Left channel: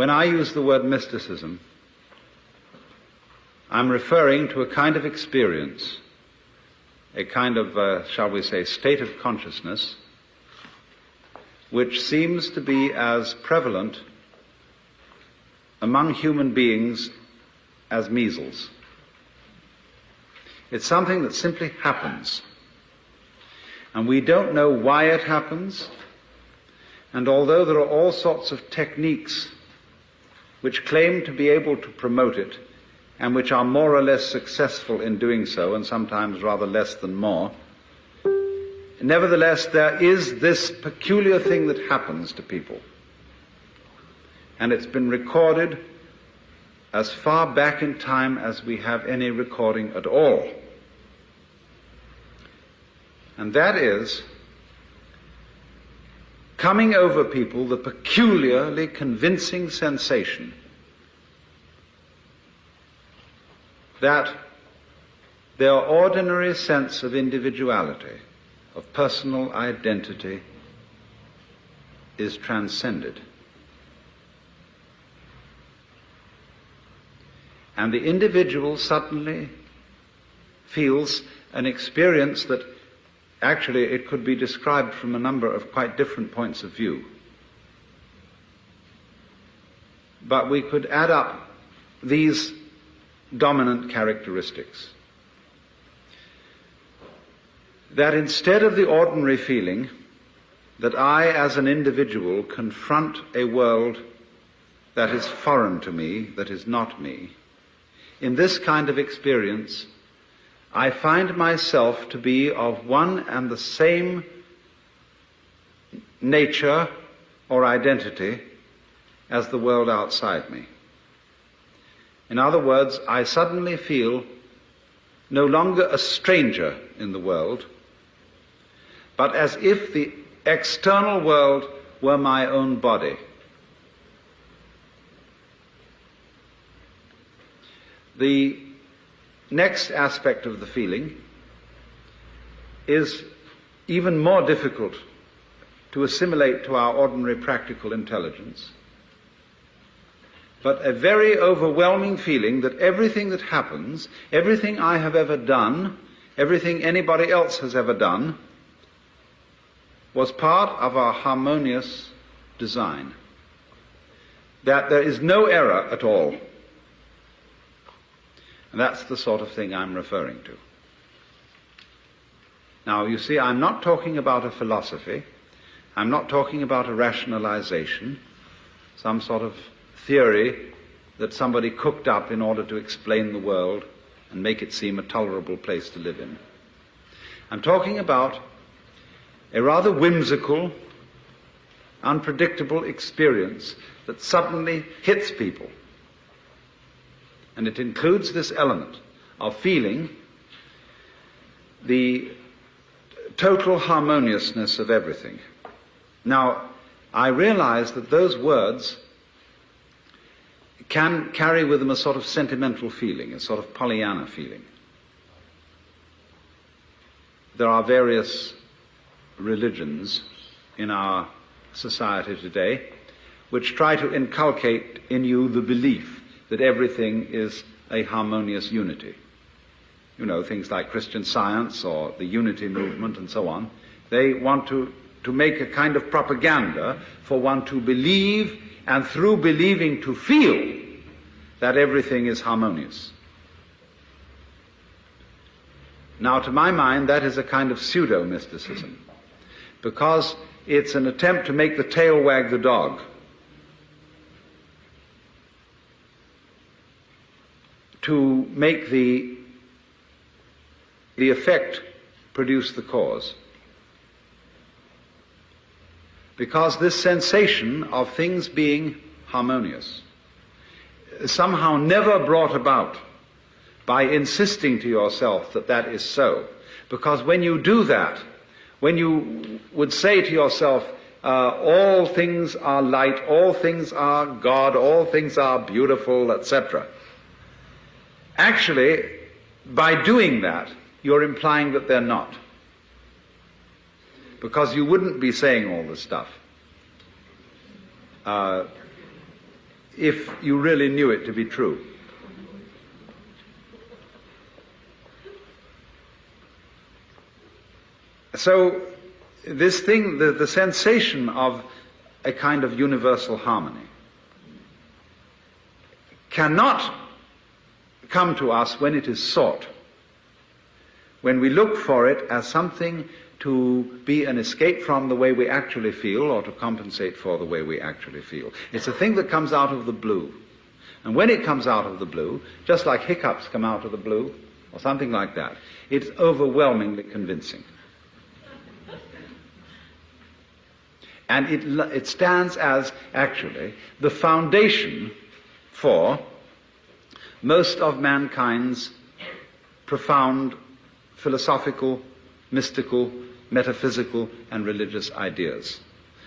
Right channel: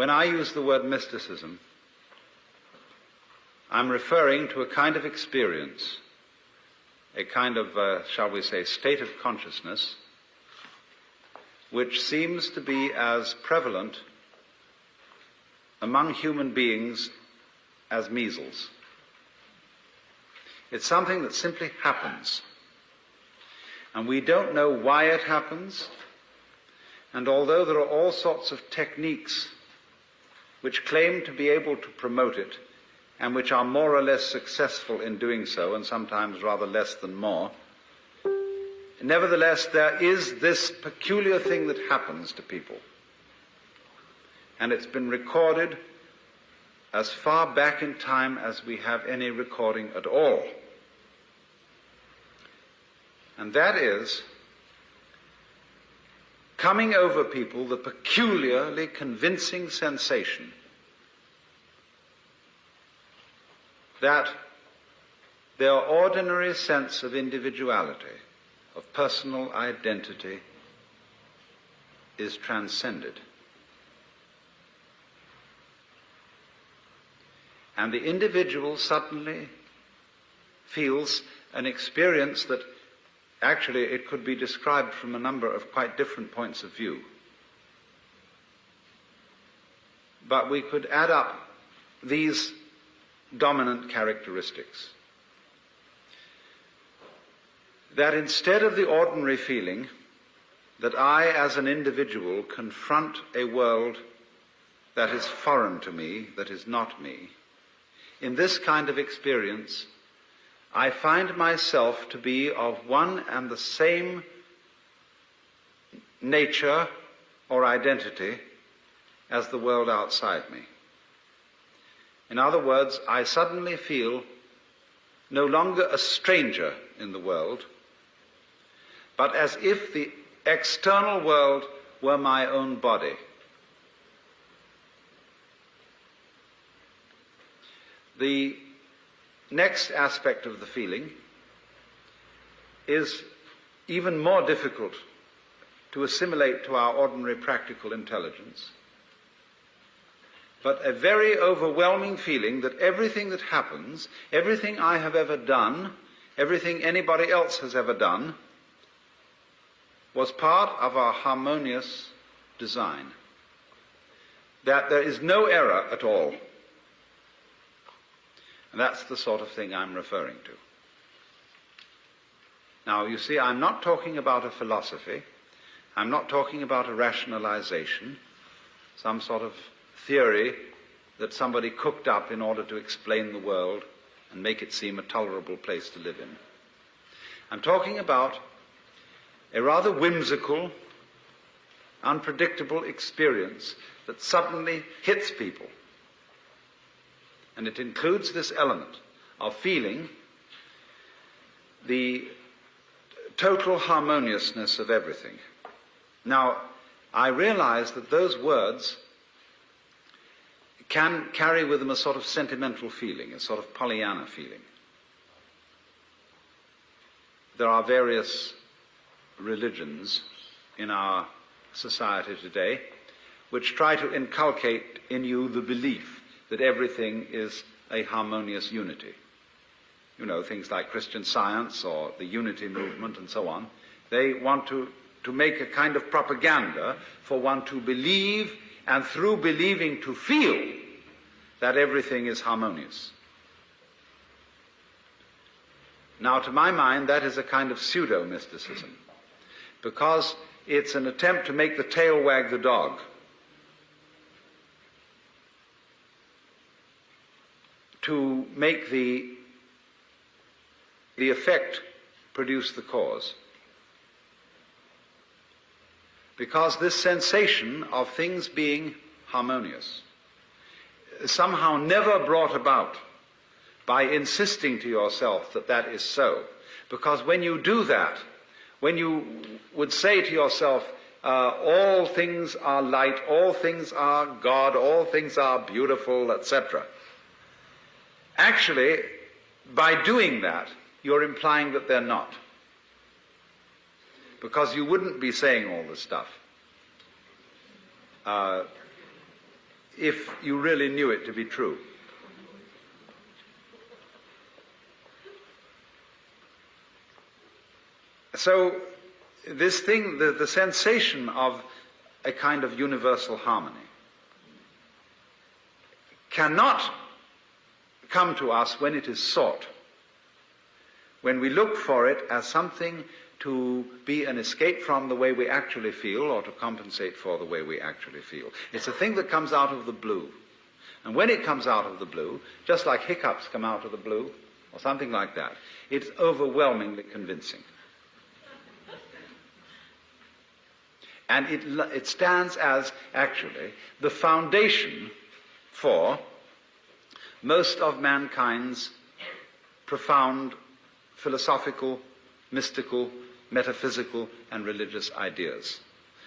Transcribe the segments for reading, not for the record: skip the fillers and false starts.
When I use the word mysticism, I'm referring to a kind of experience, a kind of, shall we say, state of consciousness, which seems to be as prevalent among human beings as measles. It's something that simply happens. And we don't know why it happens. And although there are all sorts of techniques which claim to be able to promote it, and which are more or less successful in doing so, and sometimes rather less than more, nevertheless, there is this peculiar thing that happens to people. And it's been recorded as far back in time as we have any recording at all. And that is coming over people the peculiarly convincing sensation that their ordinary sense of individuality, of personal identity, is transcended. And the individual suddenly feels an experience that actually it could be described from a number of quite different points of view. But we could add up these dominant characteristics. That instead of the ordinary feeling that I as an individual confront a world that is foreign to me, that is not me, in this kind of experience, I find myself to be of one and the same nature or identity as the world outside me. In other words, I suddenly feel no longer a stranger in the world, but as if the external world were my own body. The next aspect of the feeling is even more difficult to assimilate to our ordinary practical intelligence, but a very overwhelming feeling that everything that happens, everything I have ever done, everything anybody else has ever done, was part of our harmonious design. That there is no error at all. And that's the sort of thing I'm referring to. Now, you see, I'm not talking about a philosophy. I'm not talking about a rationalization, some sort of theory that somebody cooked up in order to explain the world and make it seem a tolerable place to live in. I'm talking about a rather whimsical, unpredictable experience that suddenly hits people. And it includes this element of feeling the total harmoniousness of everything. Now, I realize that those words can carry with them a sort of sentimental feeling, a sort of Pollyanna feeling. There are various religions in our society today which try to inculcate in you the belief that everything is a harmonious unity. You know, things like Christian Science or the Unity movement and so on. They want to make a kind of propaganda for one to believe, and through believing to feel that everything is harmonious. Now, to my mind, that is a kind of pseudo-mysticism, because it's an attempt to make the tail wag the dog. To make the effect produce the cause. Because this sensation of things being harmonious is somehow never brought about by insisting to yourself that that is so. Because when you do that, when you would say to yourself, all things are light, all things are God, all things are beautiful, etc., actually, by doing that, you're implying that they're not. Because you wouldn't be saying all this stuff. if you really knew it to be true. So this thing, the sensation of a kind of universal harmony, cannot come to us when it is sought, when we look for it as something to be an escape from the way we actually feel or to compensate for the way we actually feel. It's a thing that comes out of the blue. And when it comes out of the blue, just like hiccups come out of the blue or something like that, it's overwhelmingly convincing. And it stands as, actually, the foundation for most of mankind's profound philosophical, mystical, metaphysical, and religious ideas.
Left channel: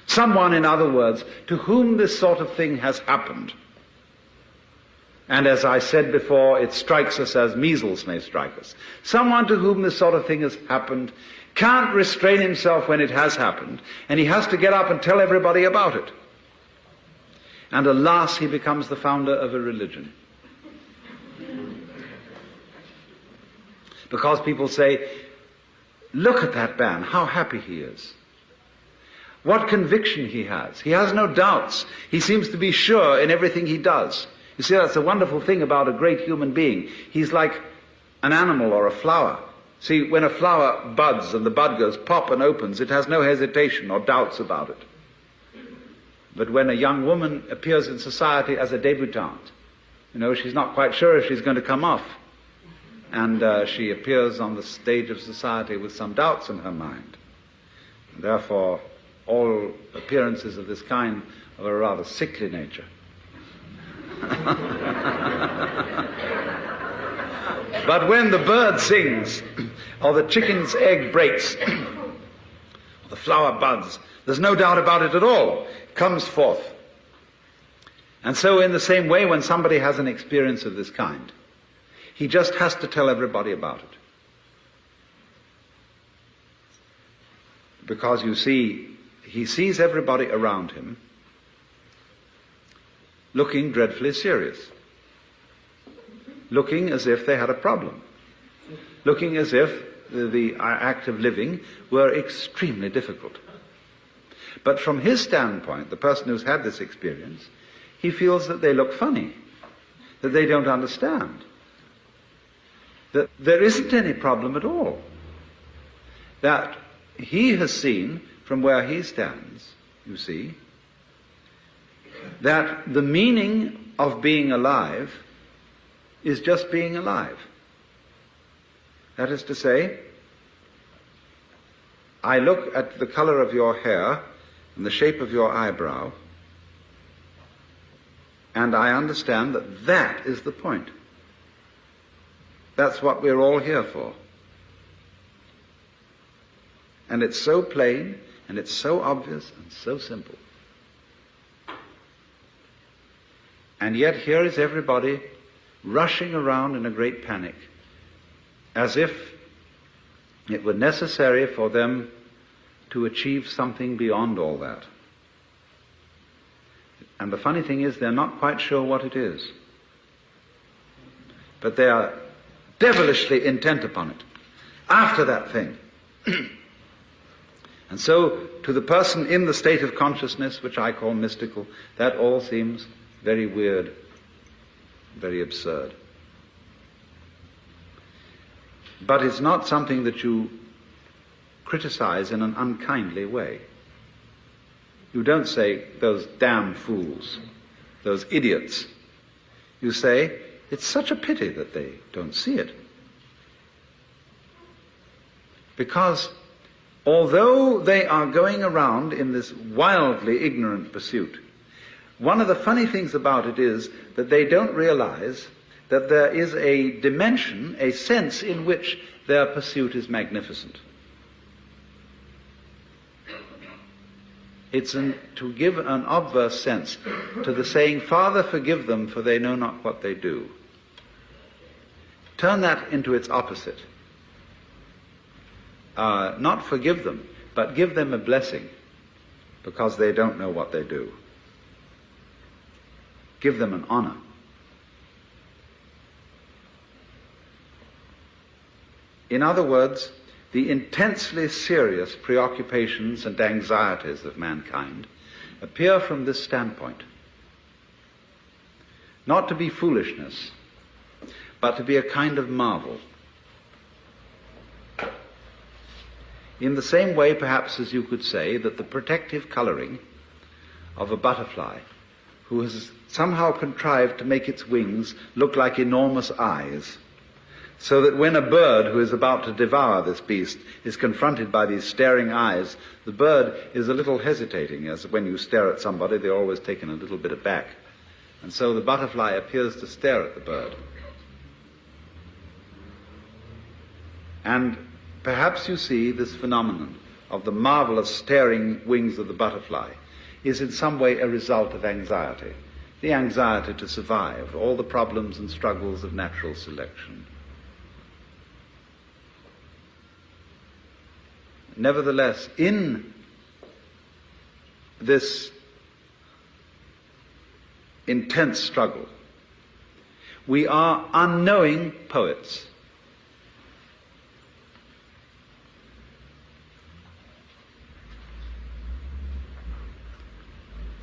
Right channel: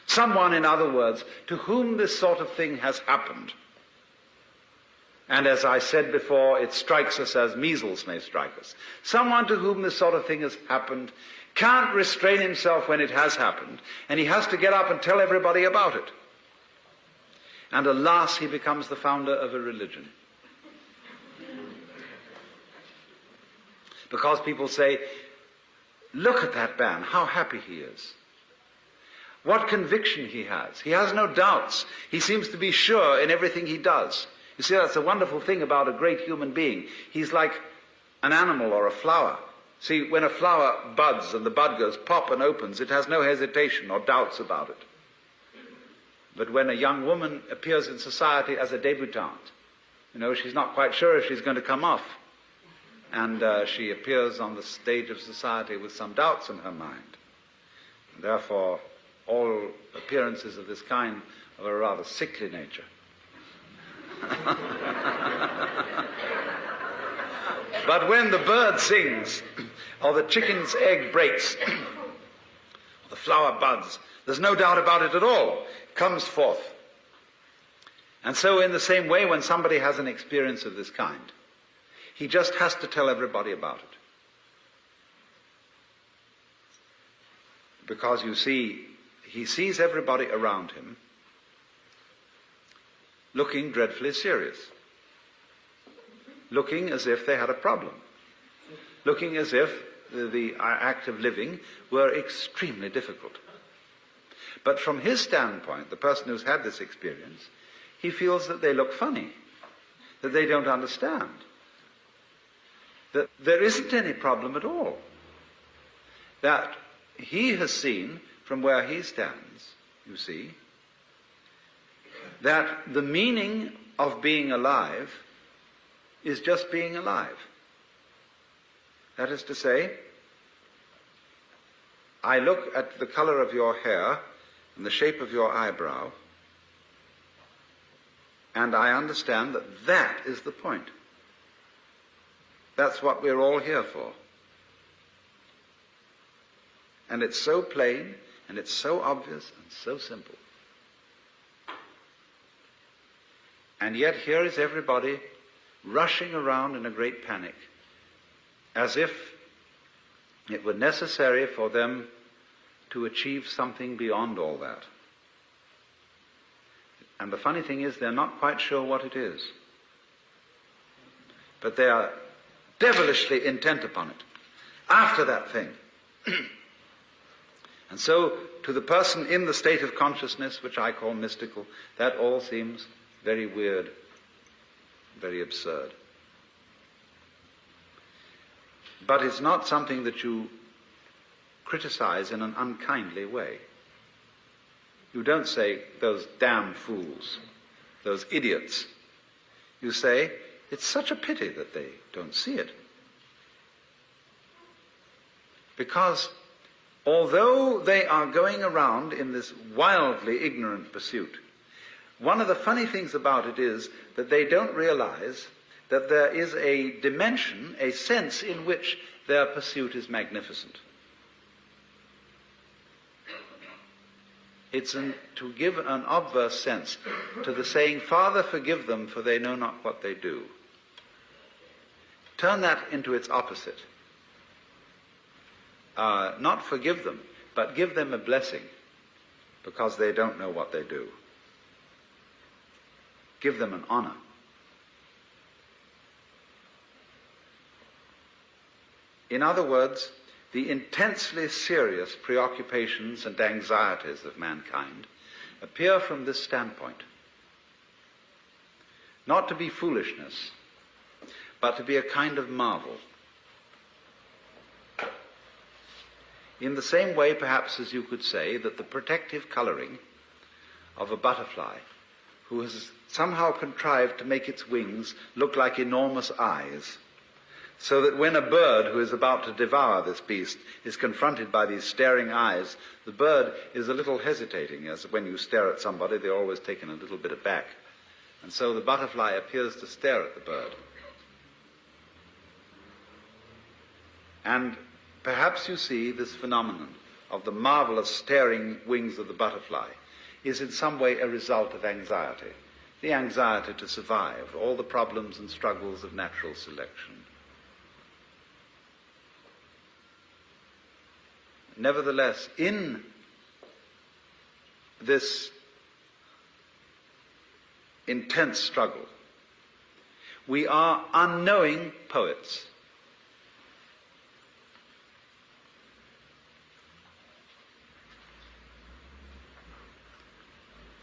Someone, in other words, to whom this sort of thing has happened. And as I said before, it strikes us as measles may strike us. Someone to whom this sort of thing has happened can't restrain himself when it has happened, and he has to get up and tell everybody about it. And alas, he becomes the founder of a religion. Because people say, look at that man, how happy he is. What conviction he has. He has no doubts. He seems to be sure in everything he does. You see, that's a wonderful thing about a great human being. He's like an animal or a flower. See, when a flower buds and the bud goes pop and opens, it has no hesitation or doubts about it. But when a young woman appears in society as a debutante, she's not quite sure if she's going to come off. And she appears on the stage of society with some doubts in her mind. And therefore, all appearances of this kind are of a rather sickly nature. But when the bird sings, or the chicken's egg breaks, or the flower buds, there's no doubt about it at all. It comes forth. And so in the same way, when somebody has an experience of this kind, he just has to tell everybody about it. Because you see, he sees everybody around him looking dreadfully serious, looking as if they had a problem, looking as if the act of living were extremely difficult. But from his standpoint, the person who's had this experience, he feels that they look funny, that they don't understand, that there isn't any problem at all, that he has seen from where he stands, you see, that the meaning of being alive is just being alive. That is to say, I look at the color of your hair and the shape of your eyebrow, and I understand that that is the point. That's what we're all here for. And it's so plain, and it's so obvious, and so simple. And yet here is everybody rushing around in a great panic, as if it were necessary for them to achieve something beyond all that. And the funny thing is, they're not quite sure what it is. But they are devilishly intent upon it, after that thing. And so, to the person in the state of consciousness, which I call mystical, that all seems very weird, very absurd. But it's not something that you criticize in an unkindly way. You don't say, those damn fools, those idiots. You say, it's such a pity that they don't see it. Because although they are going around in this wildly ignorant pursuit, one of the funny things about it is that they don't realize that there is a dimension, a sense in which their pursuit is magnificent. It's to give an obverse sense to the saying, Father, forgive them, for they know not what they do. Turn that into its opposite. Not forgive them, but give them a blessing, because they don't know what they do. give them an honor. In other words, the intensely serious preoccupations and anxieties of mankind appear from this standpoint. Not to be foolishness, but to be a kind of marvel. In the same way, perhaps, as you could say that the protective coloring of a butterfly, who has somehow contrived to make its wings look like enormous eyes, so that when a bird who is about to devour this beast is confronted by these staring eyes, the bird is a little hesitating, as when you stare at somebody, they're always taken a little bit aback. And so the butterfly appears to stare at the bird. And perhaps you see this phenomenon of the marvelous staring wings of the butterfly is in some way a result of anxiety, the anxiety to survive, all the problems and struggles of natural selection. Nevertheless, in this intense struggle, we are unknowing poets.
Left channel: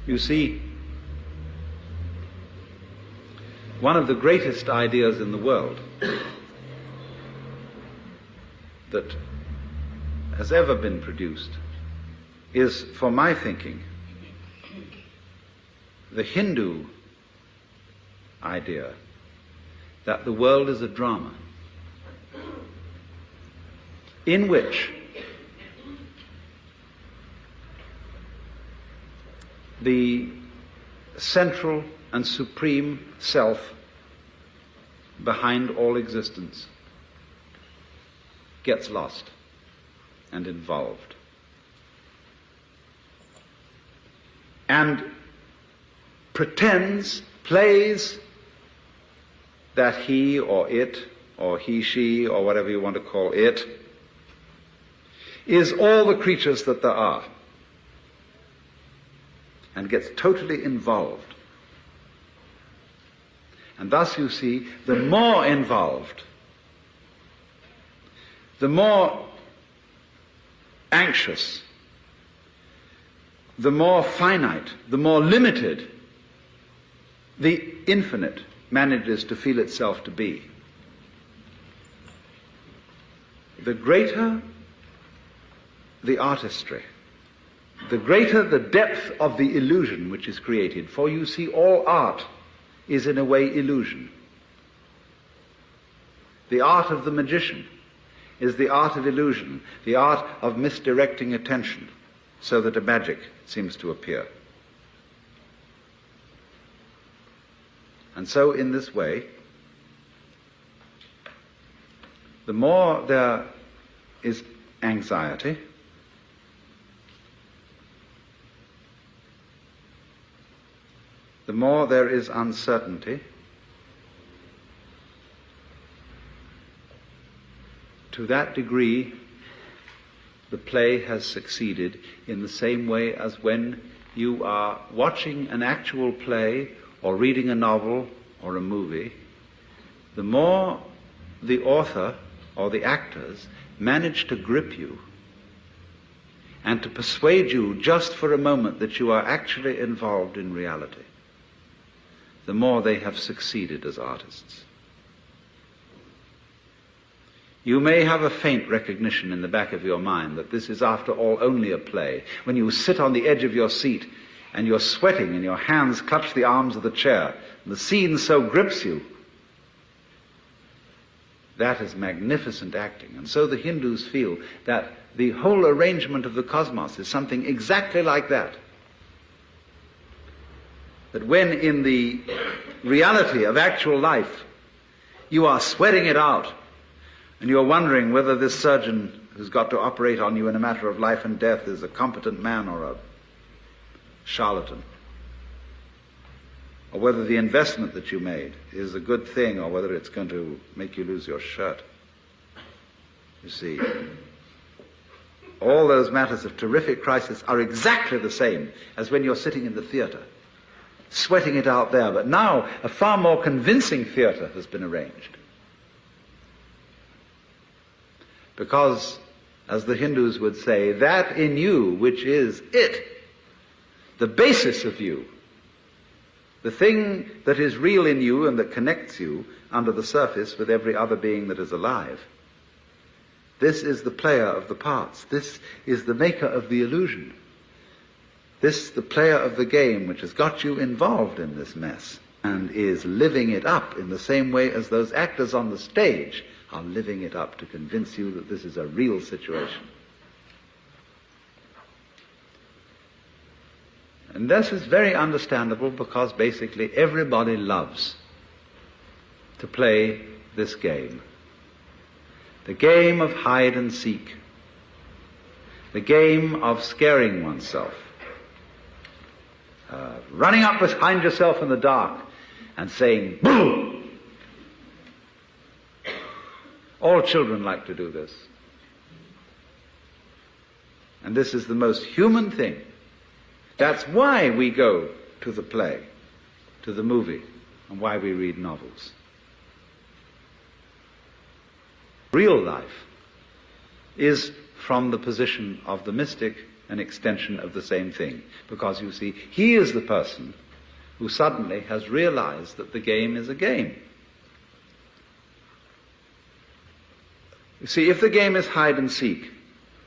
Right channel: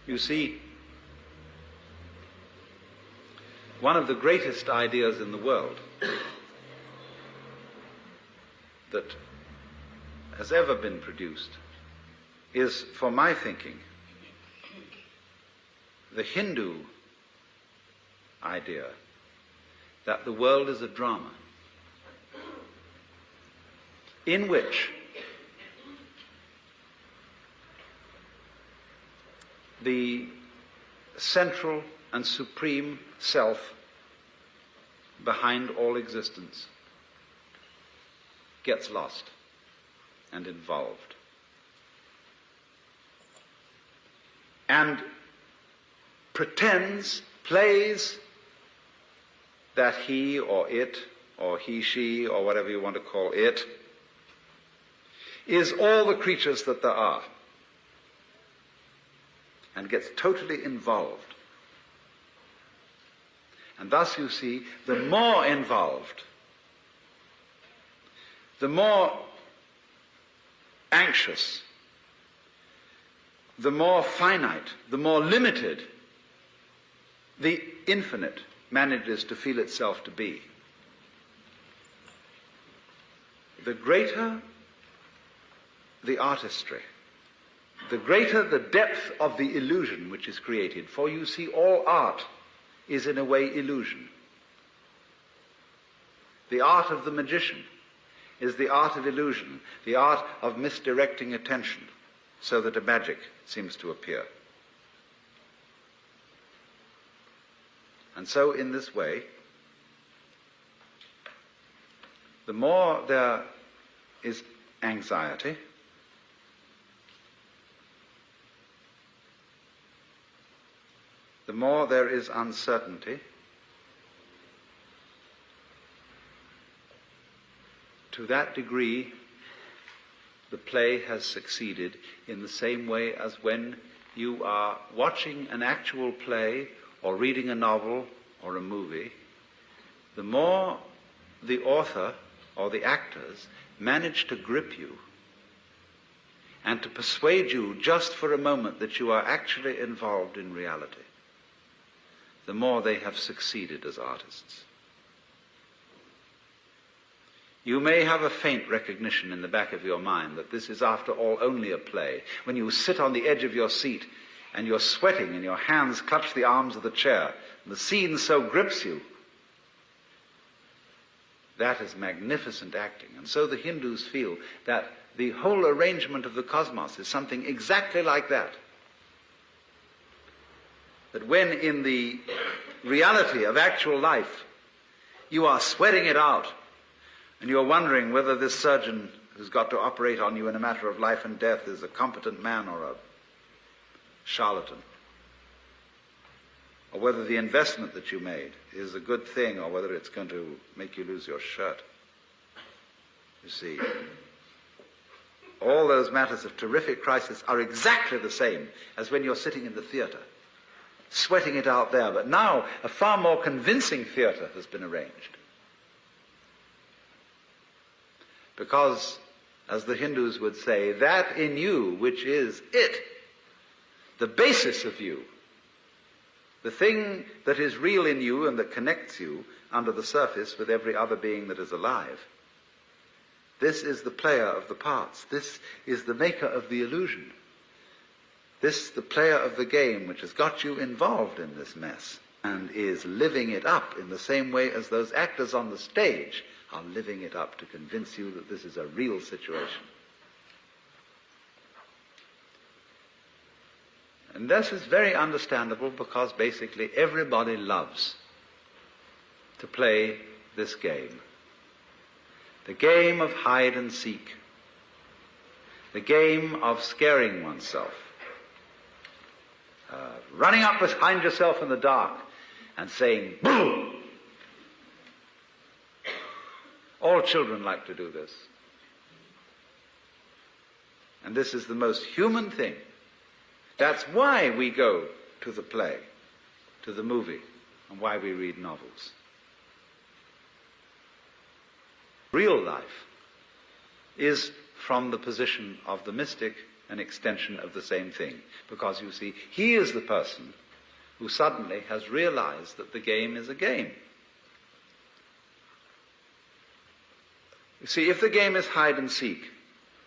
You see, one of the greatest ideas in the world that has ever been produced is, for my thinking, the Hindu idea that the world is a drama in which the central and supreme self behind all existence gets lost and involved, and pretends, plays that he or it, or he, she, or whatever you want to call it, is all the creatures that there are, and gets totally involved. And thus, you see, the more involved, the more anxious, the more finite, the more limited the infinite manages to feel itself to be. The greater the artistry, the greater the depth of the illusion which is created, for you see, all art is in a way illusion. The art of the magician is the art of illusion, the art of misdirecting attention so that a magic seems to appear. And so in this way, the more there is anxiety, the more there is uncertainty, to that degree the play has succeeded, in the same way as when you are watching an actual play or reading a novel or a movie, the more the author or the actors manage to grip you and to persuade you just for a moment that you are actually involved in reality, the more they have succeeded as artists. You may have a faint recognition in the back of your mind that this is, after all, only a play. When you sit on the edge of your seat and you're sweating and your hands clutch the arms of the chair, and the scene so grips you, that is magnificent acting. And so the Hindus feel that the whole arrangement of the cosmos is something exactly like that. That when in the reality of actual life you are sweating it out, and you're wondering whether this surgeon who's got to operate on you in a matter of life and death is a competent man or a charlatan, or whether the investment that you made is a good thing or whether it's going to make you lose your shirt. You see, all those matters of terrific crisis are exactly the same as when you're sitting in the theater sweating it out there. But now a far more convincing theater has been arranged. Because, as the Hindus would say, that in you which is it, the basis of you, the thing that is real in you and that connects you under the surface with every other being that is alive, this is the player of the parts. This is the maker of the illusion. This, the player of the game, which has got you involved in this mess and is living it up in the same way as those actors on the stage are living it up to convince you that this is a real situation. And this is very understandable because basically everybody loves to play this game. The game of hide and seek. The game of scaring oneself. Running up behind yourself in the dark and saying, "Boo!" All children like to do this. And this is the most human thing. That's why we go to the play, to the movie, and why we read novels. Real life is, from the position of the mystic, an extension of the same thing. Because, you see, he is the person who suddenly has realized that the game is a game. You see, if the game is hide and seek,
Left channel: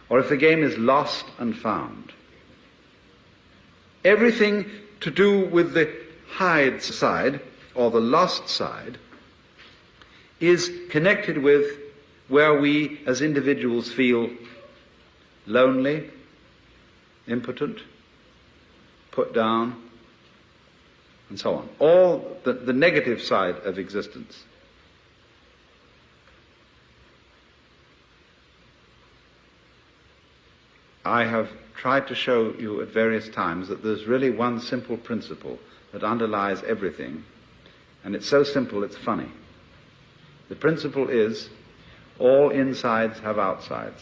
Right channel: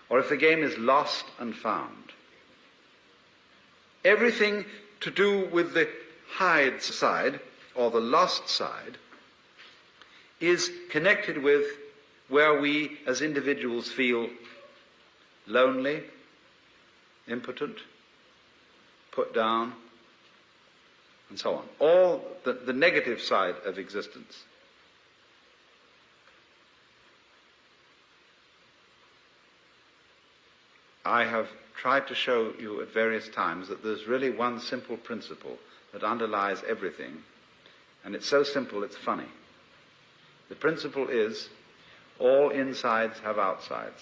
or if the game is lost and found, everything to do with the hide side, or the lost side, is connected with where we as individuals feel lonely, impotent, put down, and so on. All the negative side of existence. I have tried to show you at various times that there's really one simple principle that underlies everything, and it's so simple it's funny. The principle is all insides have outsides.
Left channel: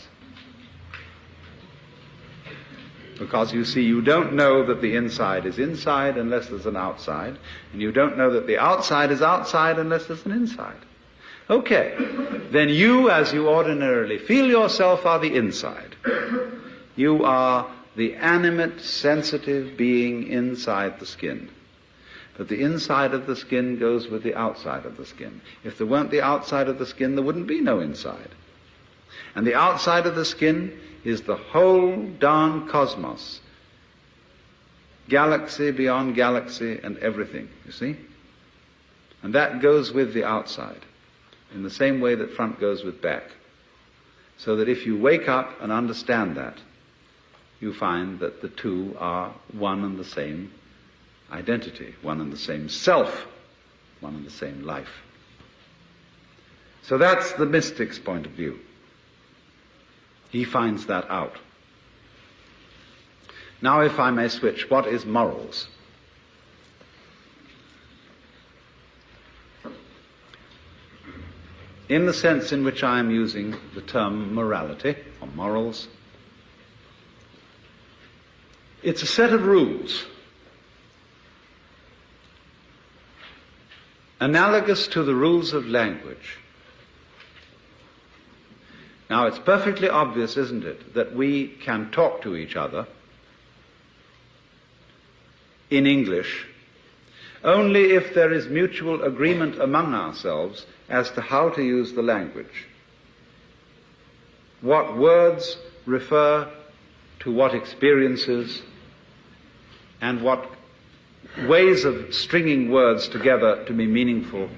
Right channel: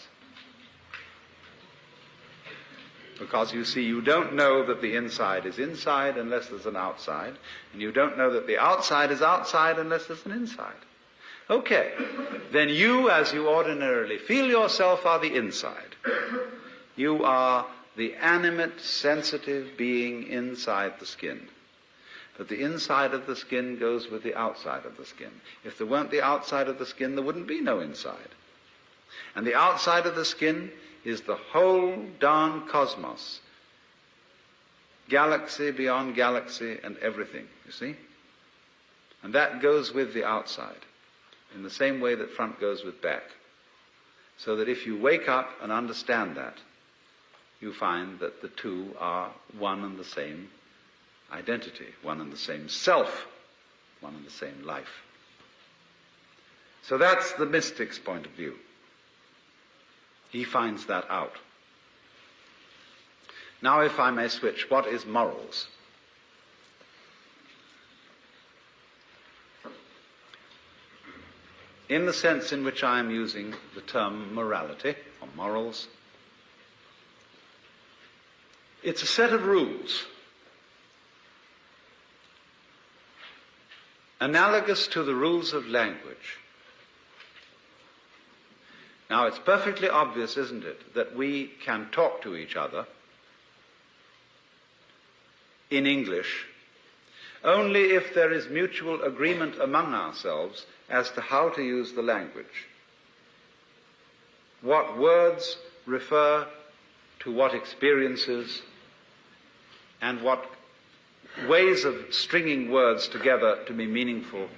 Because, you see, you don't know that the inside is inside unless there's an outside, and you don't know that the outside is outside unless there's an inside. Okay, then you, as you ordinarily feel yourself, are the inside. You are the animate, sensitive being inside the skin. But the inside of the skin goes with the outside of the skin. If there weren't the outside of the skin, there wouldn't be no inside. And the outside of the skin is the whole darn cosmos. Galaxy beyond galaxy and everything, you see? And that goes with the outside, in the same way that front goes with back. So that if you wake up and understand that, you find that the two are one and the same identity, one and the same self, one and the same life. So that's the mystic's point of view. He finds that out. Now, if I may switch, what is morals? In the sense in which I am using the term morality, or morals, it's a set of rules analogous to the rules of language. Now, it's perfectly obvious, isn't it, that we can talk to each other in English only if there is mutual agreement among ourselves as to how to use the language. What words refer to what experiences, and what ways of stringing words together to be meaningful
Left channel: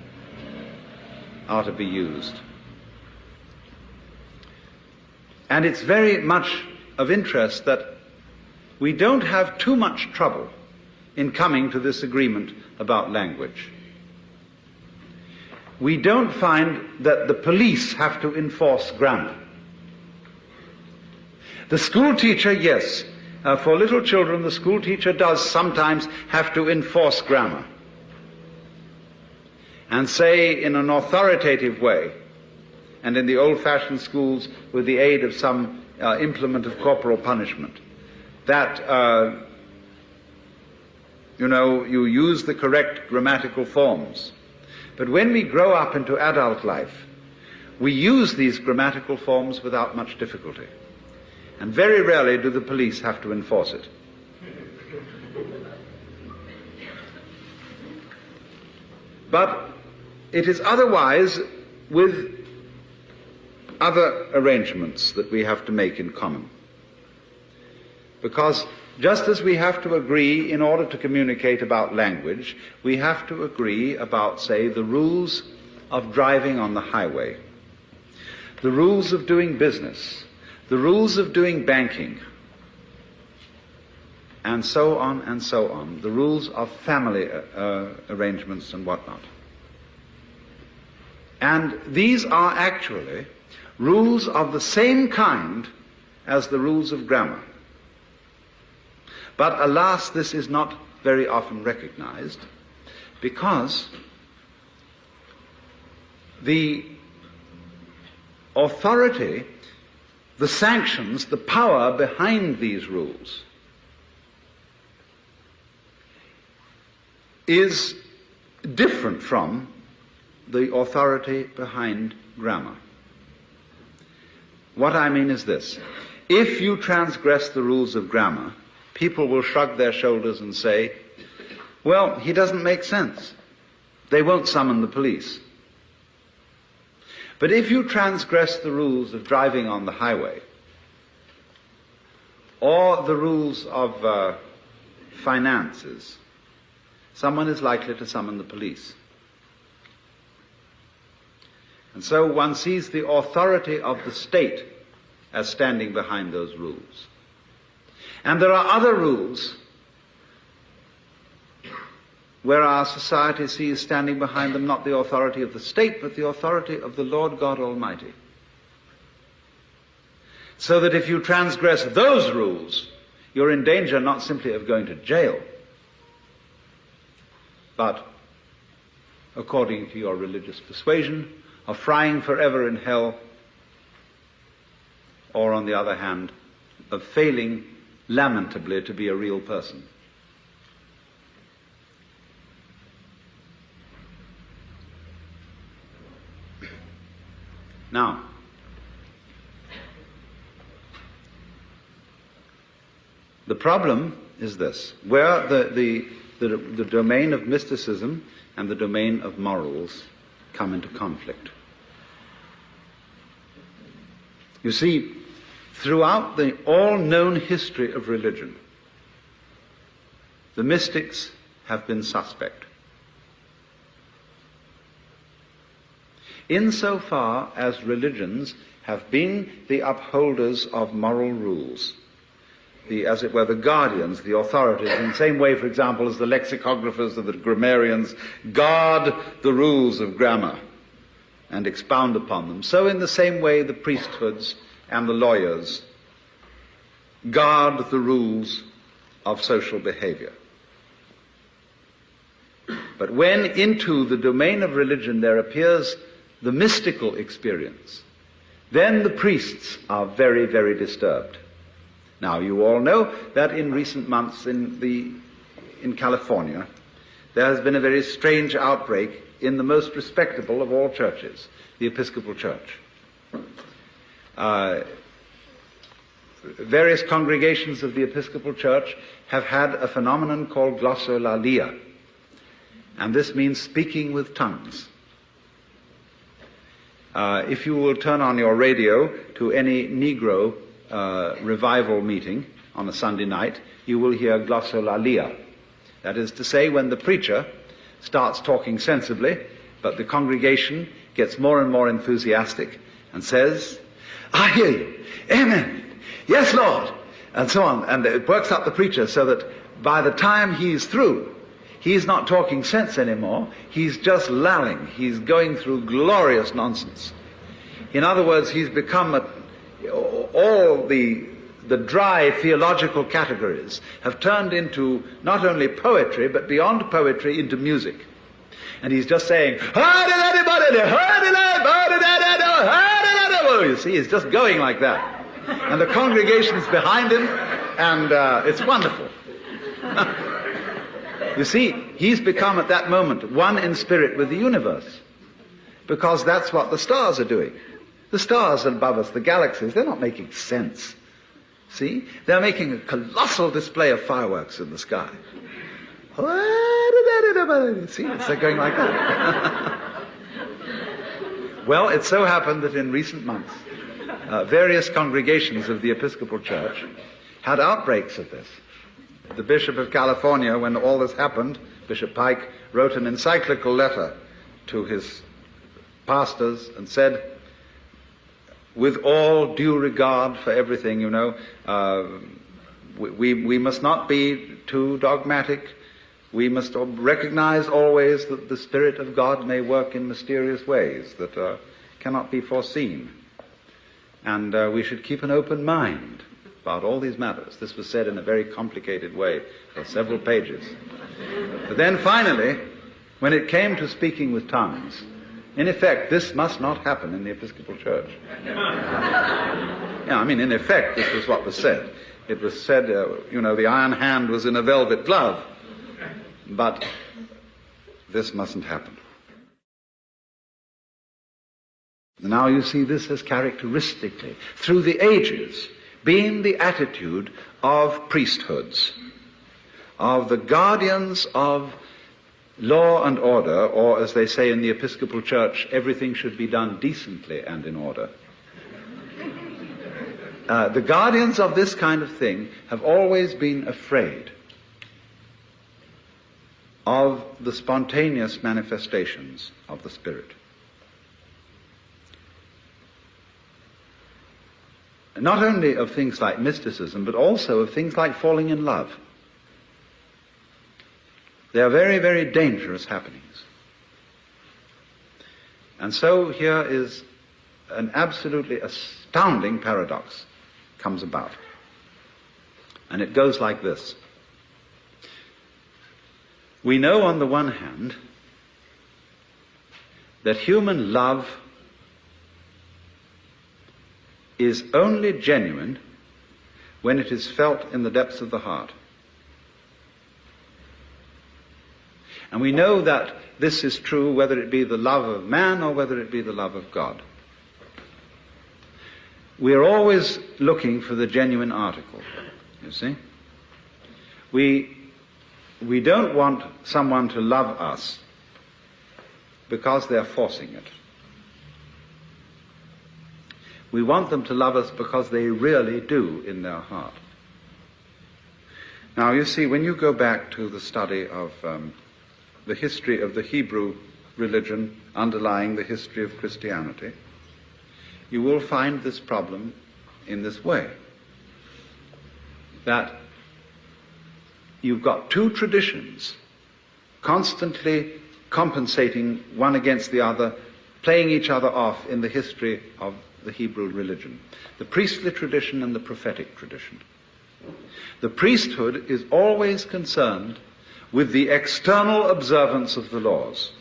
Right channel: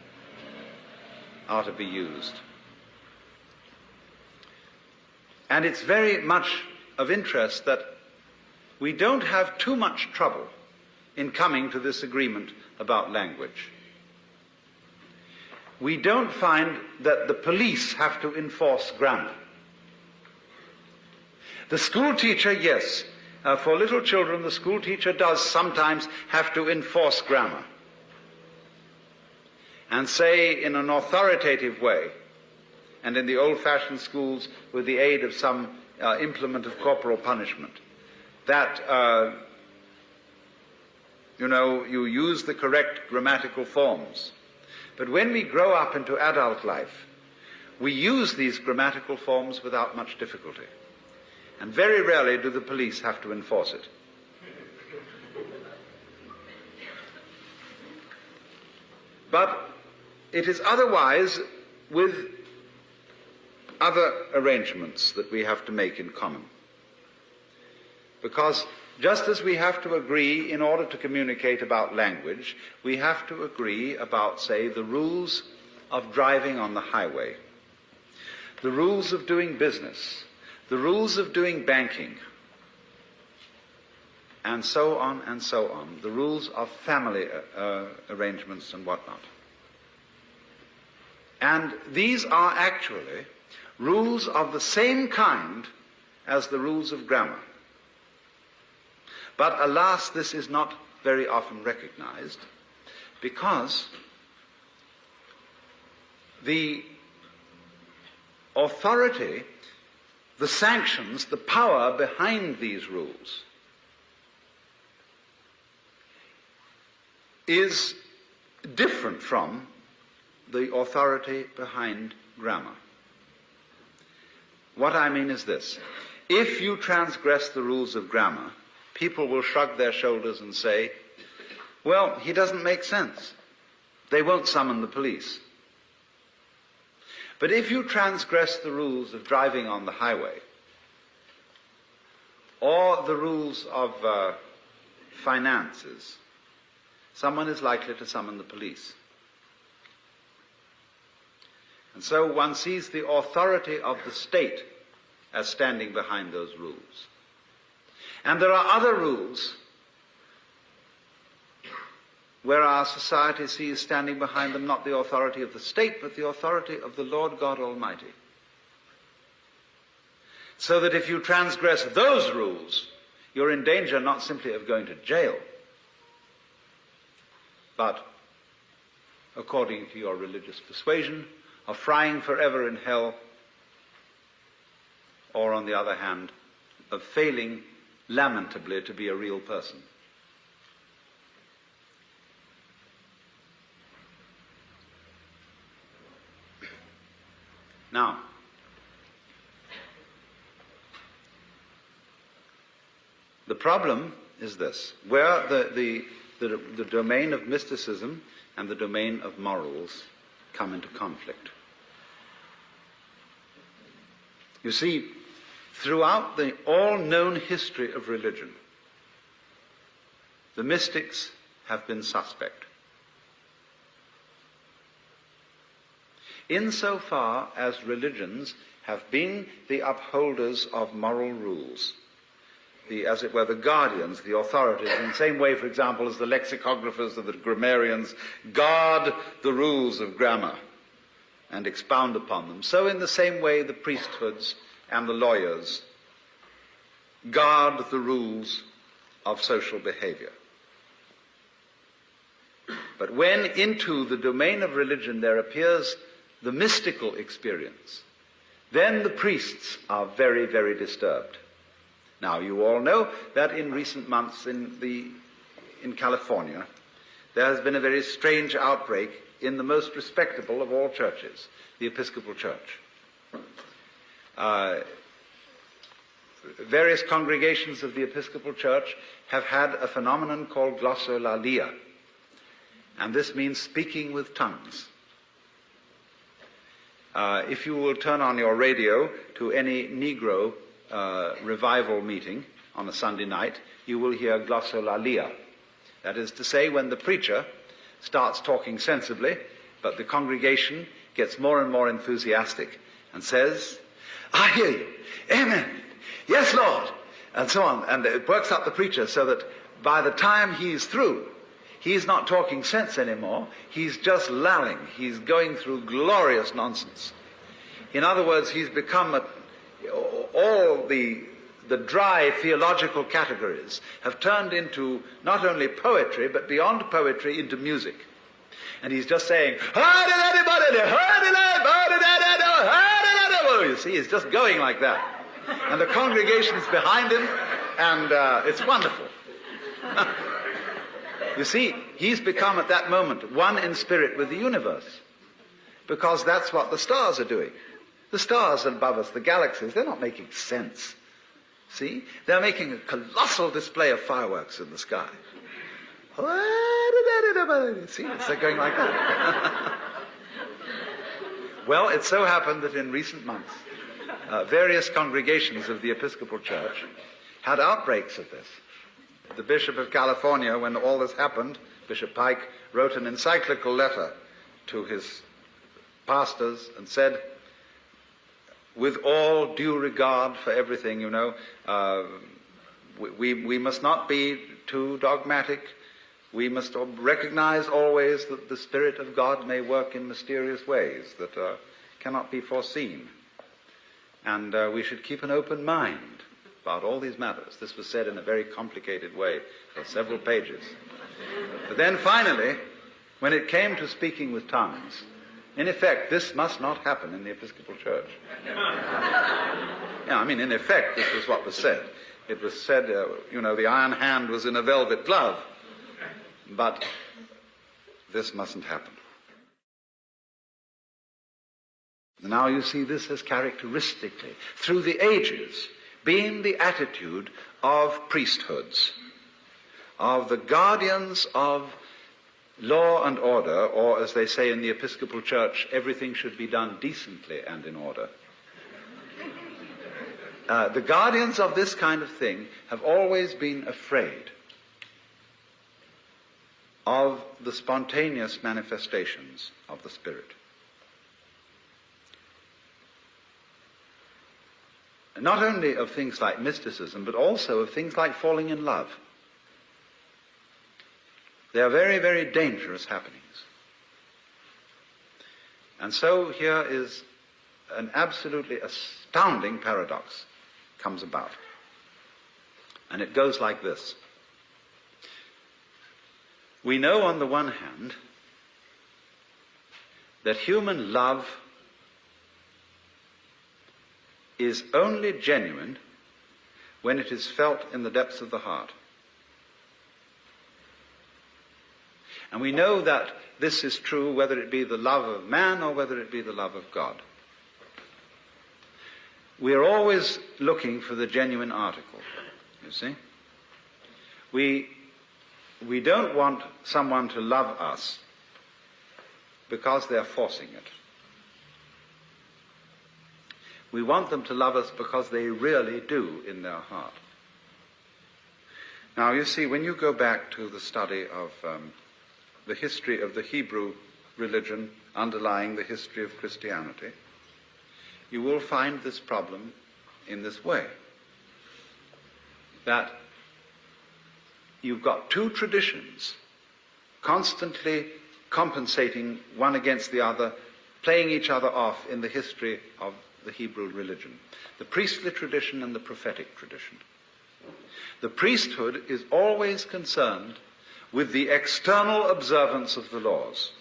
are to be used. And it's very much of interest that we don't have too much trouble in coming to this agreement about language. We don't find that the police have to enforce grammar. The school teacher, yes. For little children, the school teacher does sometimes have to enforce grammar and say in an authoritative way, and in the old-fashioned schools with the aid of some implement of corporal punishment, that you use the correct grammatical forms. But when we grow up into adult life, we use these grammatical forms without much difficulty. And very rarely do the police have to enforce it. But it is otherwise with other arrangements that we have to make in common. Because just as we have to agree in order to communicate about language, we have to agree about, say, the rules of driving on the highway, the rules of doing business, the rules of doing banking, and so on, the rules of family arrangements and whatnot. And these are actually rules of the same kind as the rules of grammar. But alas, this is not very often recognized, because the authority, the sanctions, the power behind these rules is different from the authority behind grammar. What I mean is this: if you transgress the rules of grammar, people will shrug their shoulders and say, well, he doesn't make sense. They won't summon the police. But if you transgress the rules of driving on the highway, or the rules of finances, someone is likely to summon the police. And so one sees the authority of the state as standing behind those rules. And there are other rules where our society sees standing behind them not the authority of the state, but the authority of the Lord God Almighty. So that if you transgress those rules, you're in danger not simply of going to jail, but, according to your religious persuasion, of frying forever in hell, or, on the other hand, of failing lamentably to be a real person. Now, the problem is this: where the domain of mysticism and the domain of morals come into conflict. You see, throughout the all-known history of religion, the mystics have been suspect. Insofar as religions have been the upholders of moral rules, as it were, the guardians, the authorities, in the same way, for example, as the lexicographers or the grammarians guard the rules of grammar and expound upon them, so in the same way the priesthoods and the lawyers guard the rules of social behavior. But when into the domain of religion there appears the mystical experience, then the priests are very, very disturbed. Now, you all know that in recent months in California, there has been a very strange outbreak in the most respectable of all churches, the Episcopal Church. Various congregations of the Episcopal Church have had a phenomenon called glossolalia, and this means speaking with tongues. If you will turn on your radio to any Negro revival meeting on a Sunday night, you will hear glossolalia. That is to say, when the preacher starts talking sensibly, but the congregation gets more and more enthusiastic and says, I hear you, amen, yes, Lord, and so on. And it works up the preacher so that by the time he's through, he's not talking sense anymore, he's just lalling, he's going through glorious nonsense. In other words, he's become all the dry theological categories have turned into not only poetry, but beyond poetry, into music. And he's just saying, you see, he's just going like that. And the congregation's behind him, and it's wonderful. You see, he's become at that moment one in spirit with the universe, because that's what the stars are doing. The stars above us, the galaxies, they're not making sense. See? They're making a colossal display of fireworks in the sky. See, they're going like that. Well, it so happened that in recent months, various congregations of the Episcopal Church had outbreaks of this. The Bishop of California, when all this happened, Bishop Pike, wrote an encyclical letter to his pastors and said, with all due regard for everything, you know, we must not be too dogmatic. We must recognize always that the Spirit of God may work in mysterious ways that cannot be foreseen. And we should keep an open mind about all these matters. This was said in a very complicated way for several pages. But then finally, when it came to speaking with tongues, in effect, this must not happen in the Episcopal Church. Yeah, I mean, in effect, this was what was said. It was said, you know, the iron hand was in a velvet glove. But this mustn't happen. Now you see, this has characteristically, through the ages, been the attitude of priesthoods, of the guardians of law and order, or as they say in the Episcopal Church, everything should be done decently and in order. The guardians of this kind of thing have always been afraid of the spontaneous manifestations of the Spirit. Not only of things like mysticism, but also of things like falling in love. They are very, very dangerous happenings. And so here is an absolutely astounding paradox comes about. And it goes like this. We know on the one hand that human love is only genuine when it is felt in the depths of the heart. And we know that this is true whether it be the love of man or whether it be the love of God. We are always looking for the genuine article, you see. We don't want someone to love us because they're forcing it. We want them to love us because they really do in their heart. Now, you see, when you go back to the study of the history of the Hebrew religion underlying the history of Christianity, you will find this problem in this way, that you've got two traditions constantly compensating one against the other, playing each other off in the history of the Hebrew religion, the priestly tradition and the prophetic tradition. The priesthood is always concerned with the external observance of the laws.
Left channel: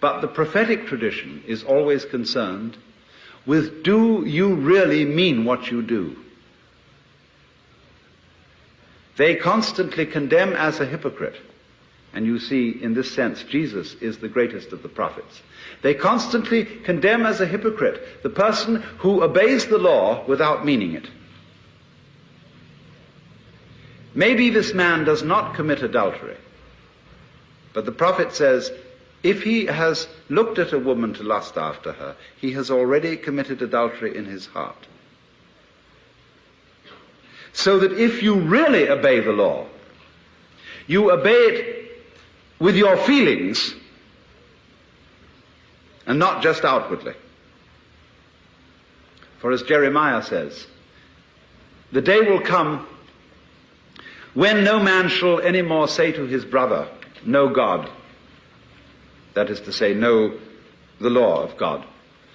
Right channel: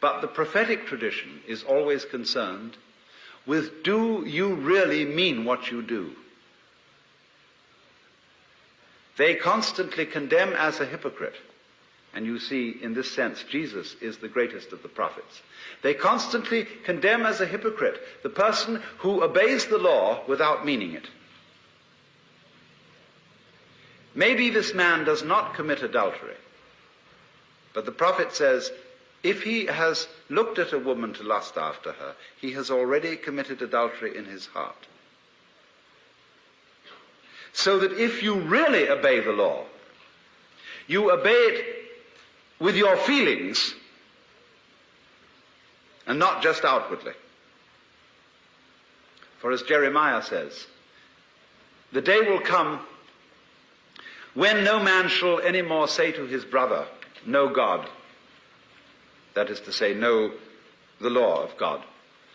But the prophetic tradition is always concerned with, do you really mean what you do? They constantly condemn as a hypocrite. And you see, in this sense, Jesus is the greatest of the prophets. They constantly condemn as a hypocrite the person who obeys the law without meaning it. Maybe this man does not commit adultery, but the prophet says, if he has looked at a woman to lust after her, he has already committed adultery in his heart. So that if you really obey the law, you obey it with your feelings and not just outwardly. For as Jeremiah says, the day will come when no man shall any more say to his brother, know God. That is to say, know the law of God.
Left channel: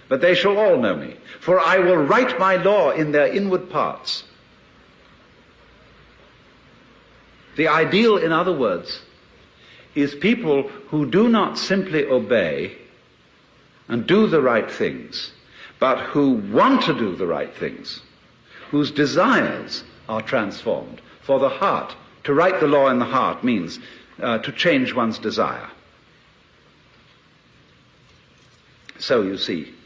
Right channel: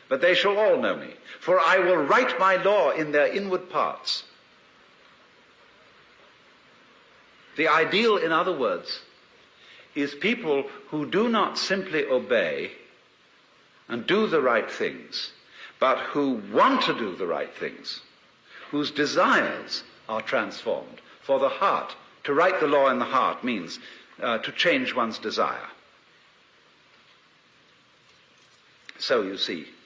But they shall all know me, for I will write my law in their inward parts. The ideal, in other words, is people who do not simply obey and do the right things, but who want to do the right things, whose desires are transformed, For the heart, to write the law in the heart means to change one's desire. So you see,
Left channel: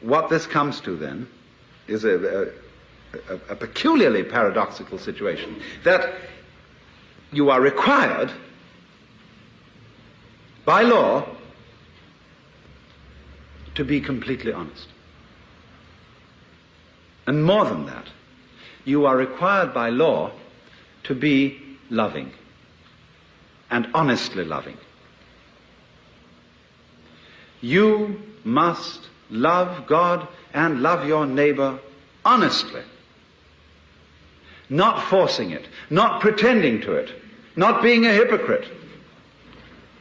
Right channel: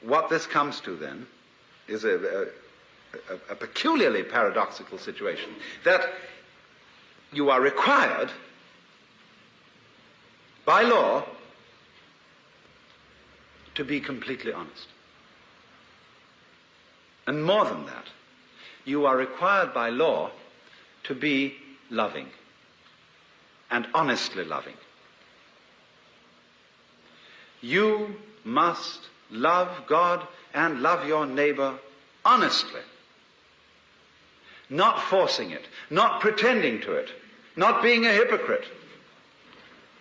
what this comes to then is a peculiarly paradoxical situation, that you are required by law to be completely honest. And more than that, you are required by law to be loving and honestly loving. You must love God and love your neighbor honestly, not forcing it, not pretending to it, not being a hypocrite.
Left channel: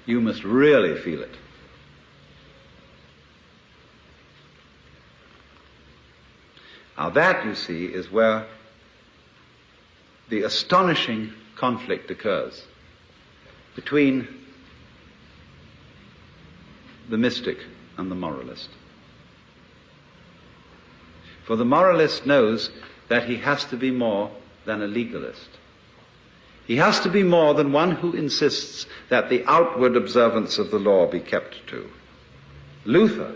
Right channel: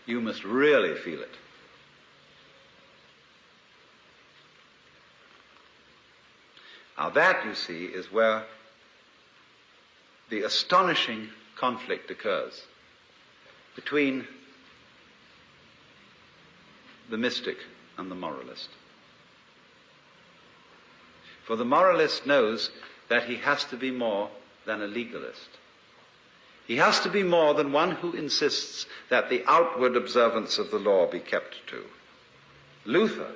You must really feel it. Now that, you see, is where the astonishing conflict occurs between the mystic and the moralist. For the moralist knows that he has to be more than a legalist. He has to be more than one who insists that the outward observance of the law be kept to. Luther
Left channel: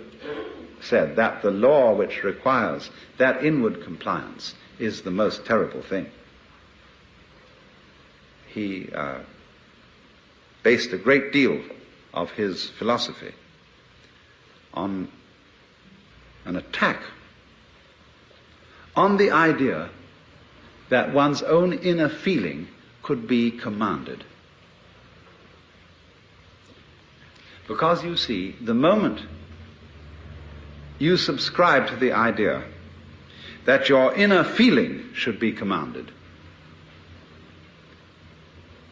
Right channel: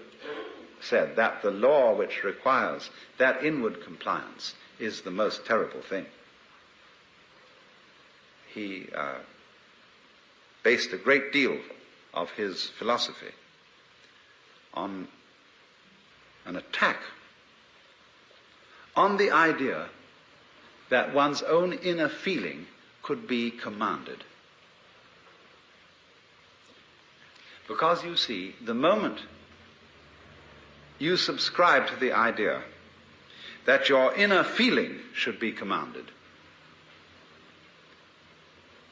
said that the law which requires that inward compliance is the most terrible thing. He based a great deal of his philosophy on an attack on the idea that one's own inner feeling could be commanded. Because you see, the moment you subscribe to the idea that your inner feeling should be commanded,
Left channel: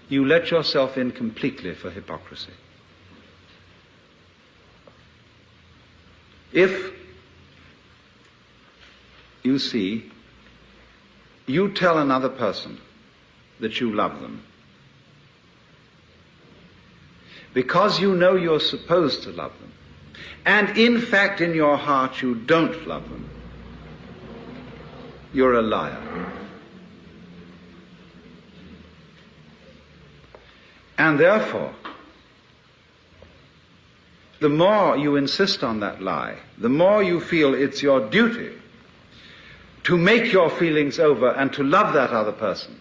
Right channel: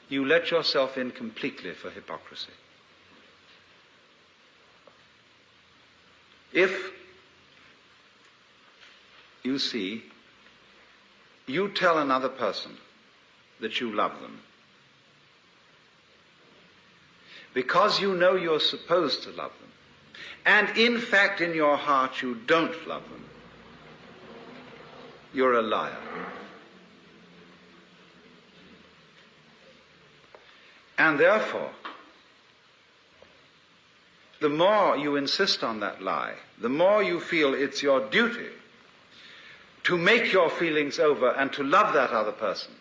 you let yourself in completely for hypocrisy. If, you see, you tell another person that you love them, because you know you're supposed to love them, and in fact in your heart you don't love them, you're a liar. And therefore, the more you insist on that lie, the more you feel it's your duty to make your feelings over and to love that other person,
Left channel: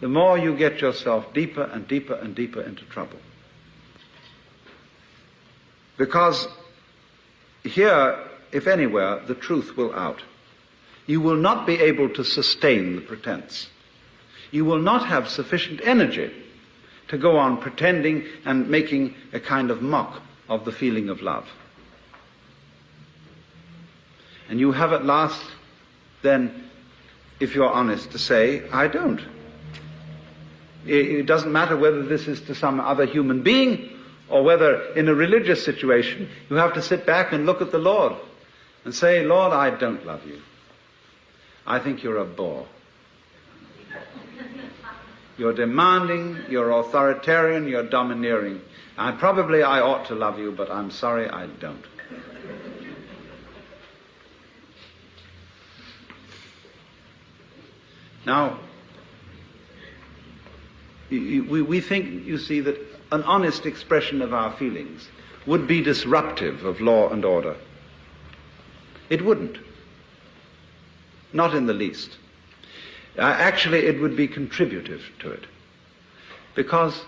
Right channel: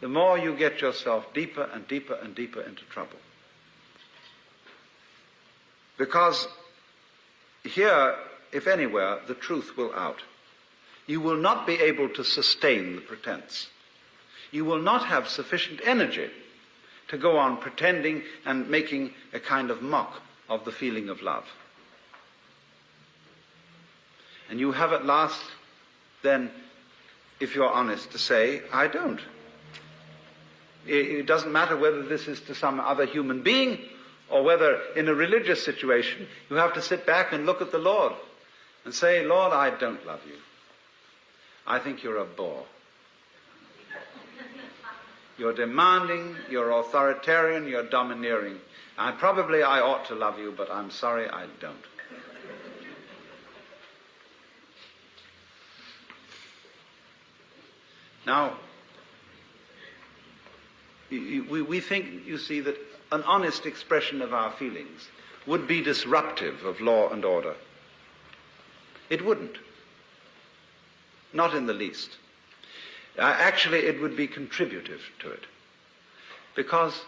the more you get yourself deeper and deeper and deeper into trouble. Because here, if anywhere, the truth will out. You will not be able to sustain the pretense. You will not have sufficient energy to go on pretending and making a kind of mock of the feeling of love. And you have at last, then, if you're honest, to say, I don't. It doesn't matter whether this is to some other human being or whether in a religious situation you have to sit back and look at the Lord and say, Lord, I don't love you. I think you're a bore. You're demanding, you're authoritarian, you're domineering. And probably I ought to love you, but I'm sorry I don't. Now, we think, you see, that an honest expression of our feelings would be disruptive of law and order. It wouldn't. Not in the least. Actually, it would be contributive to it. Because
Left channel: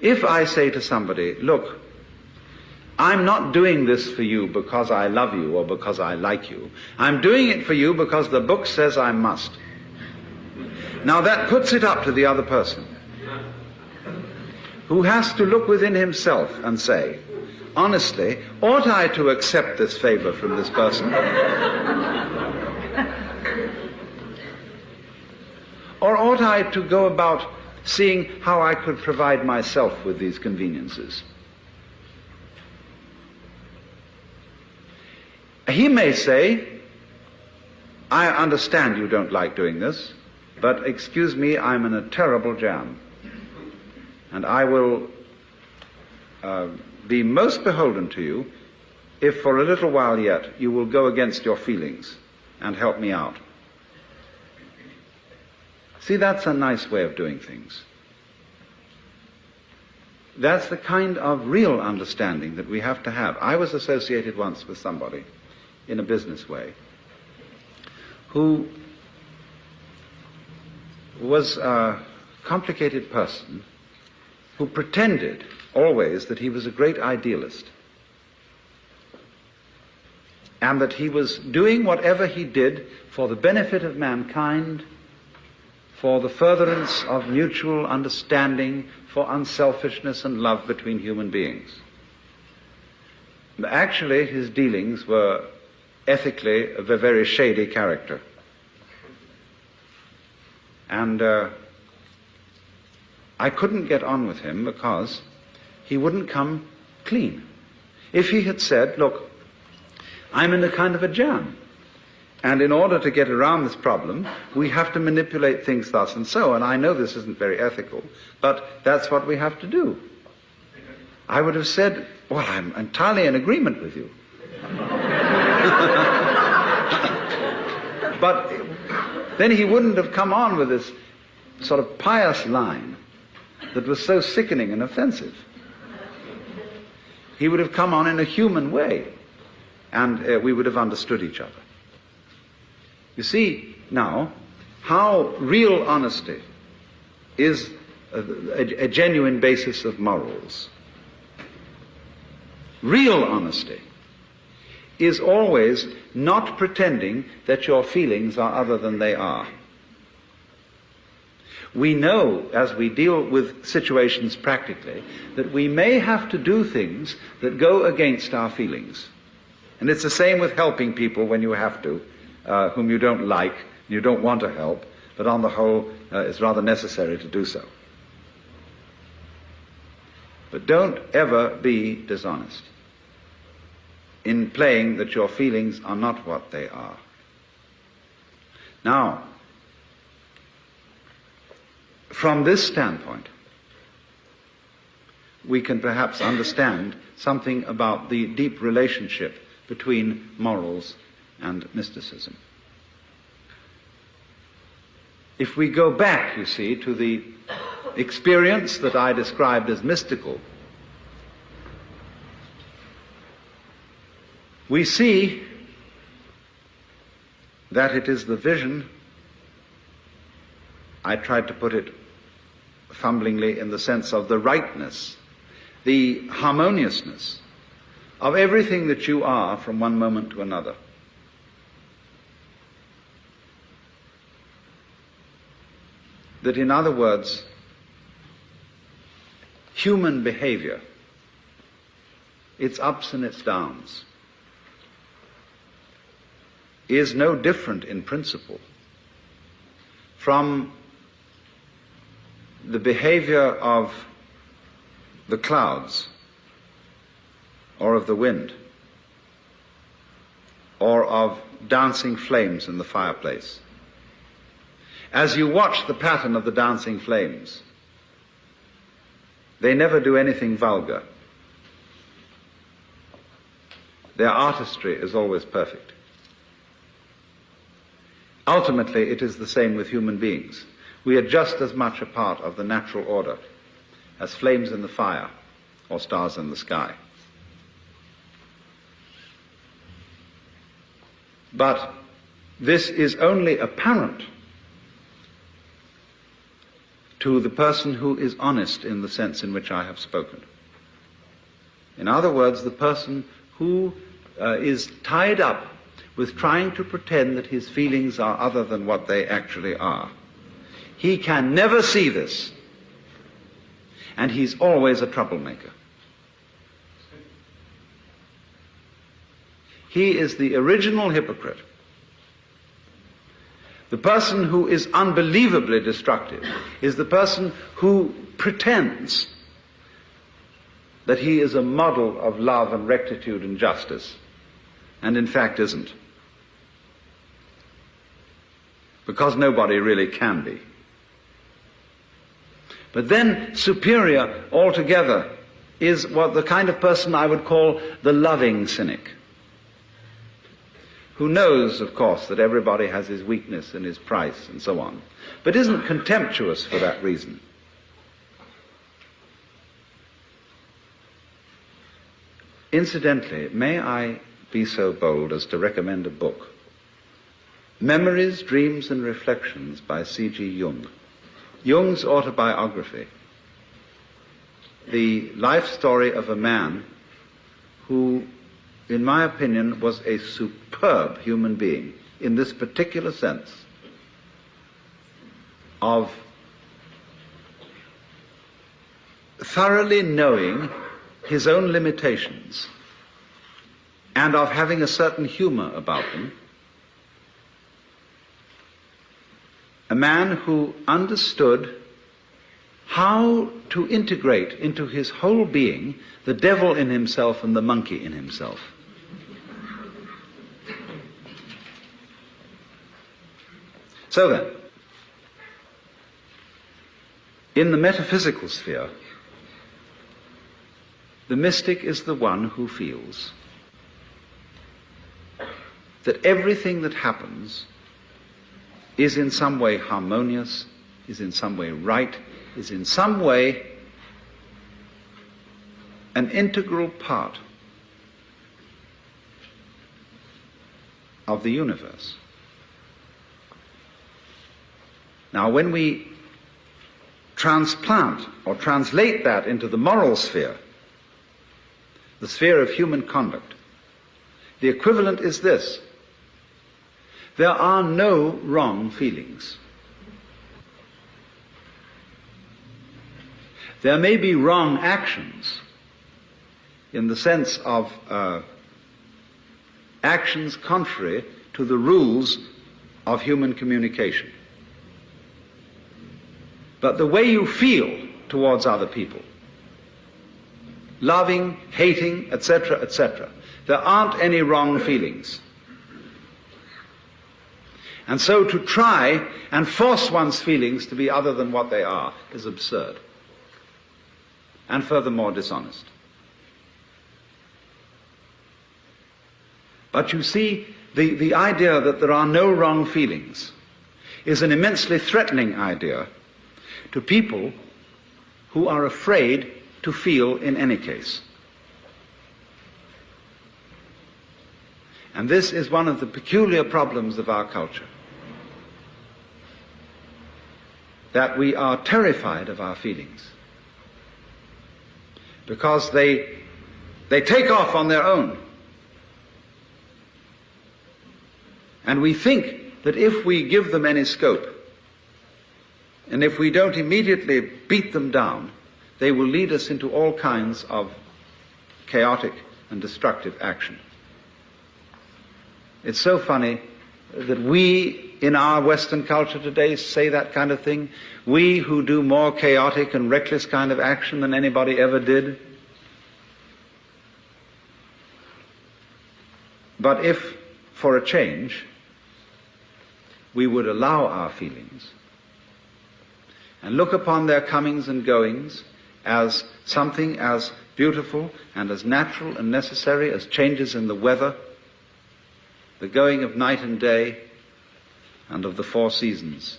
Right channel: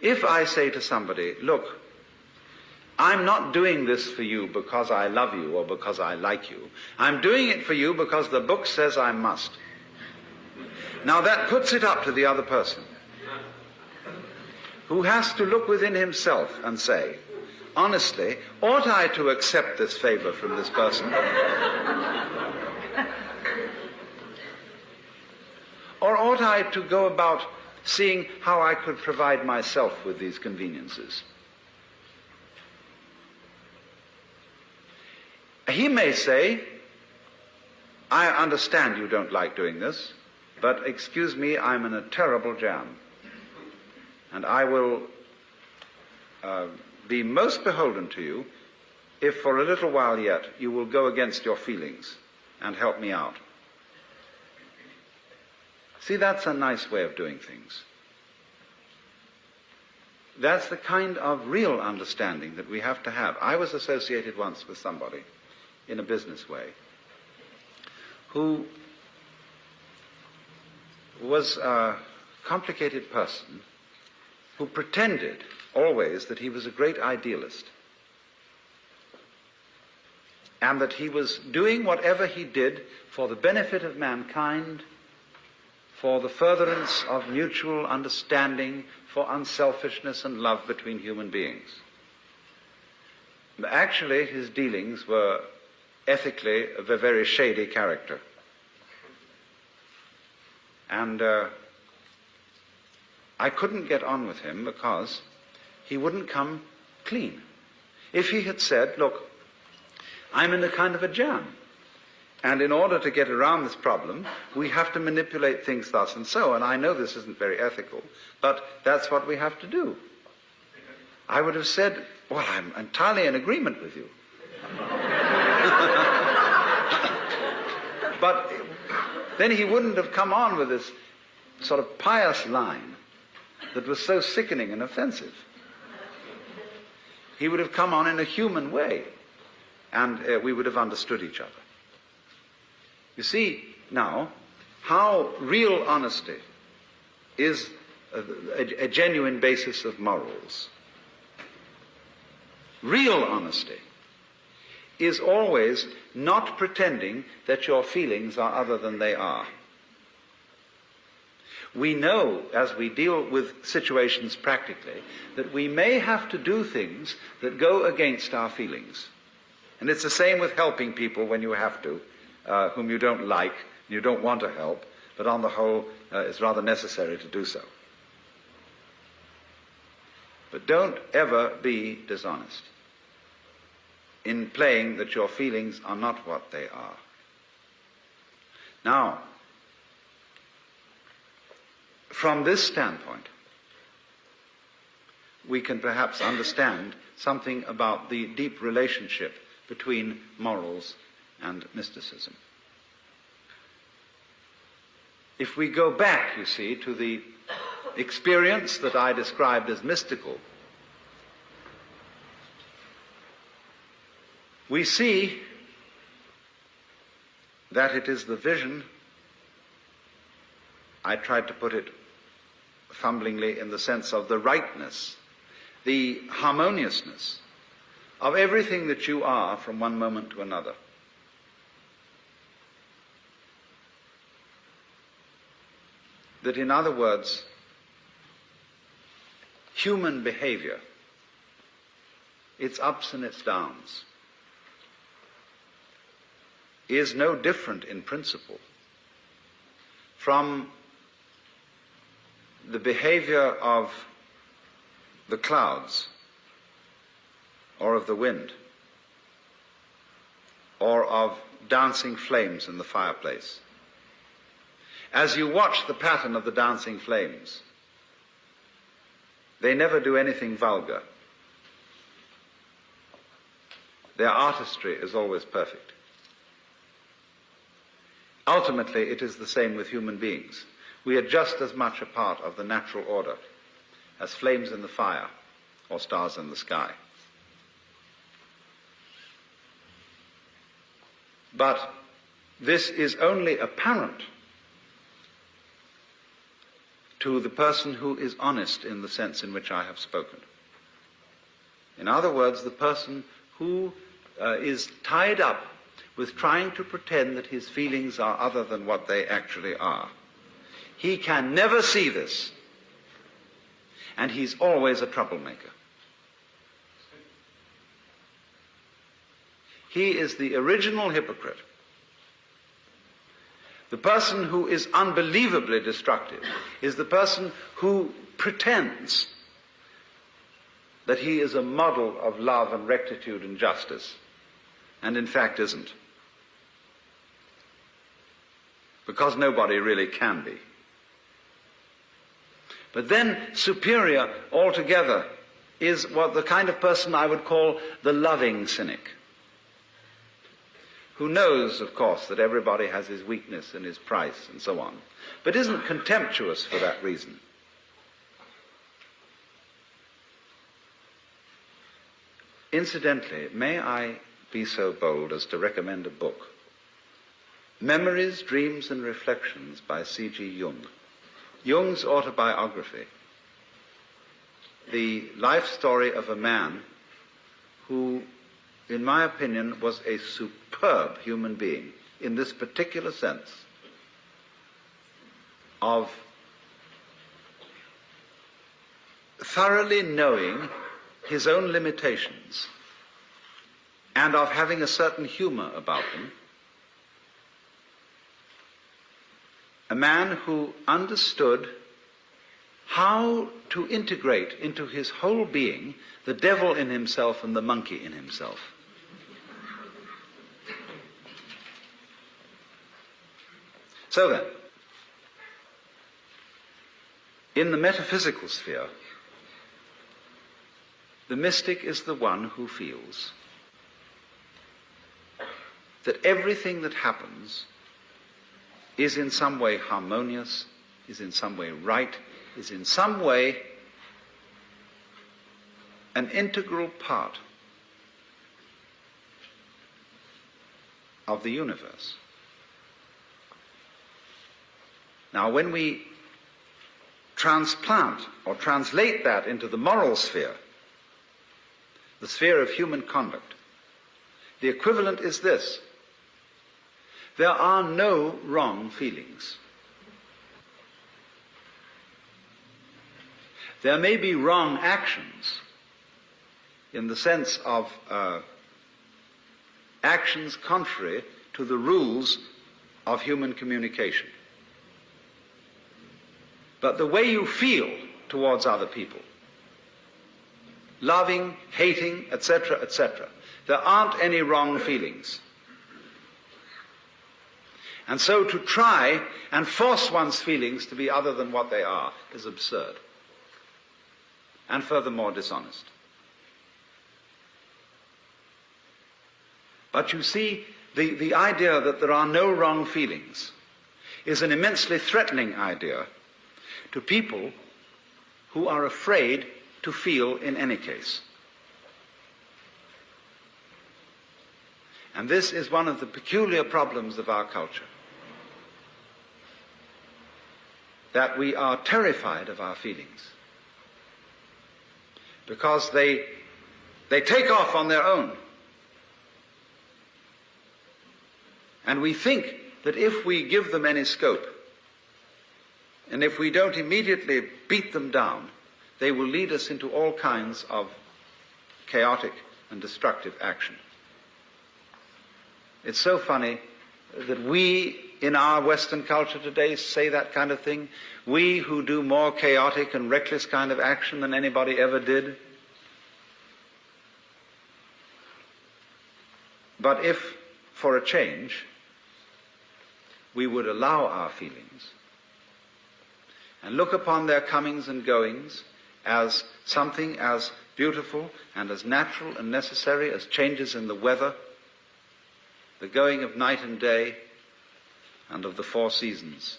if I say to somebody, look, I'm not doing this for you because I love you or because I like you. I'm doing it for you because the book says I must. Now that puts it up to the other person, who has to look within himself and say, honestly, ought I to accept this favor from this person? Or ought I to go about seeing how I could provide myself with these conveniences? He may say, I understand you don't like doing this, but excuse me, I'm in a terrible jam. And I will be most beholden to you if for a little while yet you will go against your feelings and help me out. See, that's a nice way of doing things. That's the kind of real understanding that we have to have. I was associated once with somebody in a business way who was a complicated person who pretended always that he was a great idealist and that he was doing whatever he did for the benefit of mankind, for the furtherance of mutual understanding, for unselfishness and love between human beings. Actually, his dealings were ethically of a very shady character. And I couldn't get on with him because he wouldn't come clean. If he had said, look, I'm in a kind of a jam, and in order to get around this problem, we have to manipulate things thus and so, and I know this isn't very ethical, but that's what we have to do. I would have said, well, I'm entirely in agreement with you. But then he wouldn't have come on with this sort of pious line that was so sickening and offensive. He would have come on in a human way, and we would have understood each other. You see now how real honesty is a genuine basis of morals. Real honesty is always not pretending that your feelings are other than they are. We know, as we deal with situations practically, that we may have to do things that go against our feelings. And it's the same with helping people when you have to, whom you don't like, you don't want to help, but on the whole, it's rather necessary to do so. But don't ever be dishonest in playing that your feelings are not what they are. Now, from this standpoint, we can perhaps understand something about the deep relationship between morals and mysticism. If we go back, you see, to the experience that I described as mystical, we see that it is the vision, I tried to put it fumblingly in the sense of the rightness, the harmoniousness of everything that you are from one moment to another. That, in other words, human behavior, its ups and its downs, is no different in principle from the behavior of the clouds, or of the wind, or of dancing flames in the fireplace. As you watch the pattern of the dancing flames, they never do anything vulgar. Their artistry is always perfect. Ultimately, it is the same with human beings. We are just as much a part of the natural order as flames in the fire or stars in the sky. But this is only apparent to the person who is honest in the sense in which I have spoken. In other words, the person who is tied up with trying to pretend that his feelings are other than what they actually are. He can never see this, and he's always a troublemaker. He is the original hypocrite. The person who is unbelievably destructive is the person who pretends that he is a model of love and rectitude and justice, and in fact isn't. Because nobody really can be. But then superior altogether is what the kind of person I would call the loving cynic, who knows, of course, that everybody has his weakness and his price and so on, but isn't contemptuous for that reason. Incidentally, may I be so bold as to recommend a book, Memories, Dreams and Reflections by C.G. Jung, Jung's autobiography, the life story of a man who, in my opinion, was a superb human being in this particular sense of thoroughly knowing his own limitations and of having a certain humor about them. A man who understood how to integrate into his whole being the devil in himself and the monkey in himself. So then, in the metaphysical sphere, the mystic is the one who feels that everything that happens is in some way harmonious, is in some way right, is in some way an integral part of the universe. Now, when we transplant or translate that into the moral sphere, the sphere of human conduct, the equivalent is this: there are no wrong feelings. There may be wrong actions in the sense of actions contrary to the rules of human communication. But the way you feel towards other people, loving, hating, etc., etc., there aren't any wrong feelings. And so to try and force one's feelings to be other than what they are is absurd, and furthermore dishonest. But you see, the idea that there are no wrong feelings is an immensely threatening idea to people who are afraid to feel in any case. And this is one of the peculiar problems of our culture, that we are terrified of our feelings because they take off on their own. And we think that if we give them any scope, and if we don't immediately beat them down, they will lead us into all kinds of chaotic and destructive action. It's so funny that we, in our Western culture today, say that kind of thing. We who do more chaotic and reckless kind of action than anybody ever did. But if, for a change, we would allow our feelings and look upon their comings and goings as something as beautiful and as natural and necessary as changes in the weather, the going of night and day, and of the four seasons,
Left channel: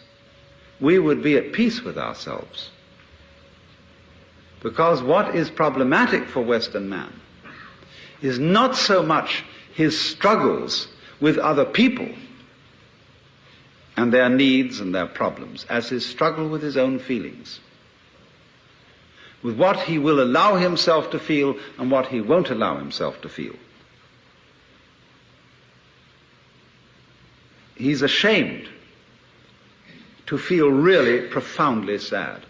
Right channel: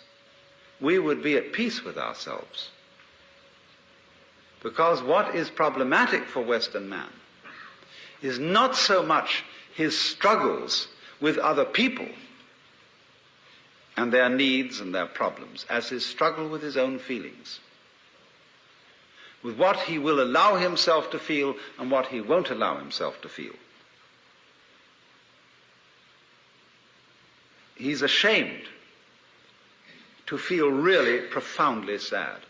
we would be at peace with ourselves. Because what is problematic for Western man is not so much his struggles with other people and their needs and their problems as his struggle with his own feelings, with what he will allow himself to feel and what he won't allow himself to feel. He's ashamed to feel really profoundly sad,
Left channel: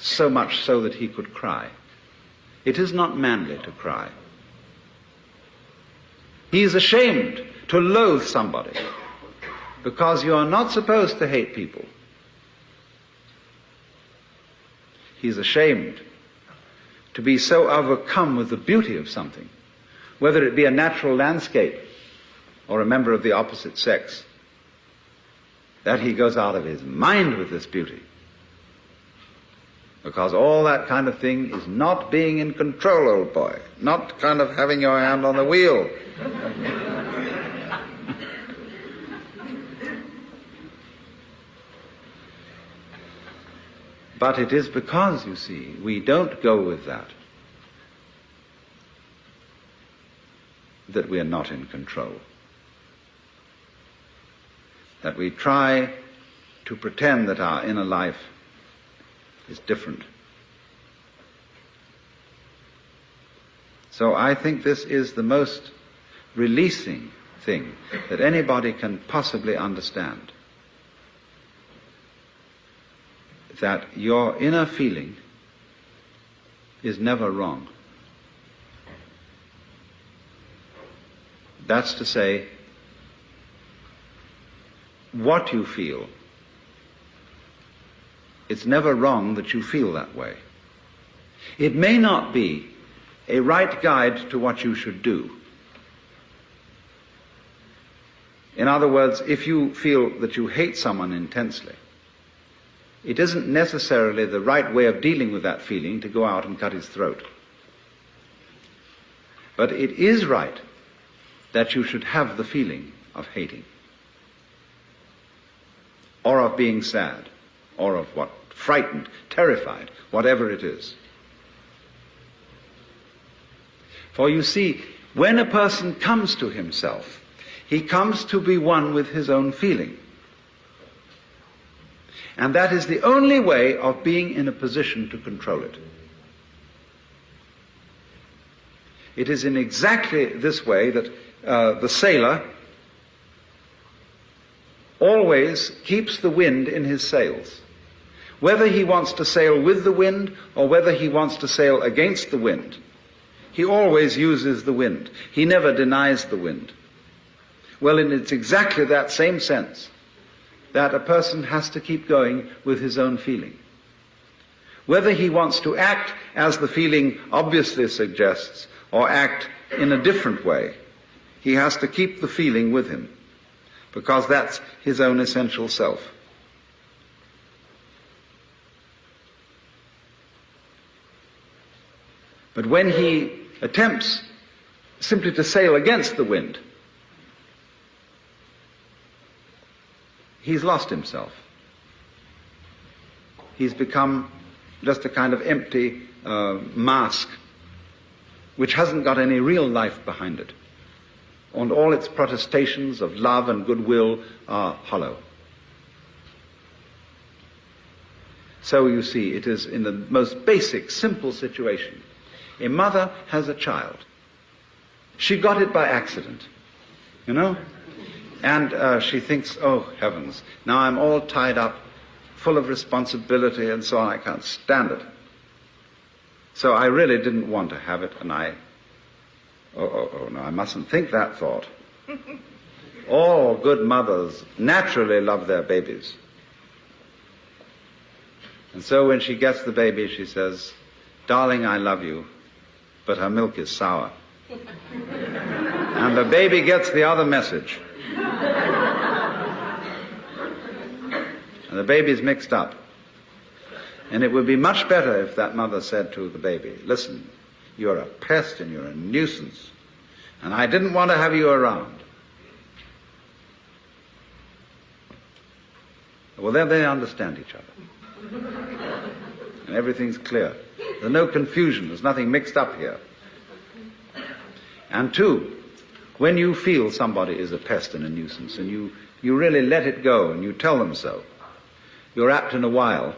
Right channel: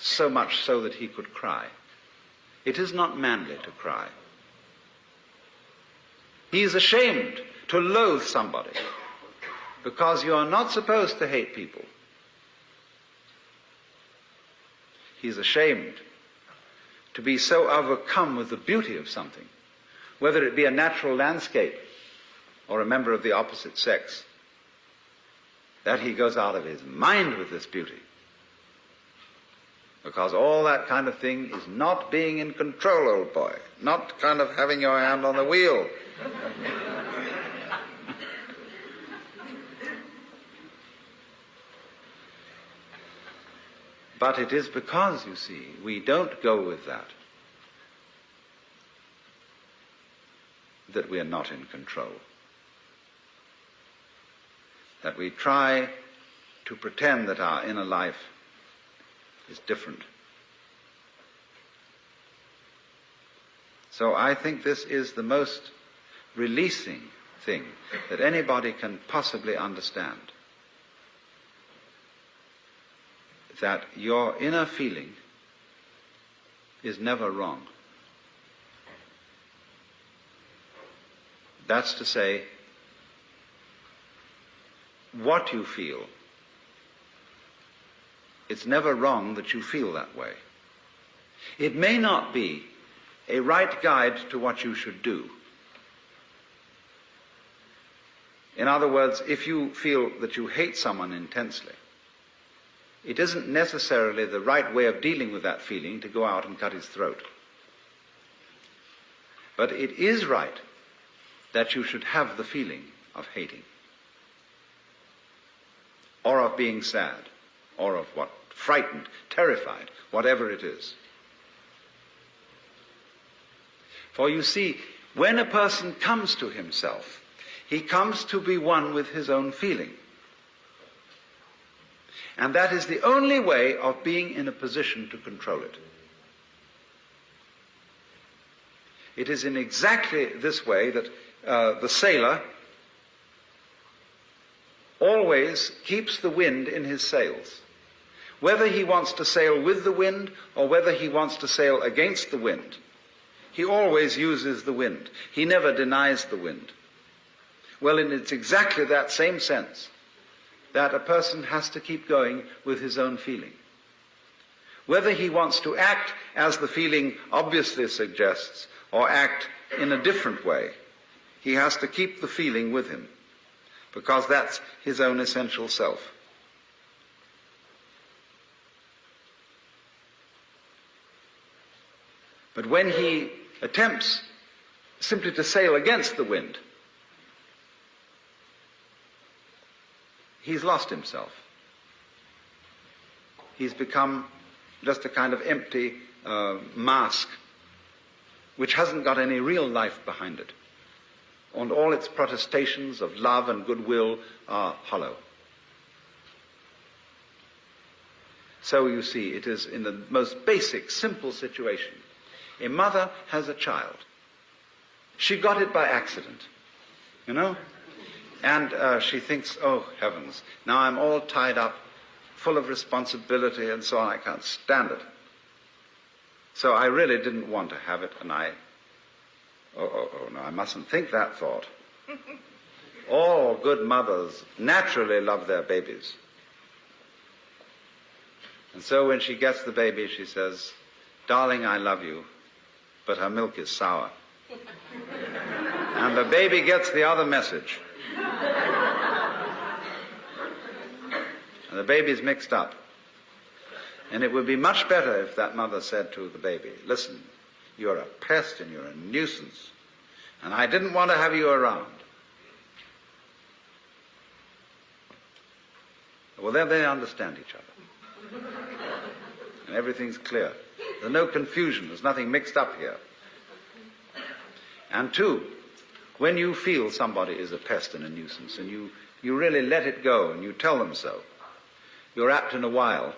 so much so that he could cry. It is not manly to cry. He is ashamed to loathe somebody, because you are not supposed to hate people. He's ashamed to be so overcome with the beauty of something, whether it be a natural landscape or a member of the opposite sex, that he goes out of his mind with this beauty. Because all that kind of thing is not being in control, old boy. Not kind of having your hand on the wheel. But it is because, you see, we don't go with that we are not in control. That we try to pretend that our inner life is different. So I think this is the most releasing thing that anybody can possibly understand. That your inner feeling is never wrong. That's to say, what you feel, it's never wrong that you feel that way. It may not be a right guide to what you should do. In other words, if you feel that you hate someone intensely, it isn't necessarily the right way of dealing with that feeling to go out and cut his throat. But it is right that you should have the feeling of hating, or of being sad, or of what? Frightened, terrified, whatever it is. For you see, when a person comes to himself, he comes to be one with his own feeling. And that is the only way of being in a position to control it. It is in exactly this way that the sailor always keeps the wind in his sails. Whether he wants to sail with the wind or whether he wants to sail against the wind, he always uses the wind. He never denies the wind. Well, and it's exactly that same sense that a person has to keep going with his own feeling. Whether he wants to act as the feeling obviously suggests or act in a different way, he has to keep the feeling with him, because that's his own essential self. But when he attempts simply to sail against the wind, he's lost himself. He's become just a kind of empty mask which hasn't got any real life behind it. And all its protestations of love and goodwill are hollow. So you see, it is in the most basic, simple situation. A mother has a child. She got it by accident, you know? And she thinks, oh, heavens, now I'm all tied up, full of responsibility and so on, I can't stand it. So I really didn't want to have it, and no, I mustn't think that thought. All good mothers naturally love their babies. And so when she gets the baby, she says, darling, I love you, but her milk is sour. And the baby gets the other message. And the baby's mixed up. And it would be much better if that mother said to the baby, listen, you're a pest and you're a nuisance, and I didn't want to have you around. Well, then they understand each other. And everything's clear. There's no confusion. There's nothing mixed up here. And two, when you feel somebody is a pest and a nuisance, and you really let it go and you tell them so, you're apt in a while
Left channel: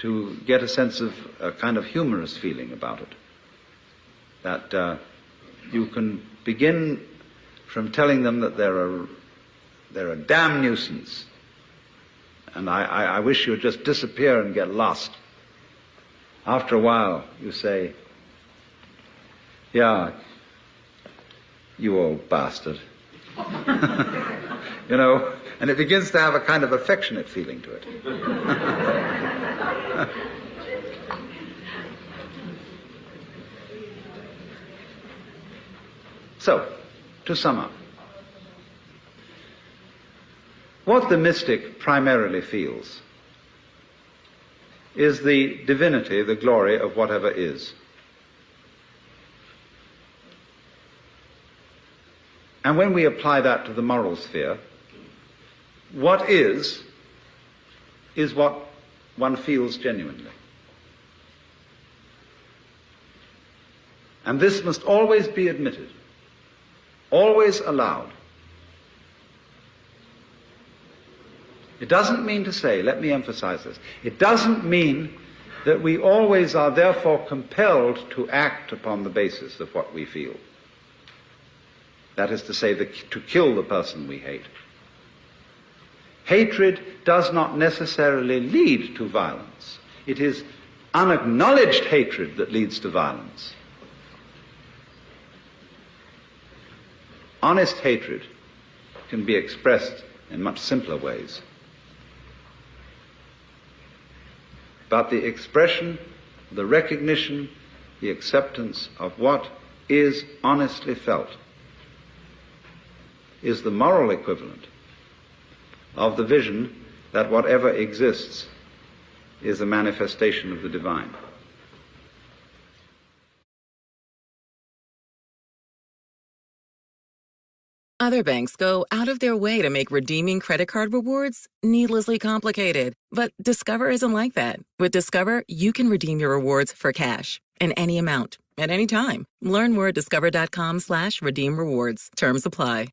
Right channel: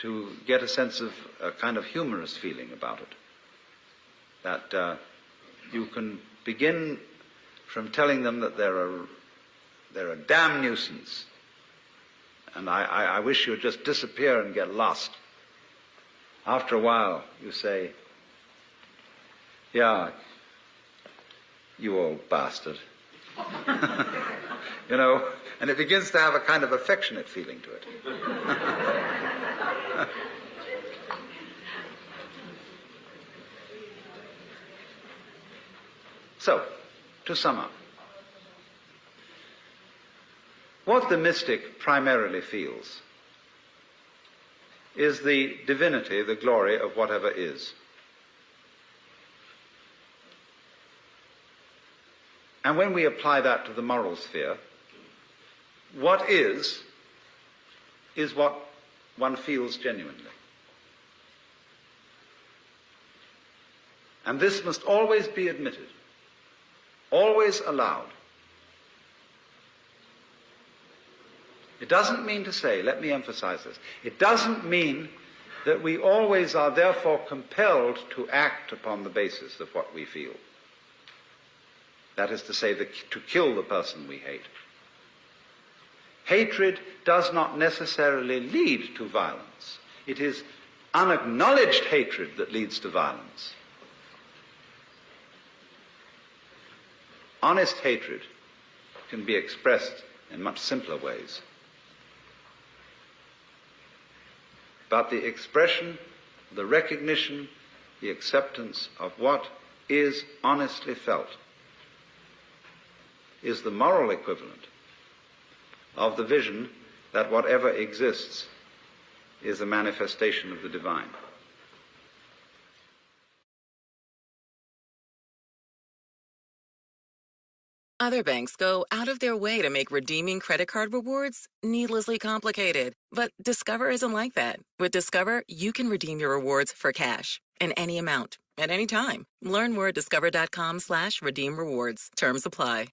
to get a sense of a kind of humorous feeling about it. That you can begin from telling them that they're a damn nuisance, and I wish you'd just disappear and get lost. After a while, you say, yeah, you old bastard. You know, and it begins to have a kind of affectionate feeling to it. So, to sum up, what the mystic primarily feels is the divinity, the glory of whatever is. And when we apply that to the moral sphere, what is what one feels genuinely. And this must always be admitted, always allowed. It doesn't mean to say, let me emphasize this, it doesn't mean that we always are therefore compelled to act upon the basis of what we feel. That is to say, to kill the person we hate. Hatred does not necessarily lead to violence. It is unacknowledged hatred that leads to violence. Honest hatred can be expressed in much simpler ways. But the expression, the recognition, the acceptance of what is honestly felt is the moral equivalent of the vision that whatever exists is a manifestation of the divine. Other banks go out of their way to make redeeming credit card rewards needlessly complicated. But Discover isn't like that. With Discover, you can redeem your rewards for cash in any amount, at any time. Learn more at discover.com/redeem rewards. Terms apply.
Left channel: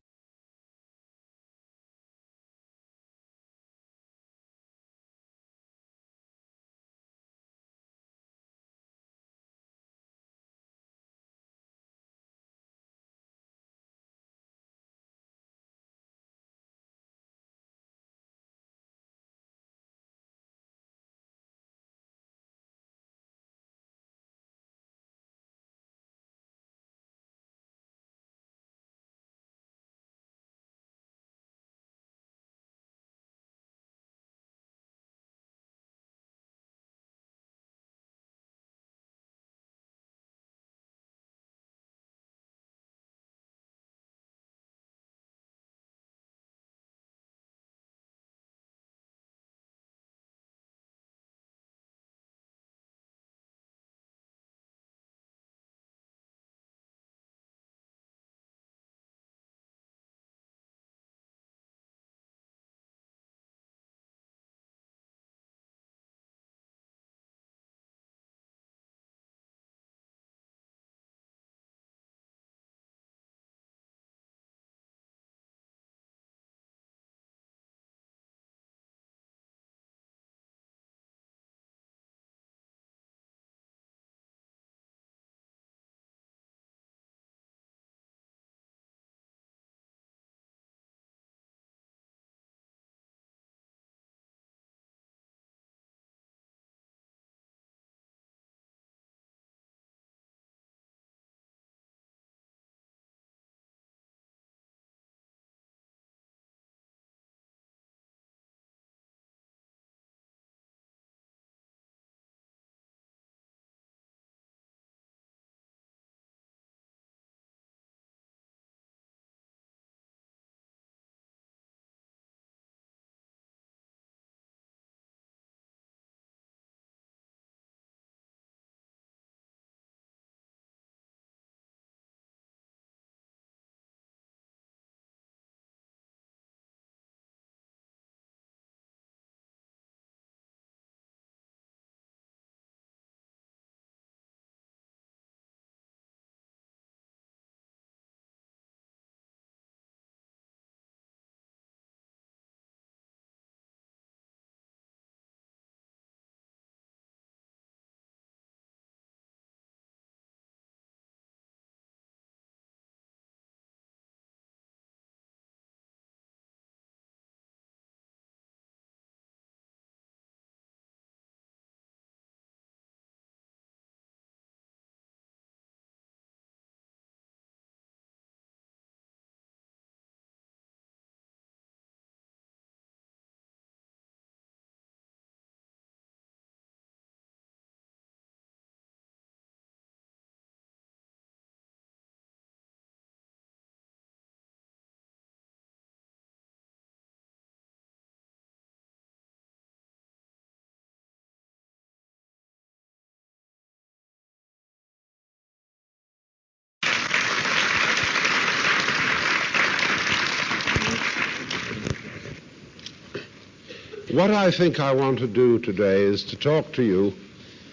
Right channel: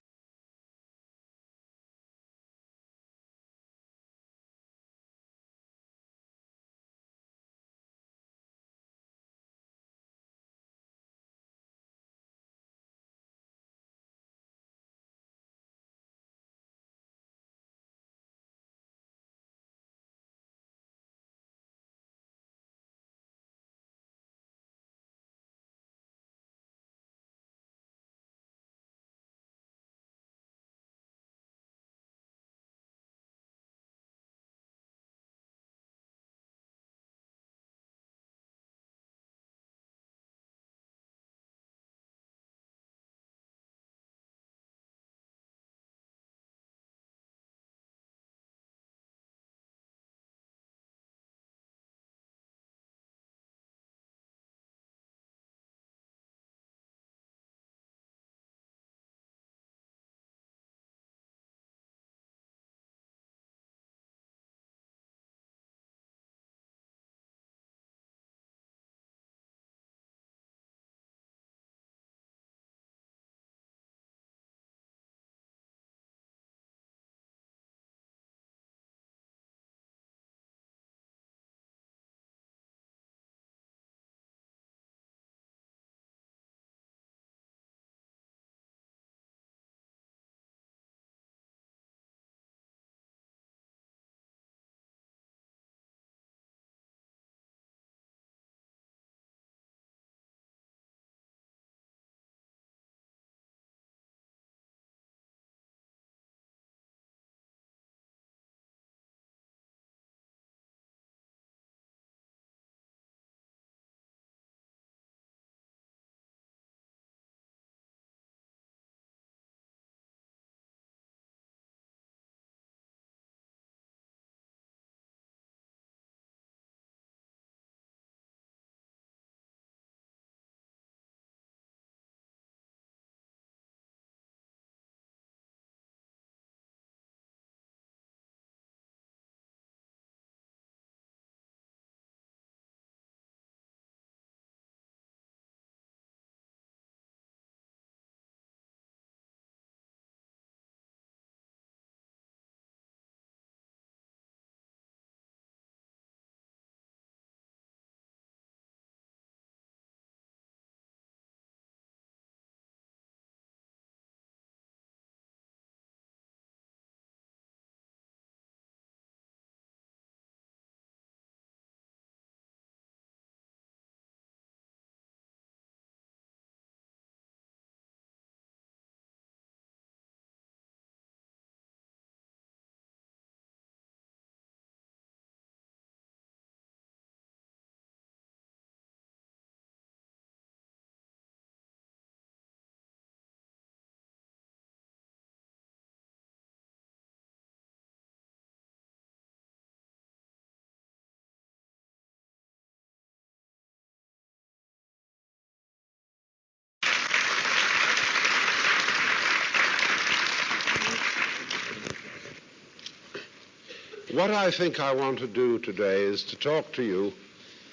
What I think I want to do today is to talk to you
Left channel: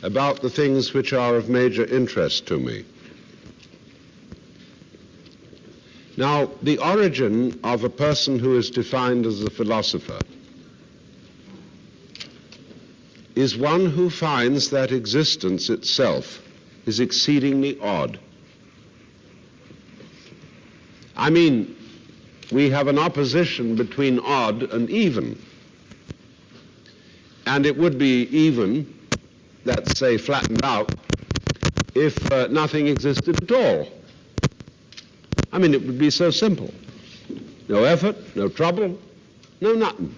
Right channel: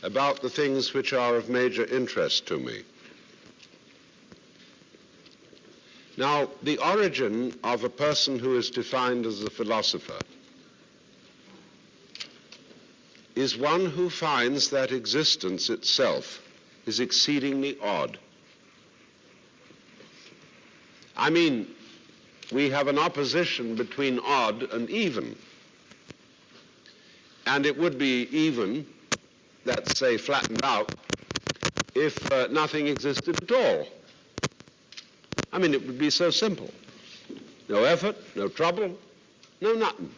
about the things which are of major interest to me. Now, the origin of a person who is defined as a philosopher is one who finds that existence itself is exceedingly odd. I mean, we have an opposition between odd and even. And it would be even, let's say flattened out, if nothing existed at all. I mean, it would be so simple. No effort, no trouble, no nothing.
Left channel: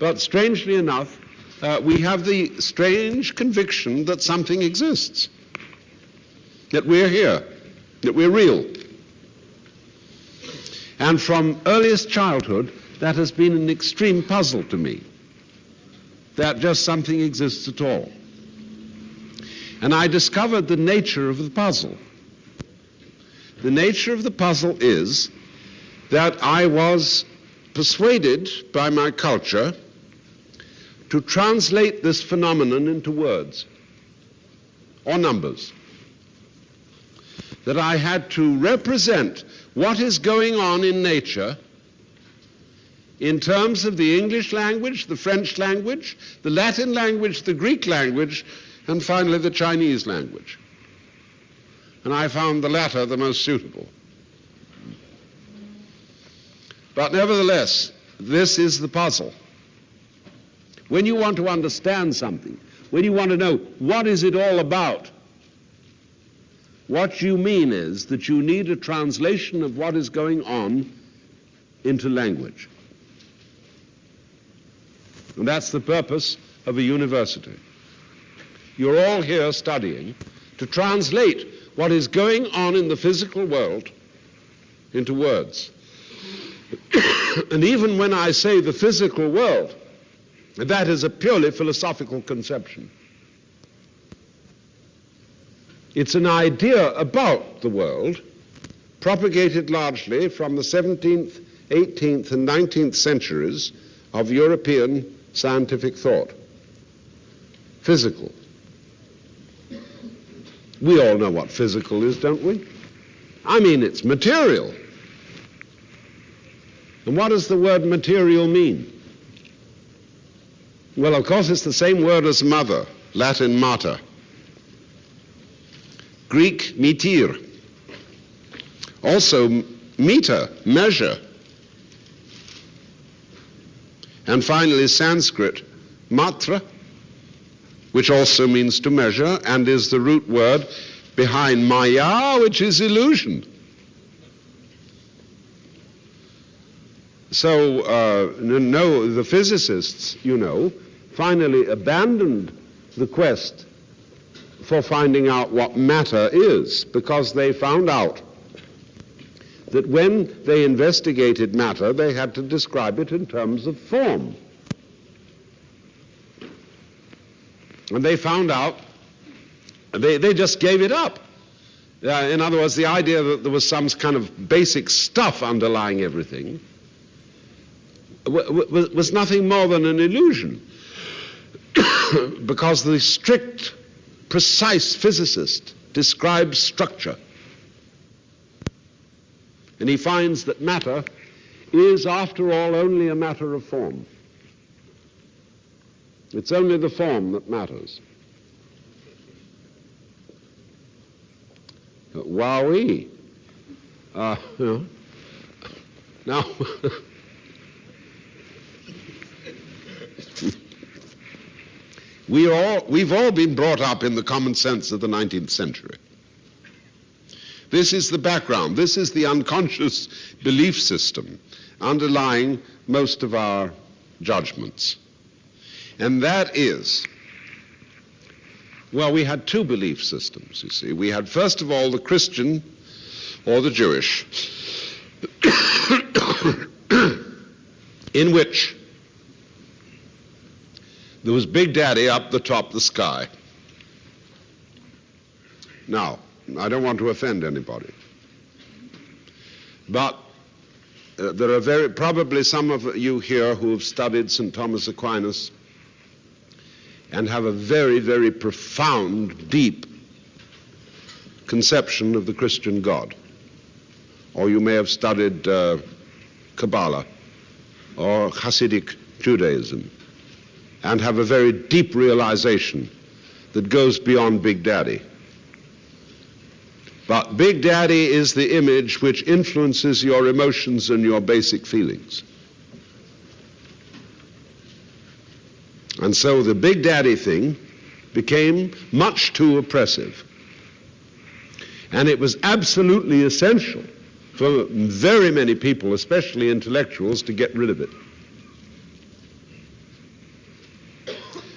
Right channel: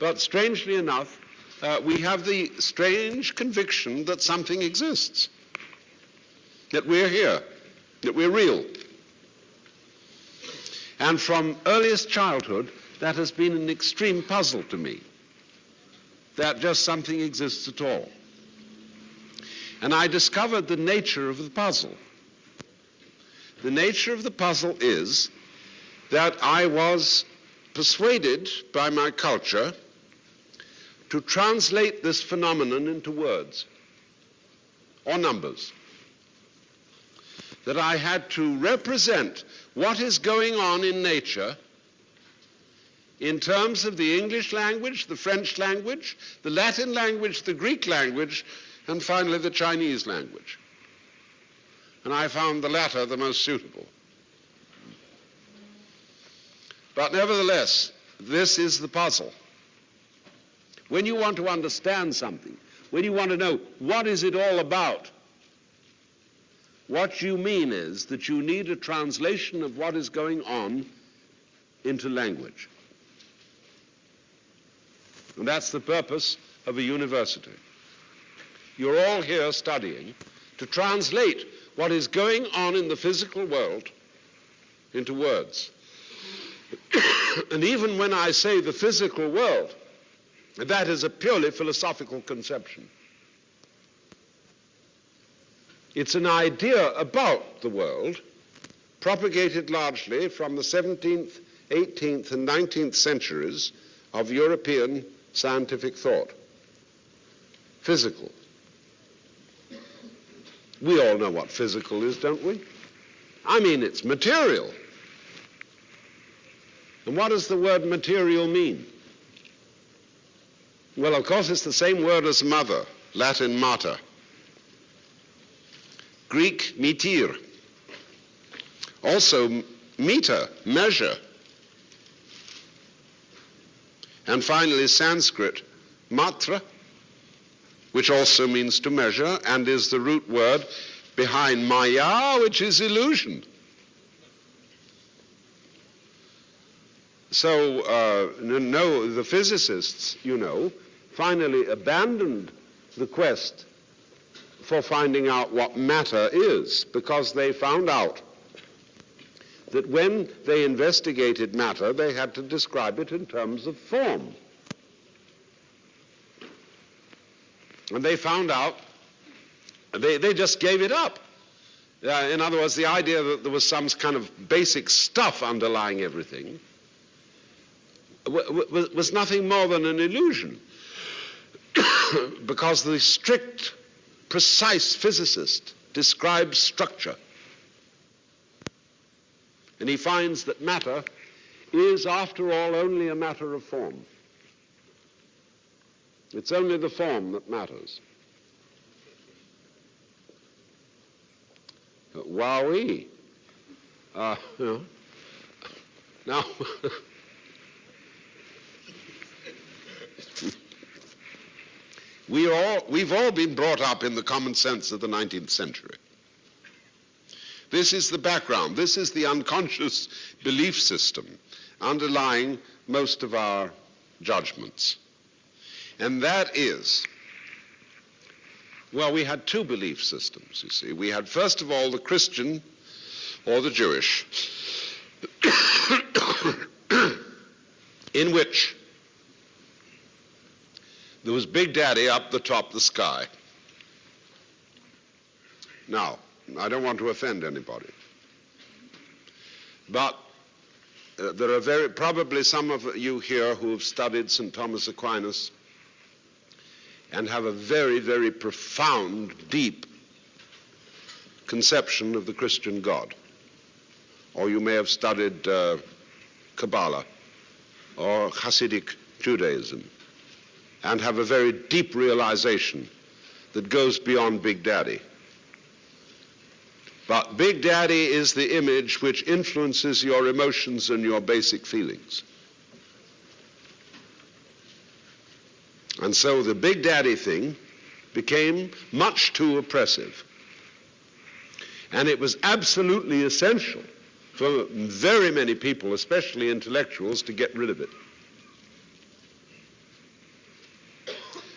But strangely enough, we have the strange conviction that something exists, that we're here, that we're real. And from earliest childhood, that has been an extreme puzzle to me, that just something exists at all. And I discovered the nature of the puzzle. The nature of the puzzle is that I was persuaded by my culture to translate this phenomenon into words or numbers. That I had to represent what is going on in nature in terms of the English language, the French language, the Latin language, the Greek language, and finally the Chinese language. And I found the latter the most suitable. But nevertheless, this is the puzzle. When you want to understand something, when you want to know what is it all about, what you mean is that you need a translation of what is going on into language. And that's the purpose of a university. You're all here studying to translate what is going on in the physical world into words. And even when I say the physical world, that is a purely philosophical conception. It's an idea about the world propagated largely from the 17th, 18th, and 19th centuries of European scientific thought. Physical. We all know what physical is, don't we? I mean, it's material. And what does the word material mean? Well, of course, it's the same word as mother, Latin mater. Greek, metir. Also, meter, measure. And finally, Sanskrit, matra, which also means to measure, and is the root word behind maya, which is illusion. So, no, the physicists, finally abandoned the quest for finding out what matter is, because they found out that when they investigated matter, they had to describe it in terms of form. And they found out, they just gave it up. In other words, the idea that there was some kind of basic stuff underlying everything was nothing more than an illusion. Because the strict, precise physicist describes structure. And he finds that matter is, after all, only a matter of form. It's only the form that matters. Wowee. Now, we've all been brought up in the common sense of the 19th century. This is the background. This is the unconscious belief system underlying most of our judgments. And that is, well, we had two belief systems, you see. We had, first of all, the Christian or the Jewish, in which there was Big Daddy up the top of the sky. Now, I don't want to offend anybody, but there are probably some of you here who have studied St. Thomas Aquinas and have a very, very profound, deep conception of the Christian God. Or you may have studied Kabbalah or Hasidic Judaism and have a very deep realization that goes beyond Big Daddy. But Big Daddy is the image which influences your emotions and your basic feelings. And so the Big Daddy thing became much too oppressive. And it was absolutely essential for very many people, especially intellectuals, to get rid of it.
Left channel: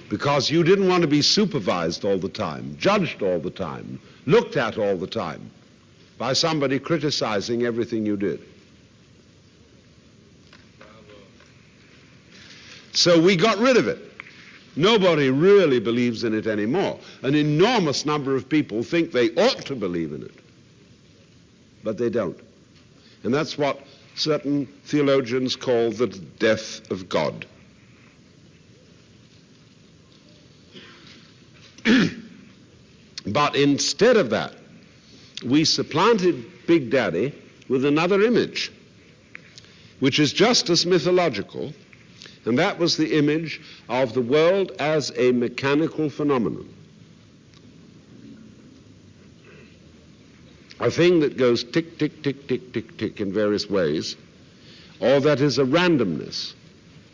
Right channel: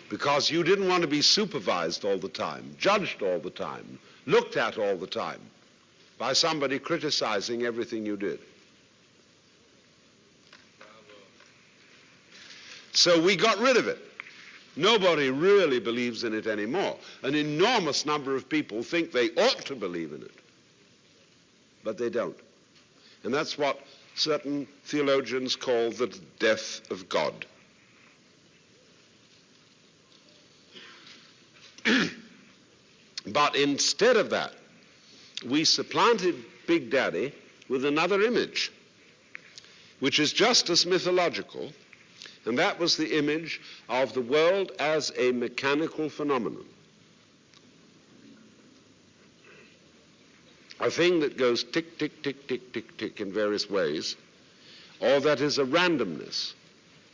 Because you didn't want to be supervised all the time, judged all the time, looked at all the time by somebody criticizing everything you did. So we got rid of it. Nobody really believes in it anymore. An enormous number of people think they ought to believe in it, but they don't. And that's what certain theologians call the death of God. But instead of that, we supplanted Big Daddy with another image, which is just as mythological, and that was the image of the world as a mechanical phenomenon. A thing that goes tick, tick, tick, tick, tick, tick in various ways, or that is a randomness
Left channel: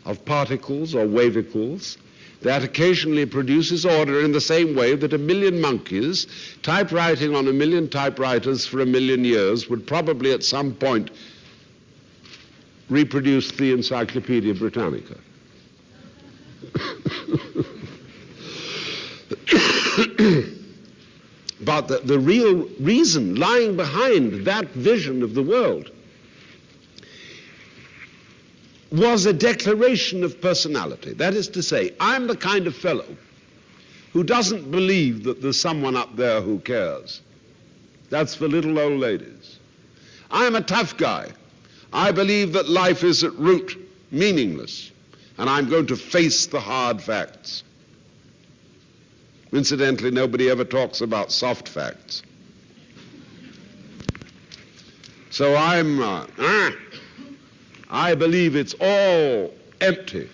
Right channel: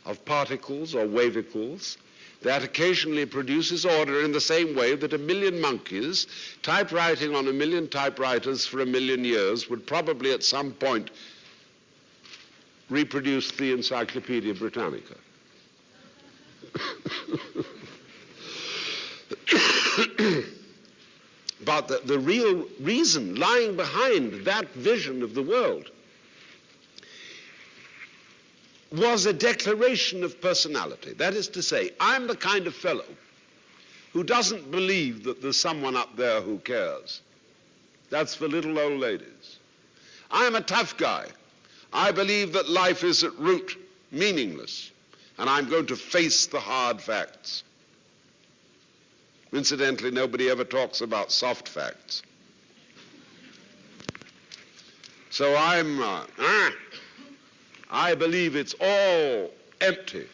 of particles or wavicles that occasionally produces order in the same way that a million monkeys typewriting on a million typewriters for a million years would probably at some point reproduce the Encyclopedia Britannica. But the real reason lying behind that vision of the world was a declaration of personality. That is to say, I'm the kind of fellow who doesn't believe that there's someone up there who cares. That's for little old ladies. I'm a tough guy. I believe that life is at root meaningless, and I'm going to face the hard facts. Incidentally, nobody ever talks about soft facts. So I believe it's all empty,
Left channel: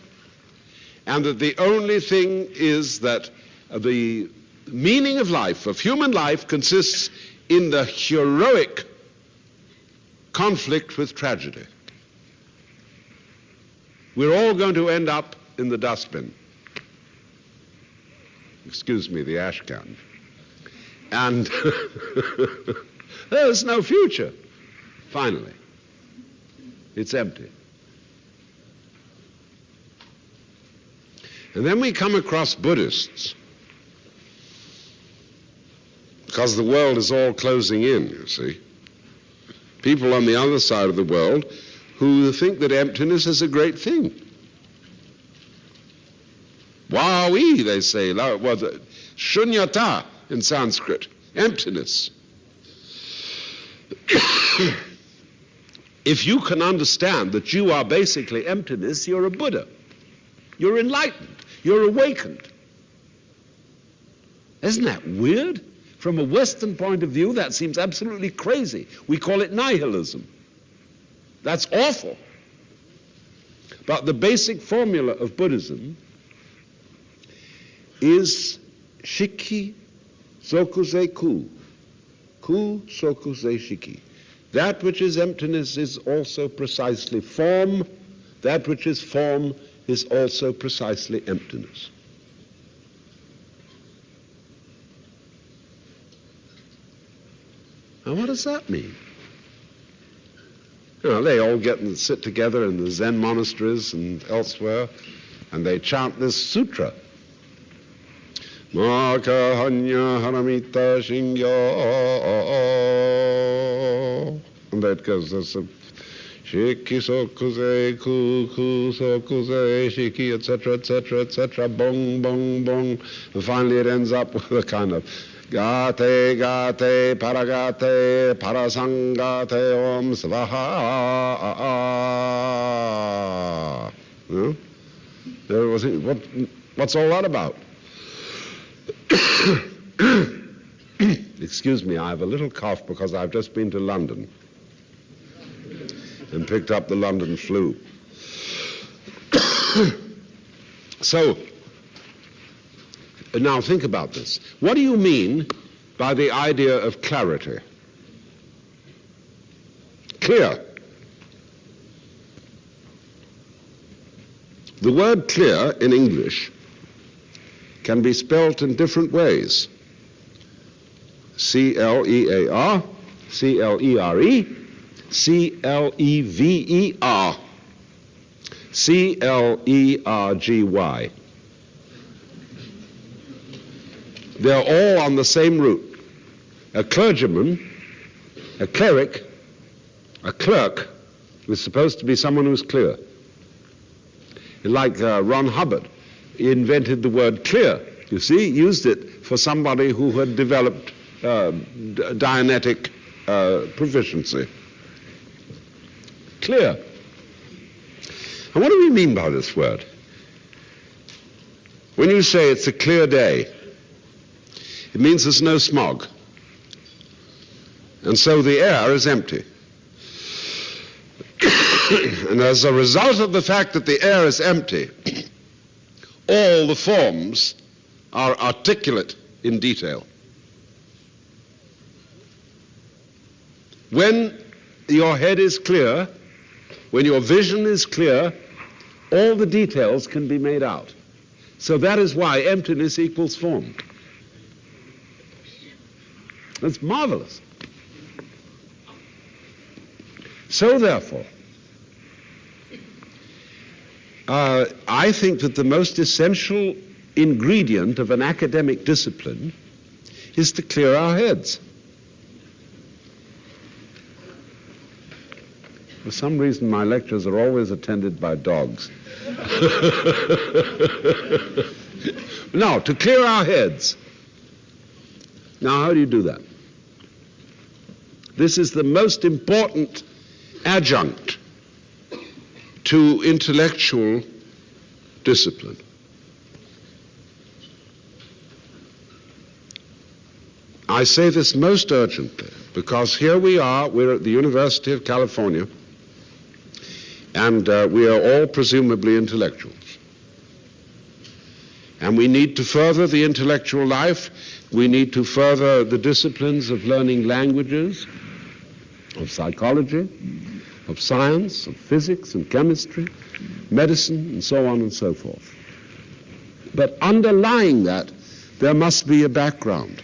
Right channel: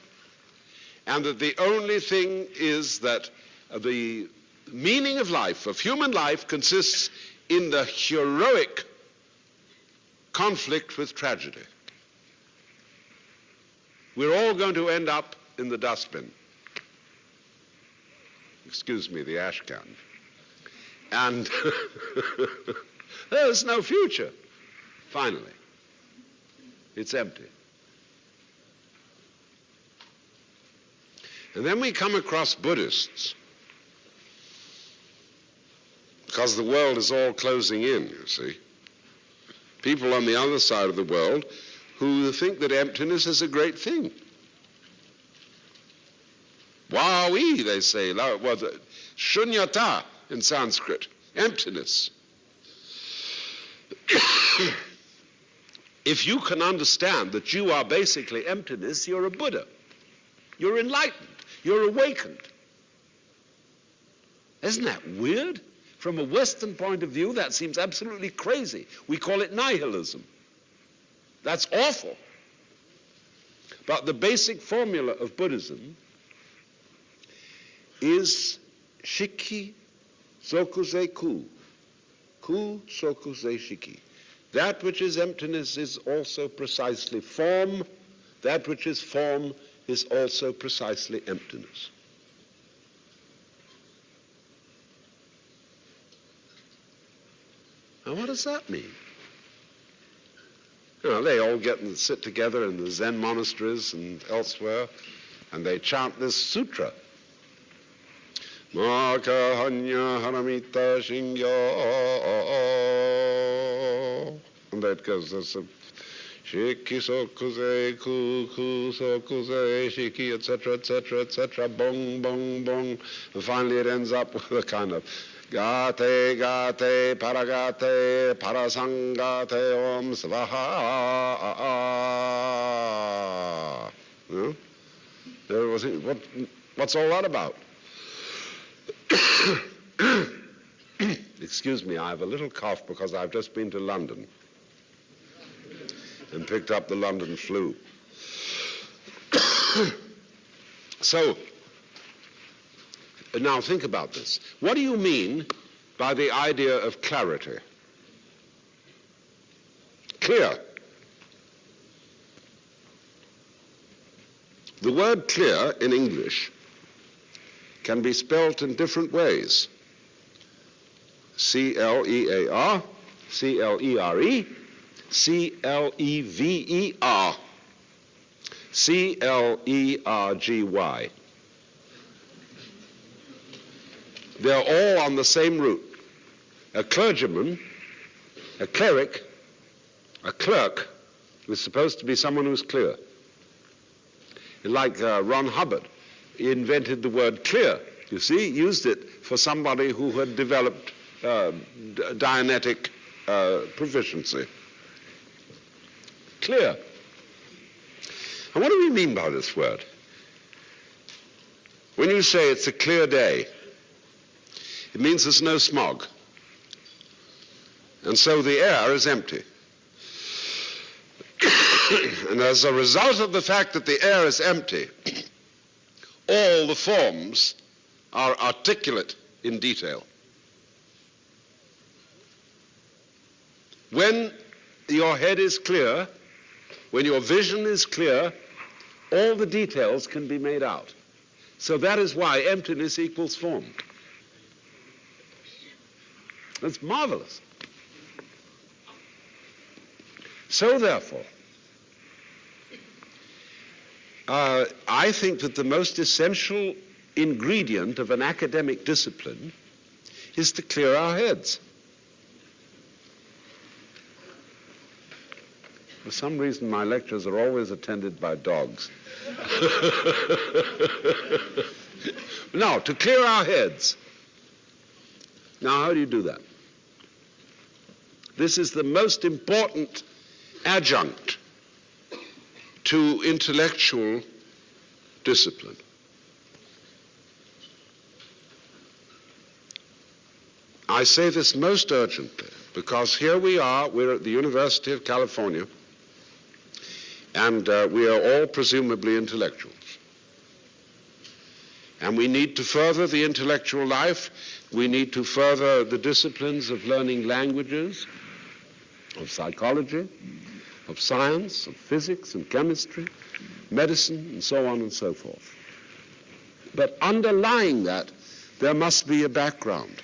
and that the only thing is that the meaning of life, of human life, consists in the heroic conflict with tragedy. We're all going to end up in the dustbin. Excuse me, the ash can. And there's no future, finally. It's empty. And then we come across Buddhists, because the world is all closing in, you see. People on the other side of the world who think that emptiness is a great thing. Wawi, they say, shunyata in Sanskrit, emptiness. If you can understand that you are basically emptiness, you're a Buddha. You're enlightened. You're awakened. Isn't that weird? From a Western point of view, that seems absolutely crazy. We call it nihilism. That's awful. But the basic formula of Buddhism is shiki sokuze ku. Ku sokuze shiki. That which is emptiness is also precisely form. That which is form is also precisely emptiness. Now, what does that mean? You know, they all get and sit together in the Zen monasteries and elsewhere, and they chant this sutra. Maka hanya haramita shingya. And that goes, there's a shiki sokuze, ku sokuze, shiki, etc., etc., etc., bong, bong, bong. And finally it ends up with a kind of Gate, gate, paragate, parasangate, om svaha. What's all that about? Excuse me, I have a little cough because I've just been to London and picked up the London flu. So, now think about this. What do you mean by the idea of clarity? Clear. The word clear in English can be spelt in different ways. C-L-E-A-R, C-L-E-R-E, C-L-E-V-E-R, C-L-E-R-G-Y. They're all on the same root. A clergyman, a cleric, a clerk was supposed to be someone who's clear. Like Ron Hubbard, he invented the word clear, you see, used it for somebody who had developed Dianetic proficiency. Clear. And what do we mean by this word? When you say it's a clear day, it means there's no smog. And so the air is empty. And as a result of the fact that the air is empty, all the forms are articulate in detail. When your head is clear, when your vision is clear, all the details can be made out. So that is why emptiness equals form. That's marvelous. So therefore, I think that the most essential ingredient of an academic discipline is to clear our heads. For some reason, my lectures are always attended by dogs. Now, to clear our heads. Now, how do you do that? This is the most important adjunct to intellectual discipline. I say this most urgently because here we are, we're at the University of California, and we are all presumably intellectuals. And we need to further the intellectual life. We need to further the disciplines of learning languages, of psychology, of science, of physics and chemistry, medicine, and so on and so forth. But underlying that, there must be a background.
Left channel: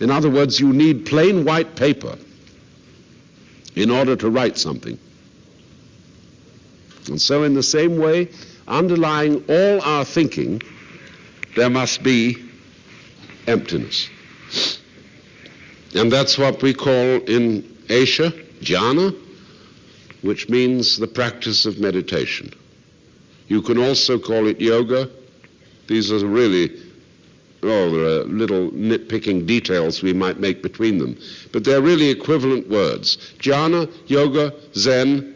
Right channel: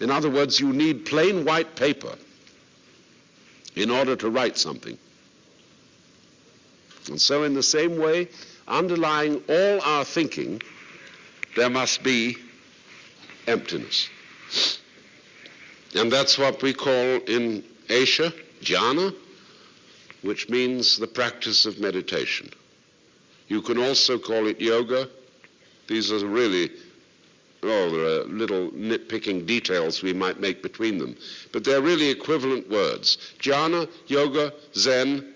In other words, you need plain white paper in order to write something. And so in the same way, underlying all our thinking, there must be emptiness. And that's what we call in Asia, jhana, which means the practice of meditation. You can also call it yoga. These are really there are little nitpicking details we might make between them, but they're really equivalent words. Jhana, yoga, Zen,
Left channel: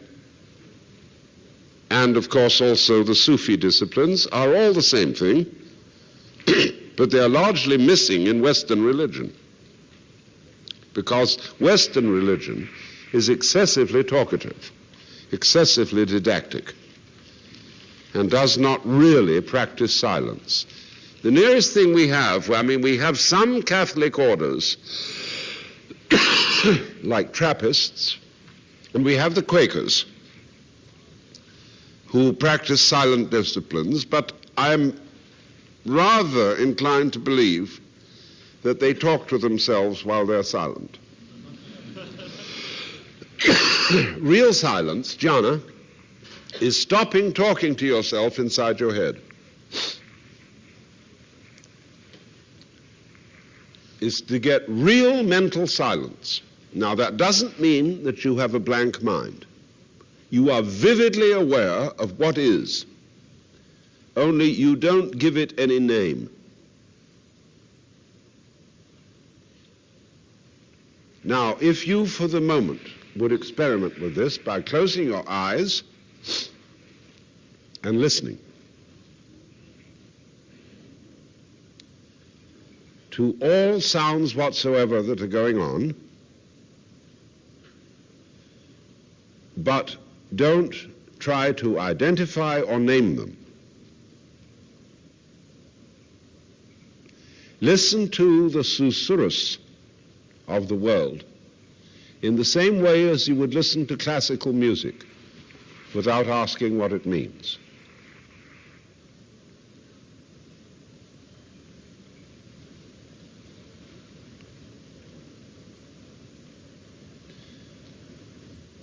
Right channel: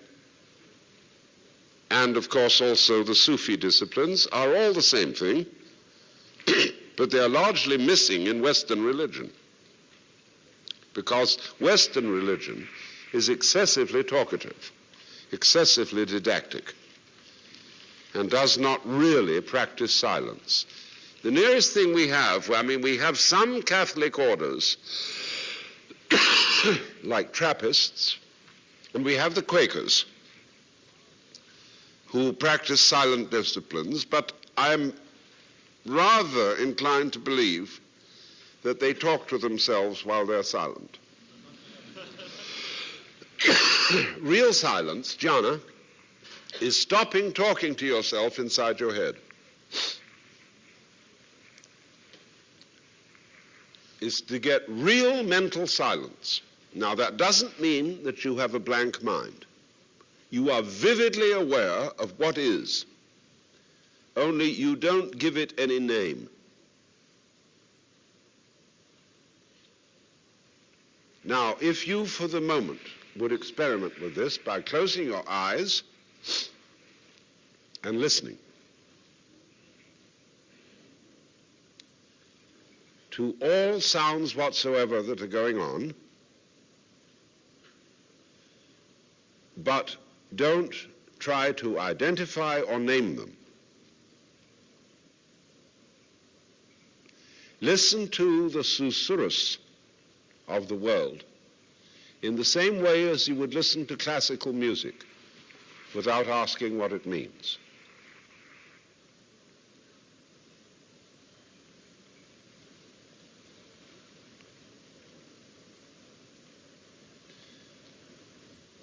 and of course also the Sufi disciplines are all the same thing, but they're largely missing in Western religion, because Western religion is excessively talkative, excessively didactic, and does not really practice silence. The nearest thing we have, we have some Catholic orders, like Trappists, and we have the Quakers, who practice silent disciplines, but I'm rather inclined to believe that they talk to themselves while they're silent. Real silence, jhana, is stopping talking to yourself inside your head. Is to get real mental silence. Now, that doesn't mean that you have a blank mind. You are vividly aware of what is, only you don't give it any name. Now, if you, for the moment, would experiment with this by closing your eyes and listening to all sounds whatsoever that are going on, but don't try to identify or name them. Listen to the susurrus of the world in the same way as you would listen to classical music without asking what it means.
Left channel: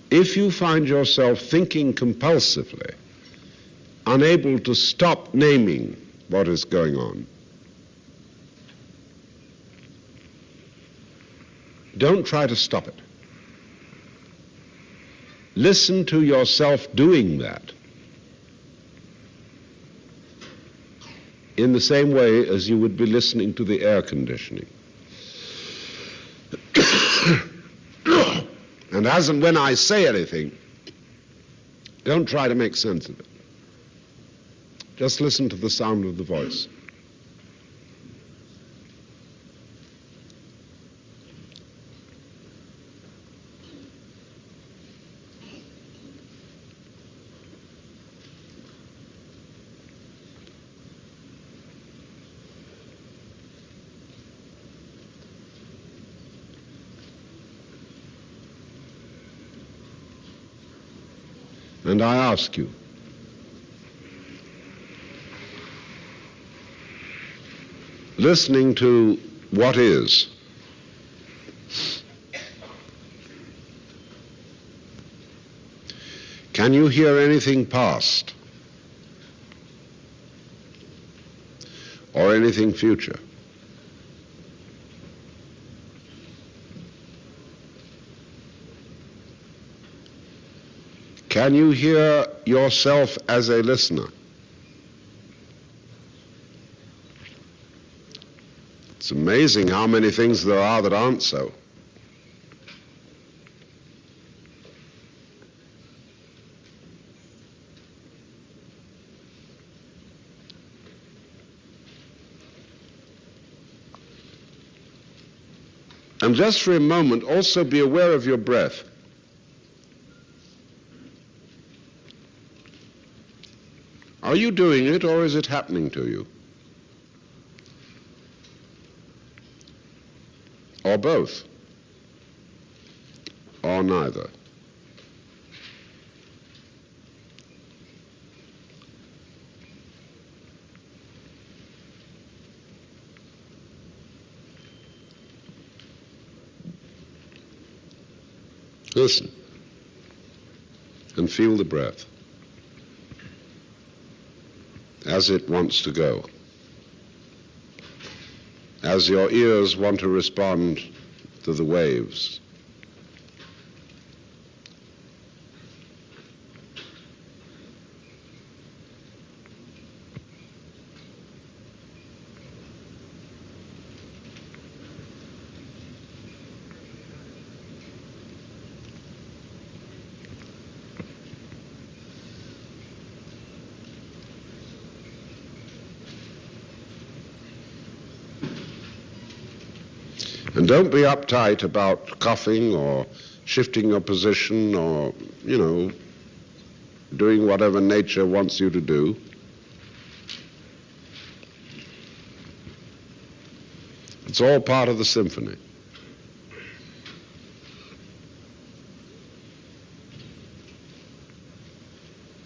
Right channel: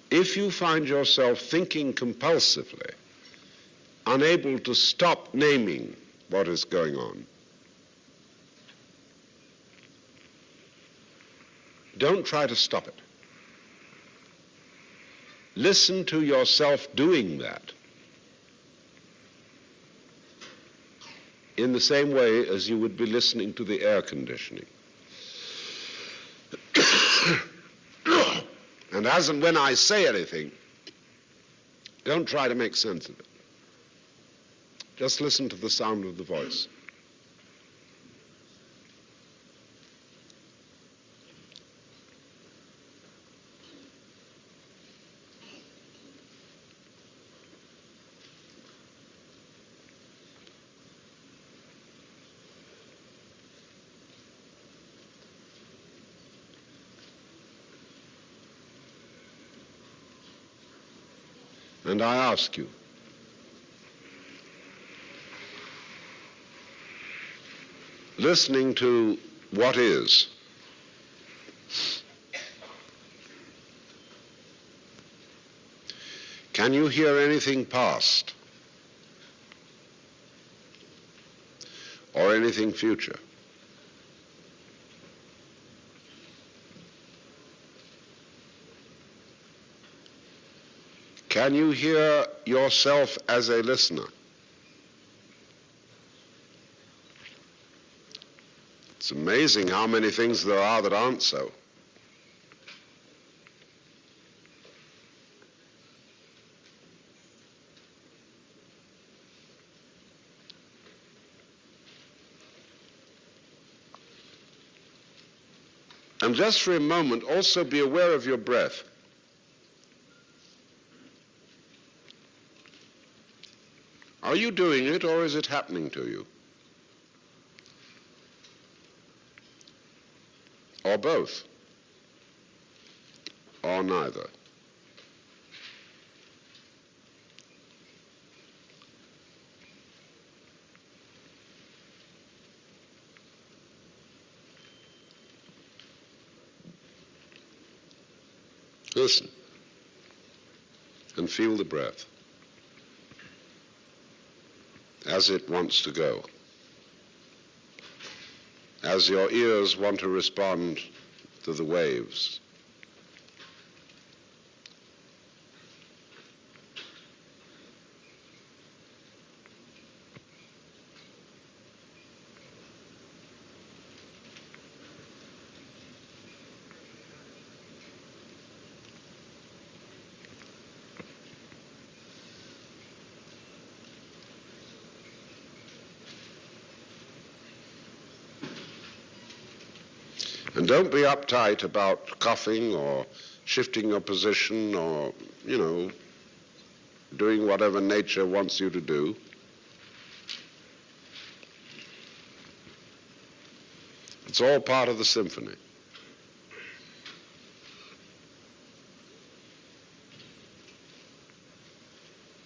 If you find yourself thinking compulsively, unable to stop naming what is going on, don't try to stop it. Listen to yourself doing that in the same way as you would be listening to the air conditioning. And as and when I say anything, don't try to make sense of it. Just listen to the sound of the voice. And I ask you, listening to what is, can you hear anything past or anything future? Can you hear yourself as a listener? It's amazing how many things there are that aren't so. And just for a moment, also be aware of your breath. Are you doing it, or is it happening to you? Or both? Or neither? Listen and feel the breath as it wants to go, as your ears want to respond to the waves. And don't be uptight about coughing or shifting your position or, doing whatever nature wants you to do. It's all part of the symphony.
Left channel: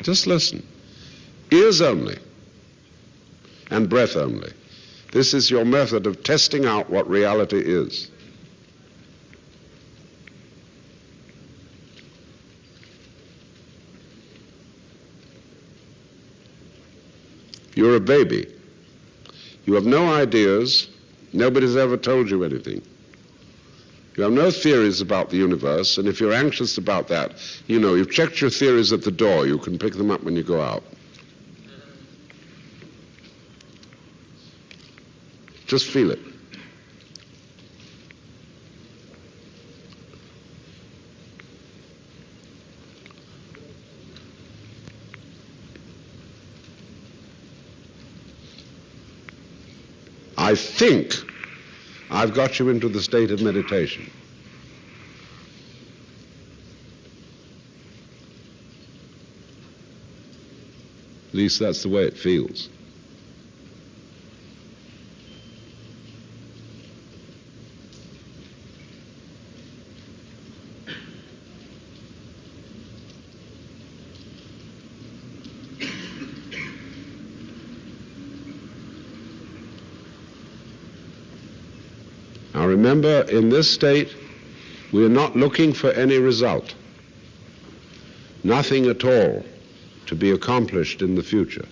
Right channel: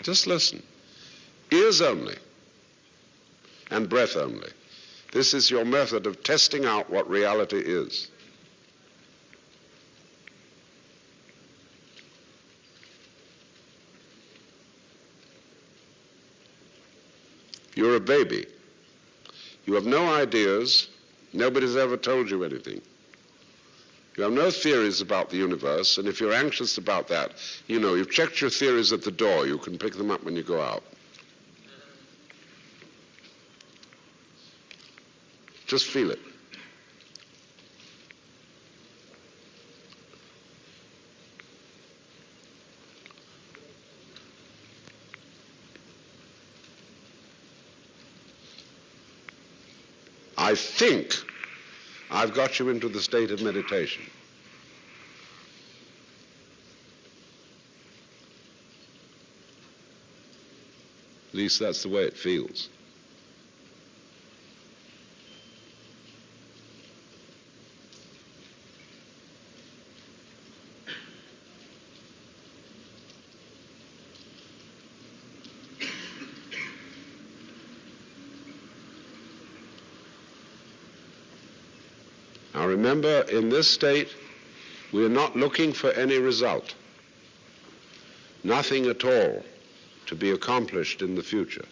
Just listen. Ears only and breath only. This is your method of testing out what reality is. You're a baby. You have no ideas. Nobody's ever told you anything. You have no theories about the universe, and if you're anxious about that, you've checked your theories at the door. You can pick them up when you go out. Just feel it. I think I've got you into the state of meditation. At least that's the way it feels. Now remember, in this state, we are not looking for any result. Nothing at all to be accomplished in the future.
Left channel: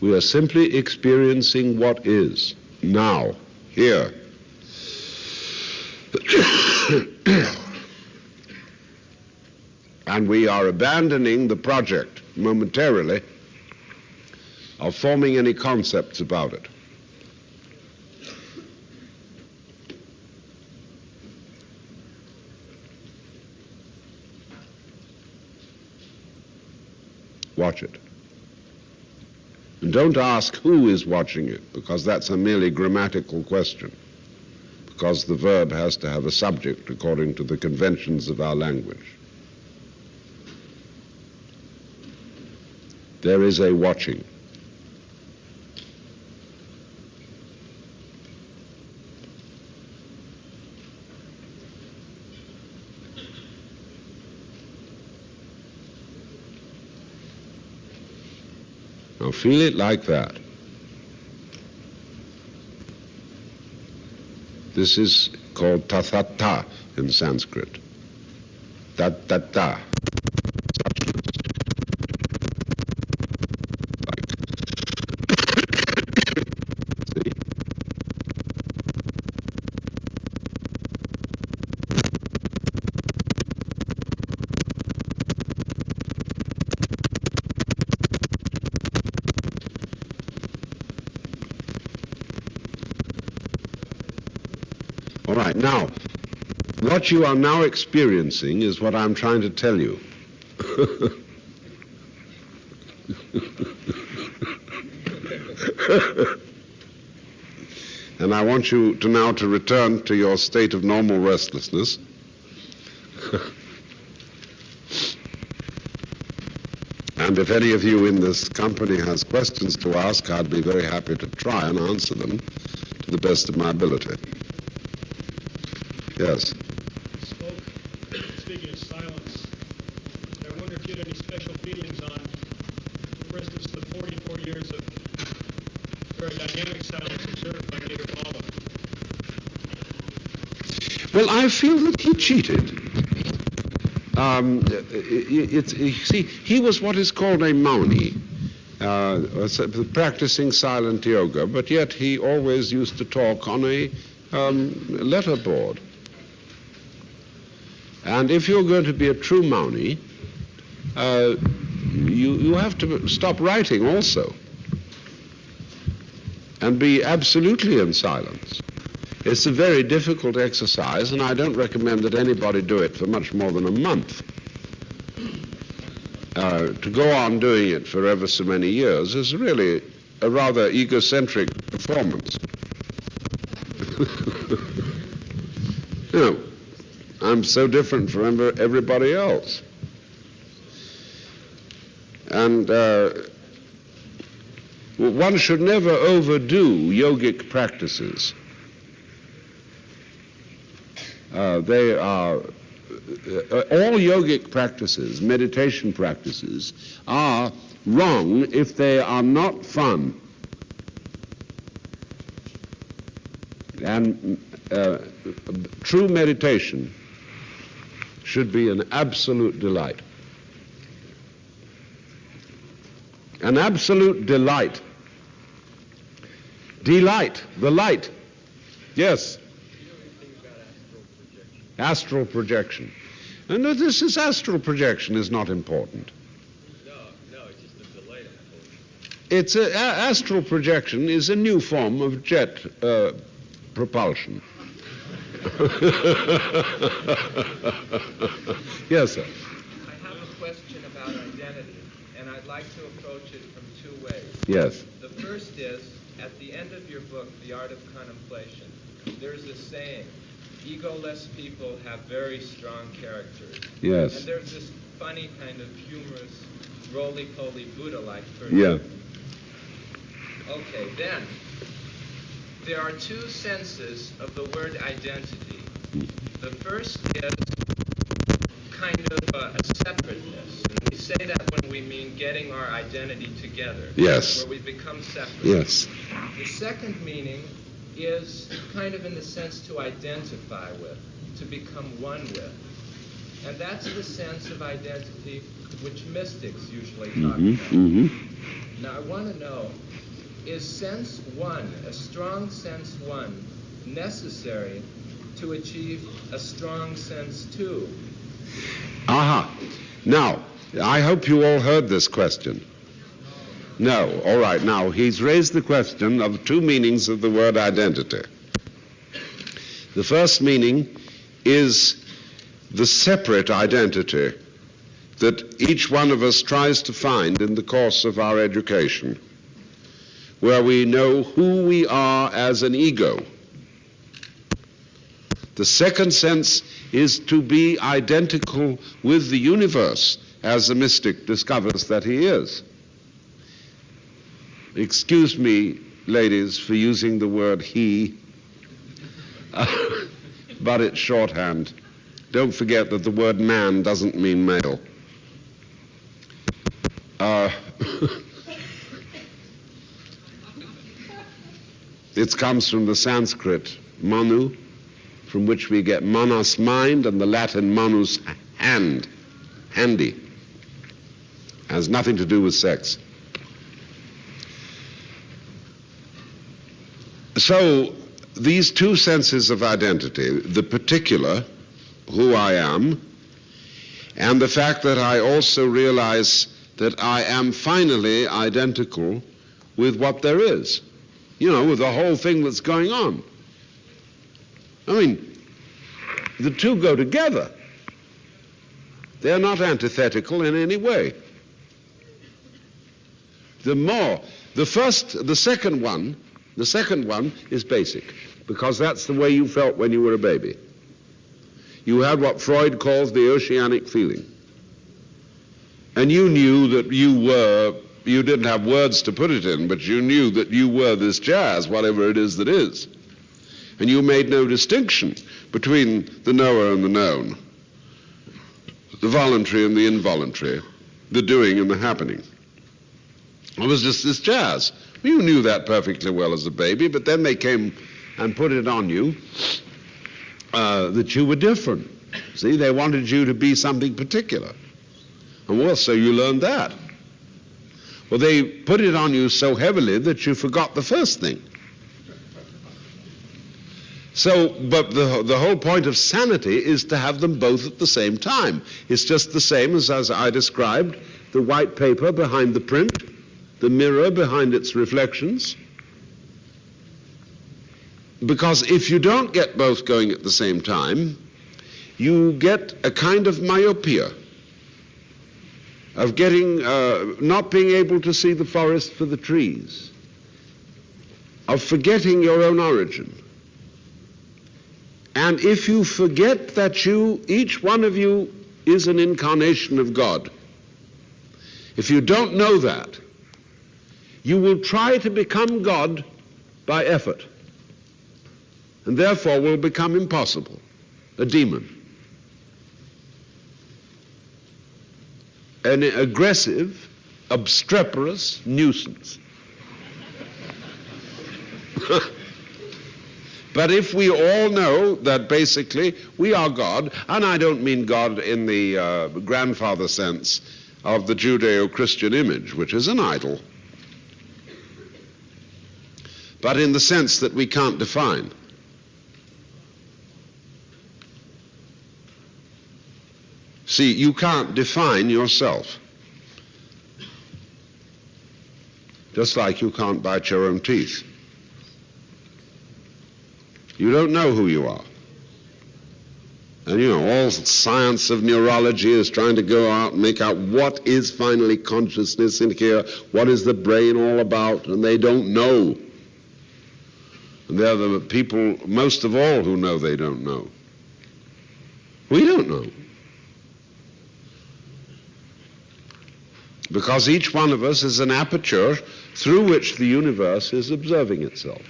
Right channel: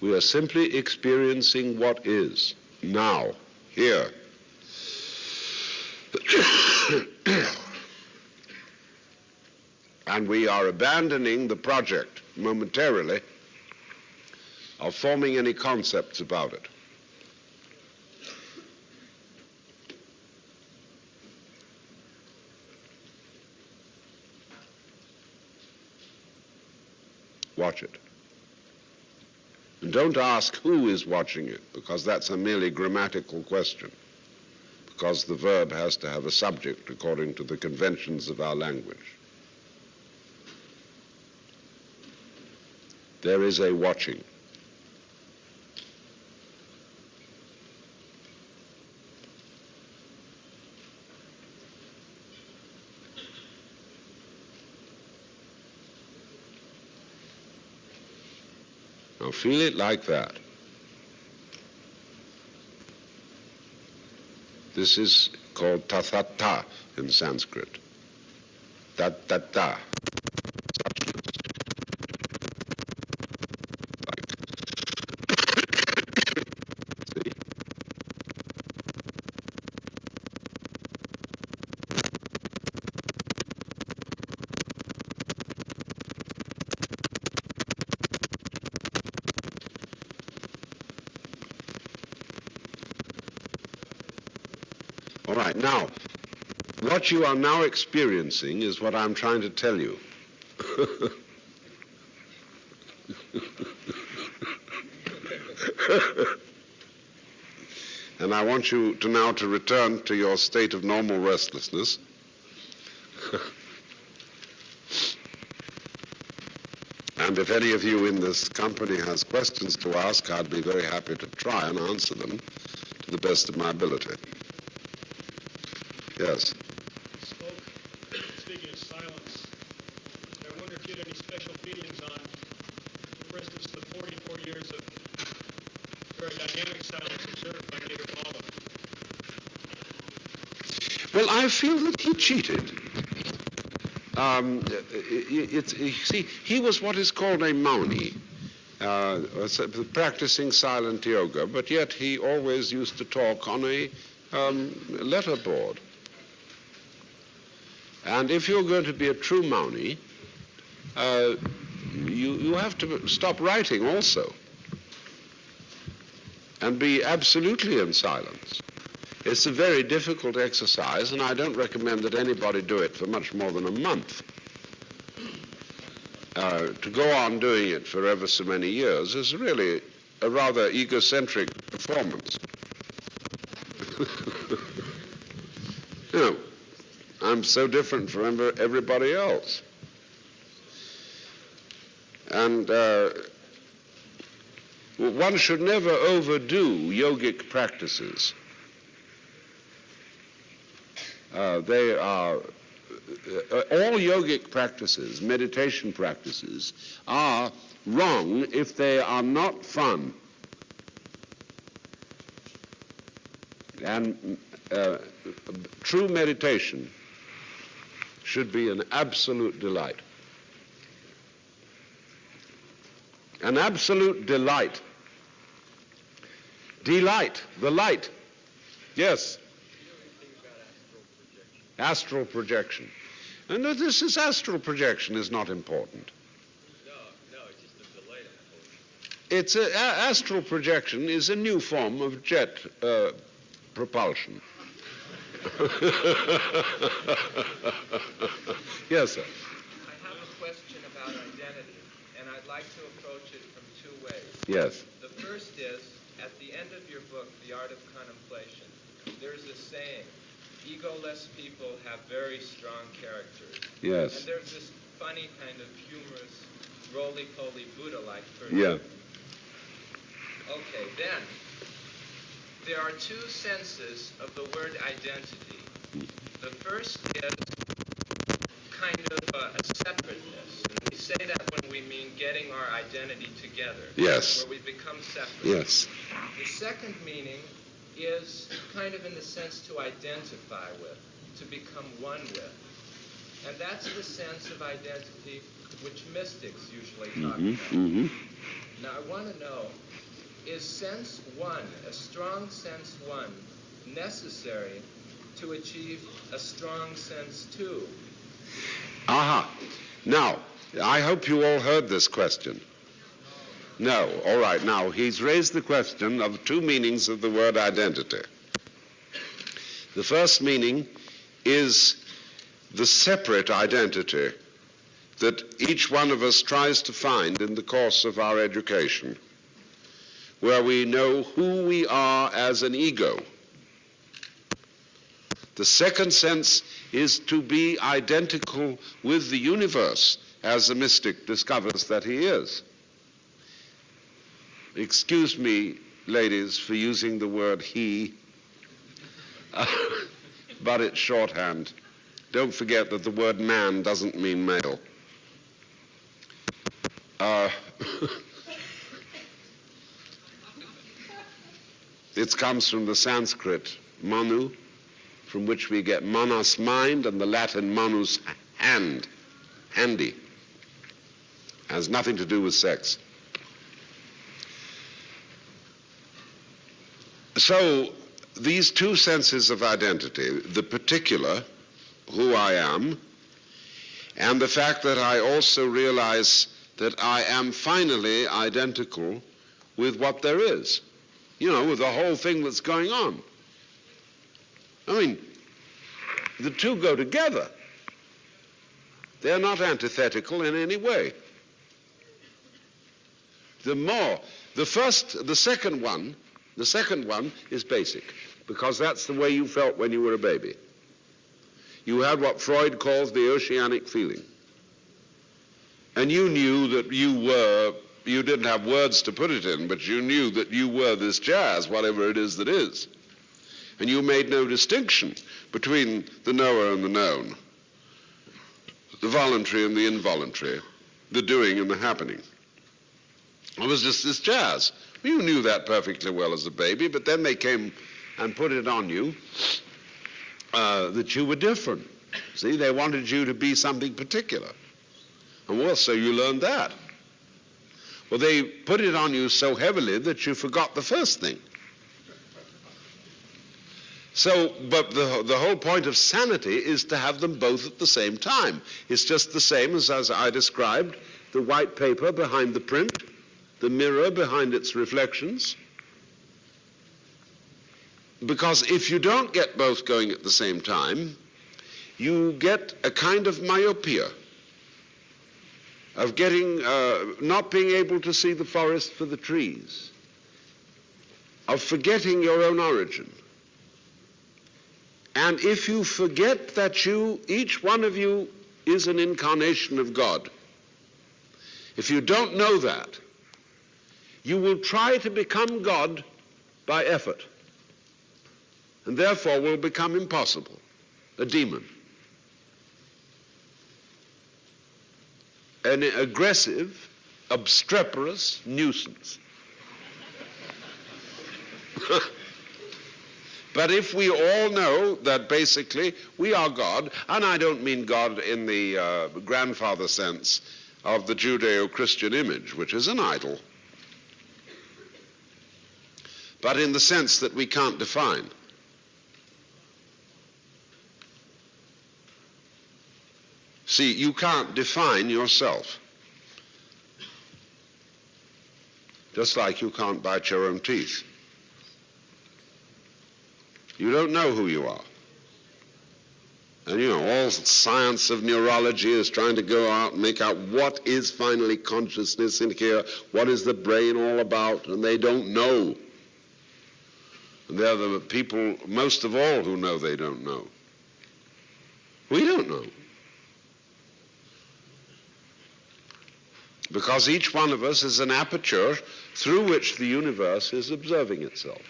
We are simply experiencing what is, now, here. And we are abandoning the project, momentarily, of forming any concepts about it. Watch it. And don't ask who is watching it, because that's a merely grammatical question, because the verb has to have a subject according to the conventions of our language. There is a watching. Now feel it like that. This is called tathata in Sanskrit. Tathata. All right, now, what you are now experiencing is what I'm trying to tell you. And I want you to now to return to your state of normal restlessness. And if any of you in this company has questions to ask, I'd be very happy to try and answer them to the best of my ability. Yes. Speaking of silence, I wonder if you had any special feelings on, for instance, the 44 years of very dynamic silence observed by Nader Paula. Well, I feel that he cheated. See, he was what is called a mauni, practicing silent yoga, but yet he always used to talk on a letterboard. And if you're going to be a true mauni, you have to stop writing also and be absolutely in silence. It's a very difficult exercise, and I don't recommend that anybody do it for much more than a month. To go on doing it for ever so many years is really a rather egocentric performance. You know, I'm so different from everybody else. And one should never overdo yogic practices. They are, all yogic practices, meditation practices, are wrong if they are not fun. And true meditation should be an absolute delight. An absolute delight. Delight, the light. Yes. Astral projection. And this is astral projection is not important. No, it's just a delight. It's astral projection is a new form of jet propulsion. Yes, sir. I have a question about identity, and I'd like to approach it from two ways. Yes. The first is, at the end of your book, The Art of Contemplation, there's a saying, egoless people have very strong characters. Yes. And there's this funny kind of humorous, roly-poly Buddha-like person. Yeah. Okay, then, there are two senses of the word identity. The first is kind of a separateness. And we say that when we mean getting our identity together. Yes. Where we become separate. Yes. The second meaning is kind of in the sense to identify with, to become one with. And that's the sense of identity which mystics usually talk about. Mm-hmm. Now, I want to know, is sense one, a strong sense one, necessary to achieve a strong sense two? Aha. Now, I hope you all heard this question. No. All right. Now, he's raised the question of two meanings of the word identity. The first meaning is the separate identity that each one of us tries to find in the course of our education, where we know who we are as an ego. The second sense is to be identical with the universe, as the mystic discovers that he is. Excuse me, ladies, for using the word he, but it's shorthand. Don't forget that the word man doesn't mean male. It comes from the Sanskrit manu, from which we get manas, mind, and the Latin manus, hand, handy. Has nothing to do with sex. So these two senses of identity, the particular, who I am, and the fact that I also realize that I am finally identical with what there is, with the whole thing that's going on. I mean, the two go together. They're not antithetical in any way. The second one is basic, because that's the way you felt when you were a baby. You had what Freud calls the oceanic feeling. And you knew that you didn't have words to put it in, but you knew that you were this jazz, whatever it is that is. And you made no distinction between the knower and the known, the voluntary and the involuntary, the doing and the happening. It was just this jazz. You knew that perfectly well as a baby, but then they came and put it on you that you were different. See, they wanted you to be something particular. And well, so you learned that. Well, they put it on you so heavily that you forgot the first thing. So, but the whole point of sanity is to have them both at the same time. It's just the same as I described, the white paper behind the print, the mirror behind its reflections. Because if you don't get both going at the same time, you get a kind of myopia, of not being able to see the forest for the trees, of forgetting your own origin. And if you forget that each one of you is an incarnation of God, if you don't know that, you will try to become God by effort, and therefore will become impossible, a demon, an aggressive, obstreperous nuisance. But if we all know that basically we are God, and I don't mean God in the grandfather sense of the Judeo-Christian image, which is an idol, but in the sense that we can't define. See, you can't define yourself. Just like you can't bite your own teeth. You don't know who you are. And all science of neurology is trying to go out and make out what is finally consciousness in here, what is the brain all about, and they don't know. And they're the people, most of all, who know they don't know. We don't know. Because each one of us is an aperture through which the universe is observing itself.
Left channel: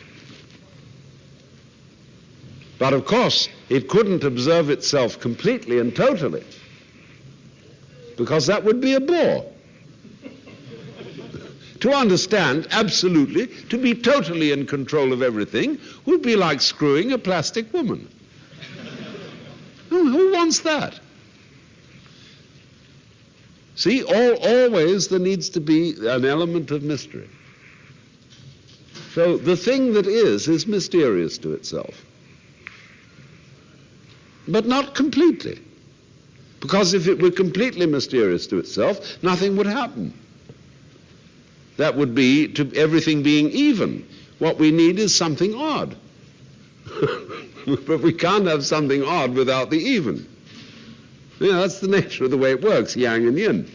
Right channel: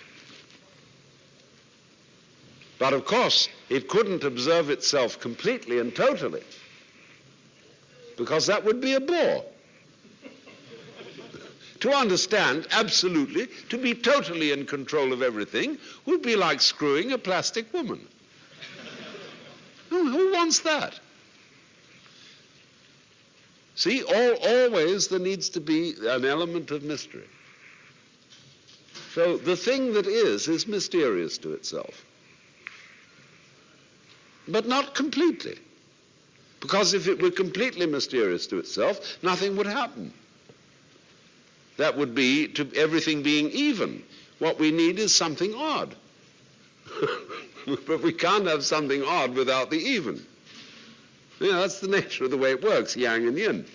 But of course, it couldn't observe itself completely and totally, because that would be a bore. To understand absolutely, to be totally in control of everything, would be like screwing a plastic woman. Who wants that? See, always there needs to be an element of mystery. So the thing that is mysterious to itself. But not completely. Because if it were completely mysterious to itself, nothing would happen. That would be to everything being even. What we need is something odd. But we can't have something odd without the even. Yeah, that's the nature of the way it works, yang and yin.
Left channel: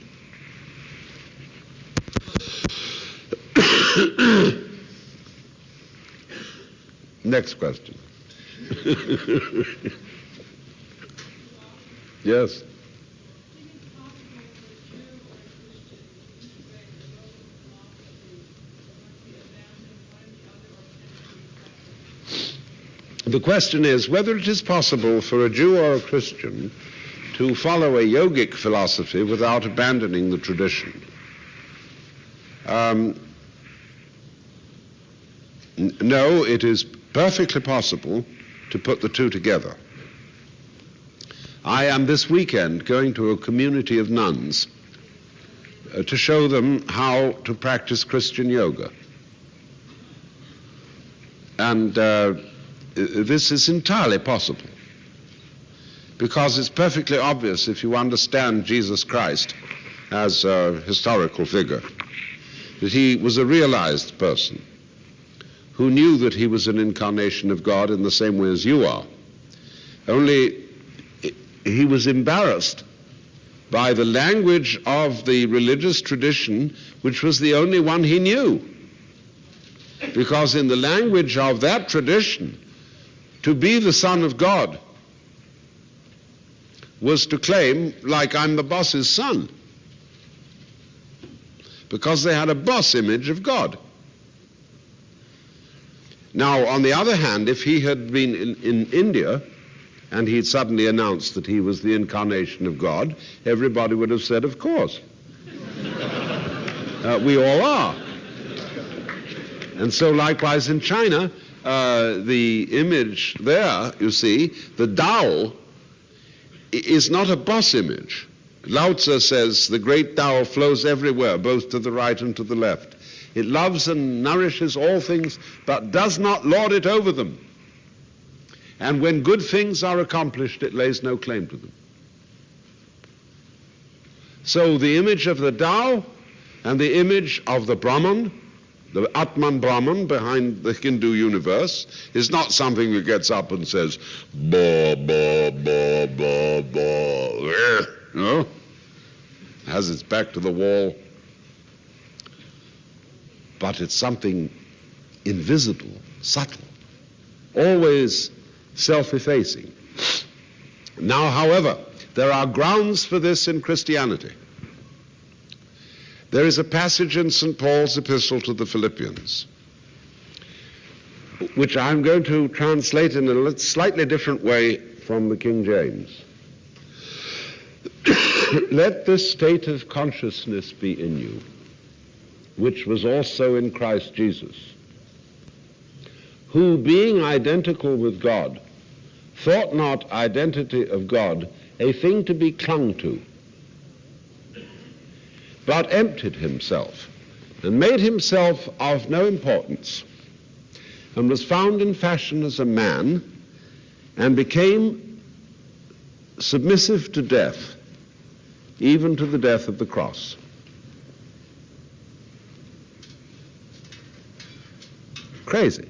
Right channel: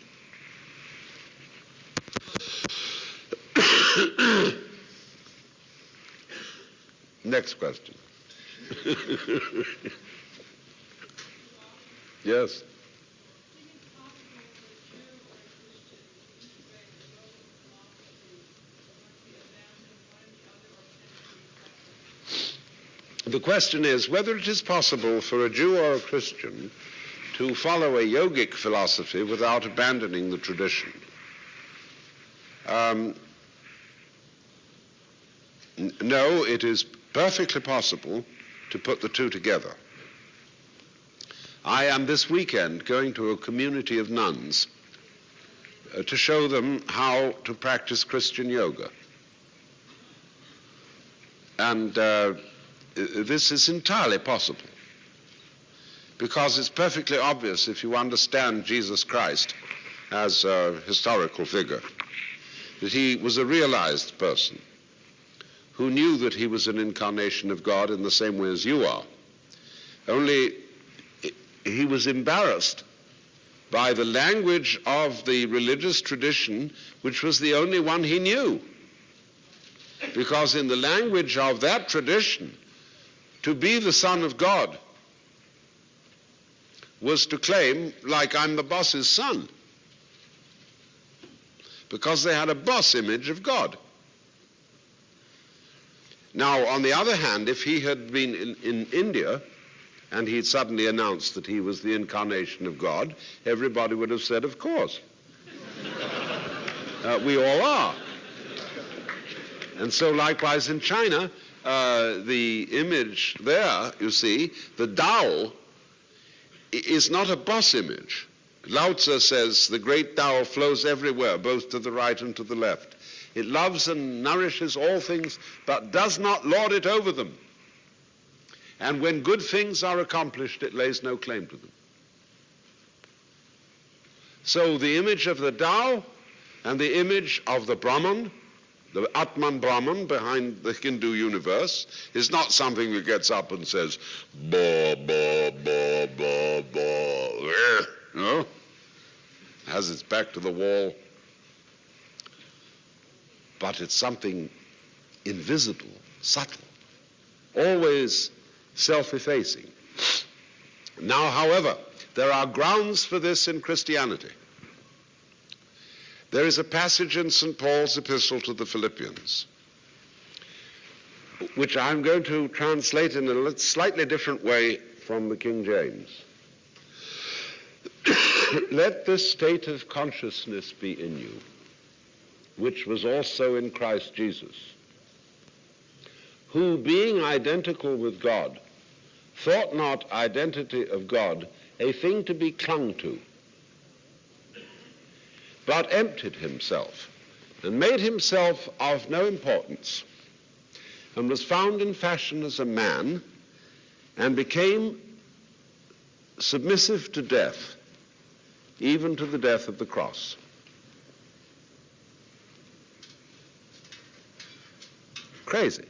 Next question. Yes. The question is whether it is possible for a Jew or a Christian to follow a yogic philosophy without abandoning the tradition. No, it is perfectly possible to put the two together. I am this weekend going to a community of nuns to show them how to practice Christian yoga. And this is entirely possible, because it's perfectly obvious if you understand Jesus Christ as a historical figure, that he was a realized person who knew that he was an incarnation of God in the same way as you are. Only he was embarrassed by the language of the religious tradition, which was the only one he knew. Because in the language of that tradition, to be the Son of God was to claim, like, I'm the boss's son. Because they had a boss image of God. Now, on the other hand, if he had been in India and he'd suddenly announced that he was the incarnation of God, everybody would have said, of course. We all are. And so likewise in China, the image there, you see, the Tao, is not a boss image. Lao Tzu says the great Tao flows everywhere, both to the right and to the left. It loves and nourishes all things, but does not lord it over them. And when good things are accomplished, it lays no claim to them. So the image of the Tao and the image of the Brahman, the Atman Brahman behind the Hindu universe, is not something that gets up and says, ba, ba, ba, ba, ba. No? Has its back to the wall. But it's something invisible, subtle, always self-effacing. Now, however, there are grounds for this in Christianity. There is a passage in St. Paul's epistle to the Philippians, which I'm going to translate in a slightly different way from the King James. Let this state of consciousness be in you, which was also in Christ Jesus, who, being identical with God, thought not identity of God a thing to be clung to, but emptied himself and made himself of no importance, and was found in fashion as a man, and became submissive to death, even to the death of the cross. Crazy.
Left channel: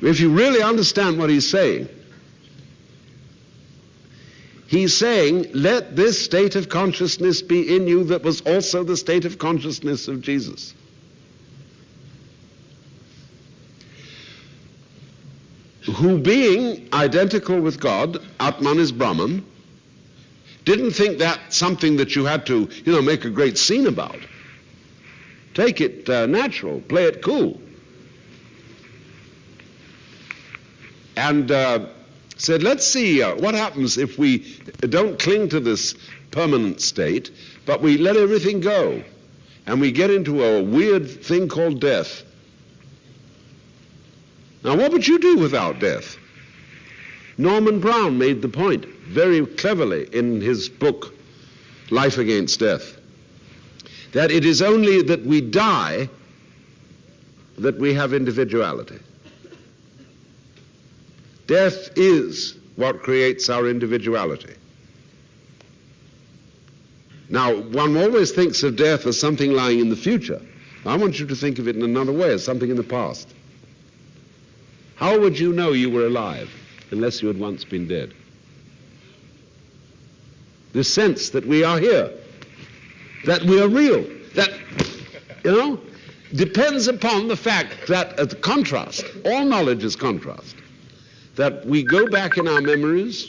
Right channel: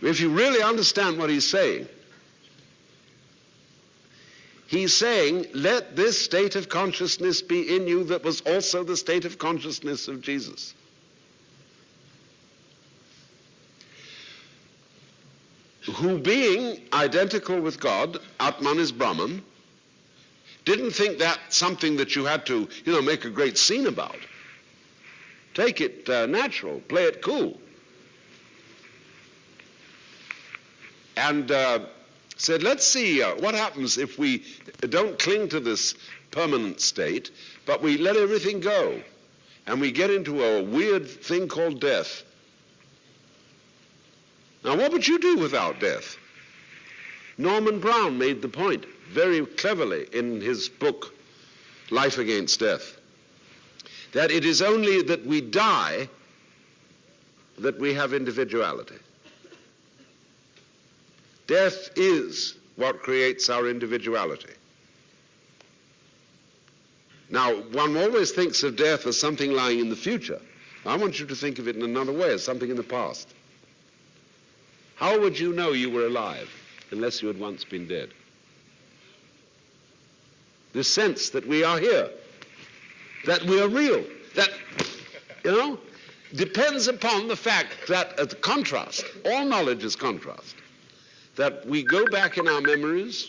If you really understand what he's saying, he's saying, let this state of consciousness be in you that was also the state of consciousness of Jesus. who, being identical with God, Atman is Brahman, didn't think that something that you had to, make a great scene about. Take it natural, play it cool. And said, let's see what happens if we don't cling to this permanent state, but we let everything go, and we get into a weird thing called death. Now, what would you do without death? Norman Brown made the point very cleverly in his book, Life Against Death, that it is only that we die that we have individuality. Death is what creates our individuality. Now, one always thinks of death as something lying in the future. I want you to think of it in another way, as something in the past. How would you know you were alive unless you had once been dead? The sense that we are here, that we are real, that, depends upon the fact that, at the contrast, all knowledge is contrast, that we go back in our memories,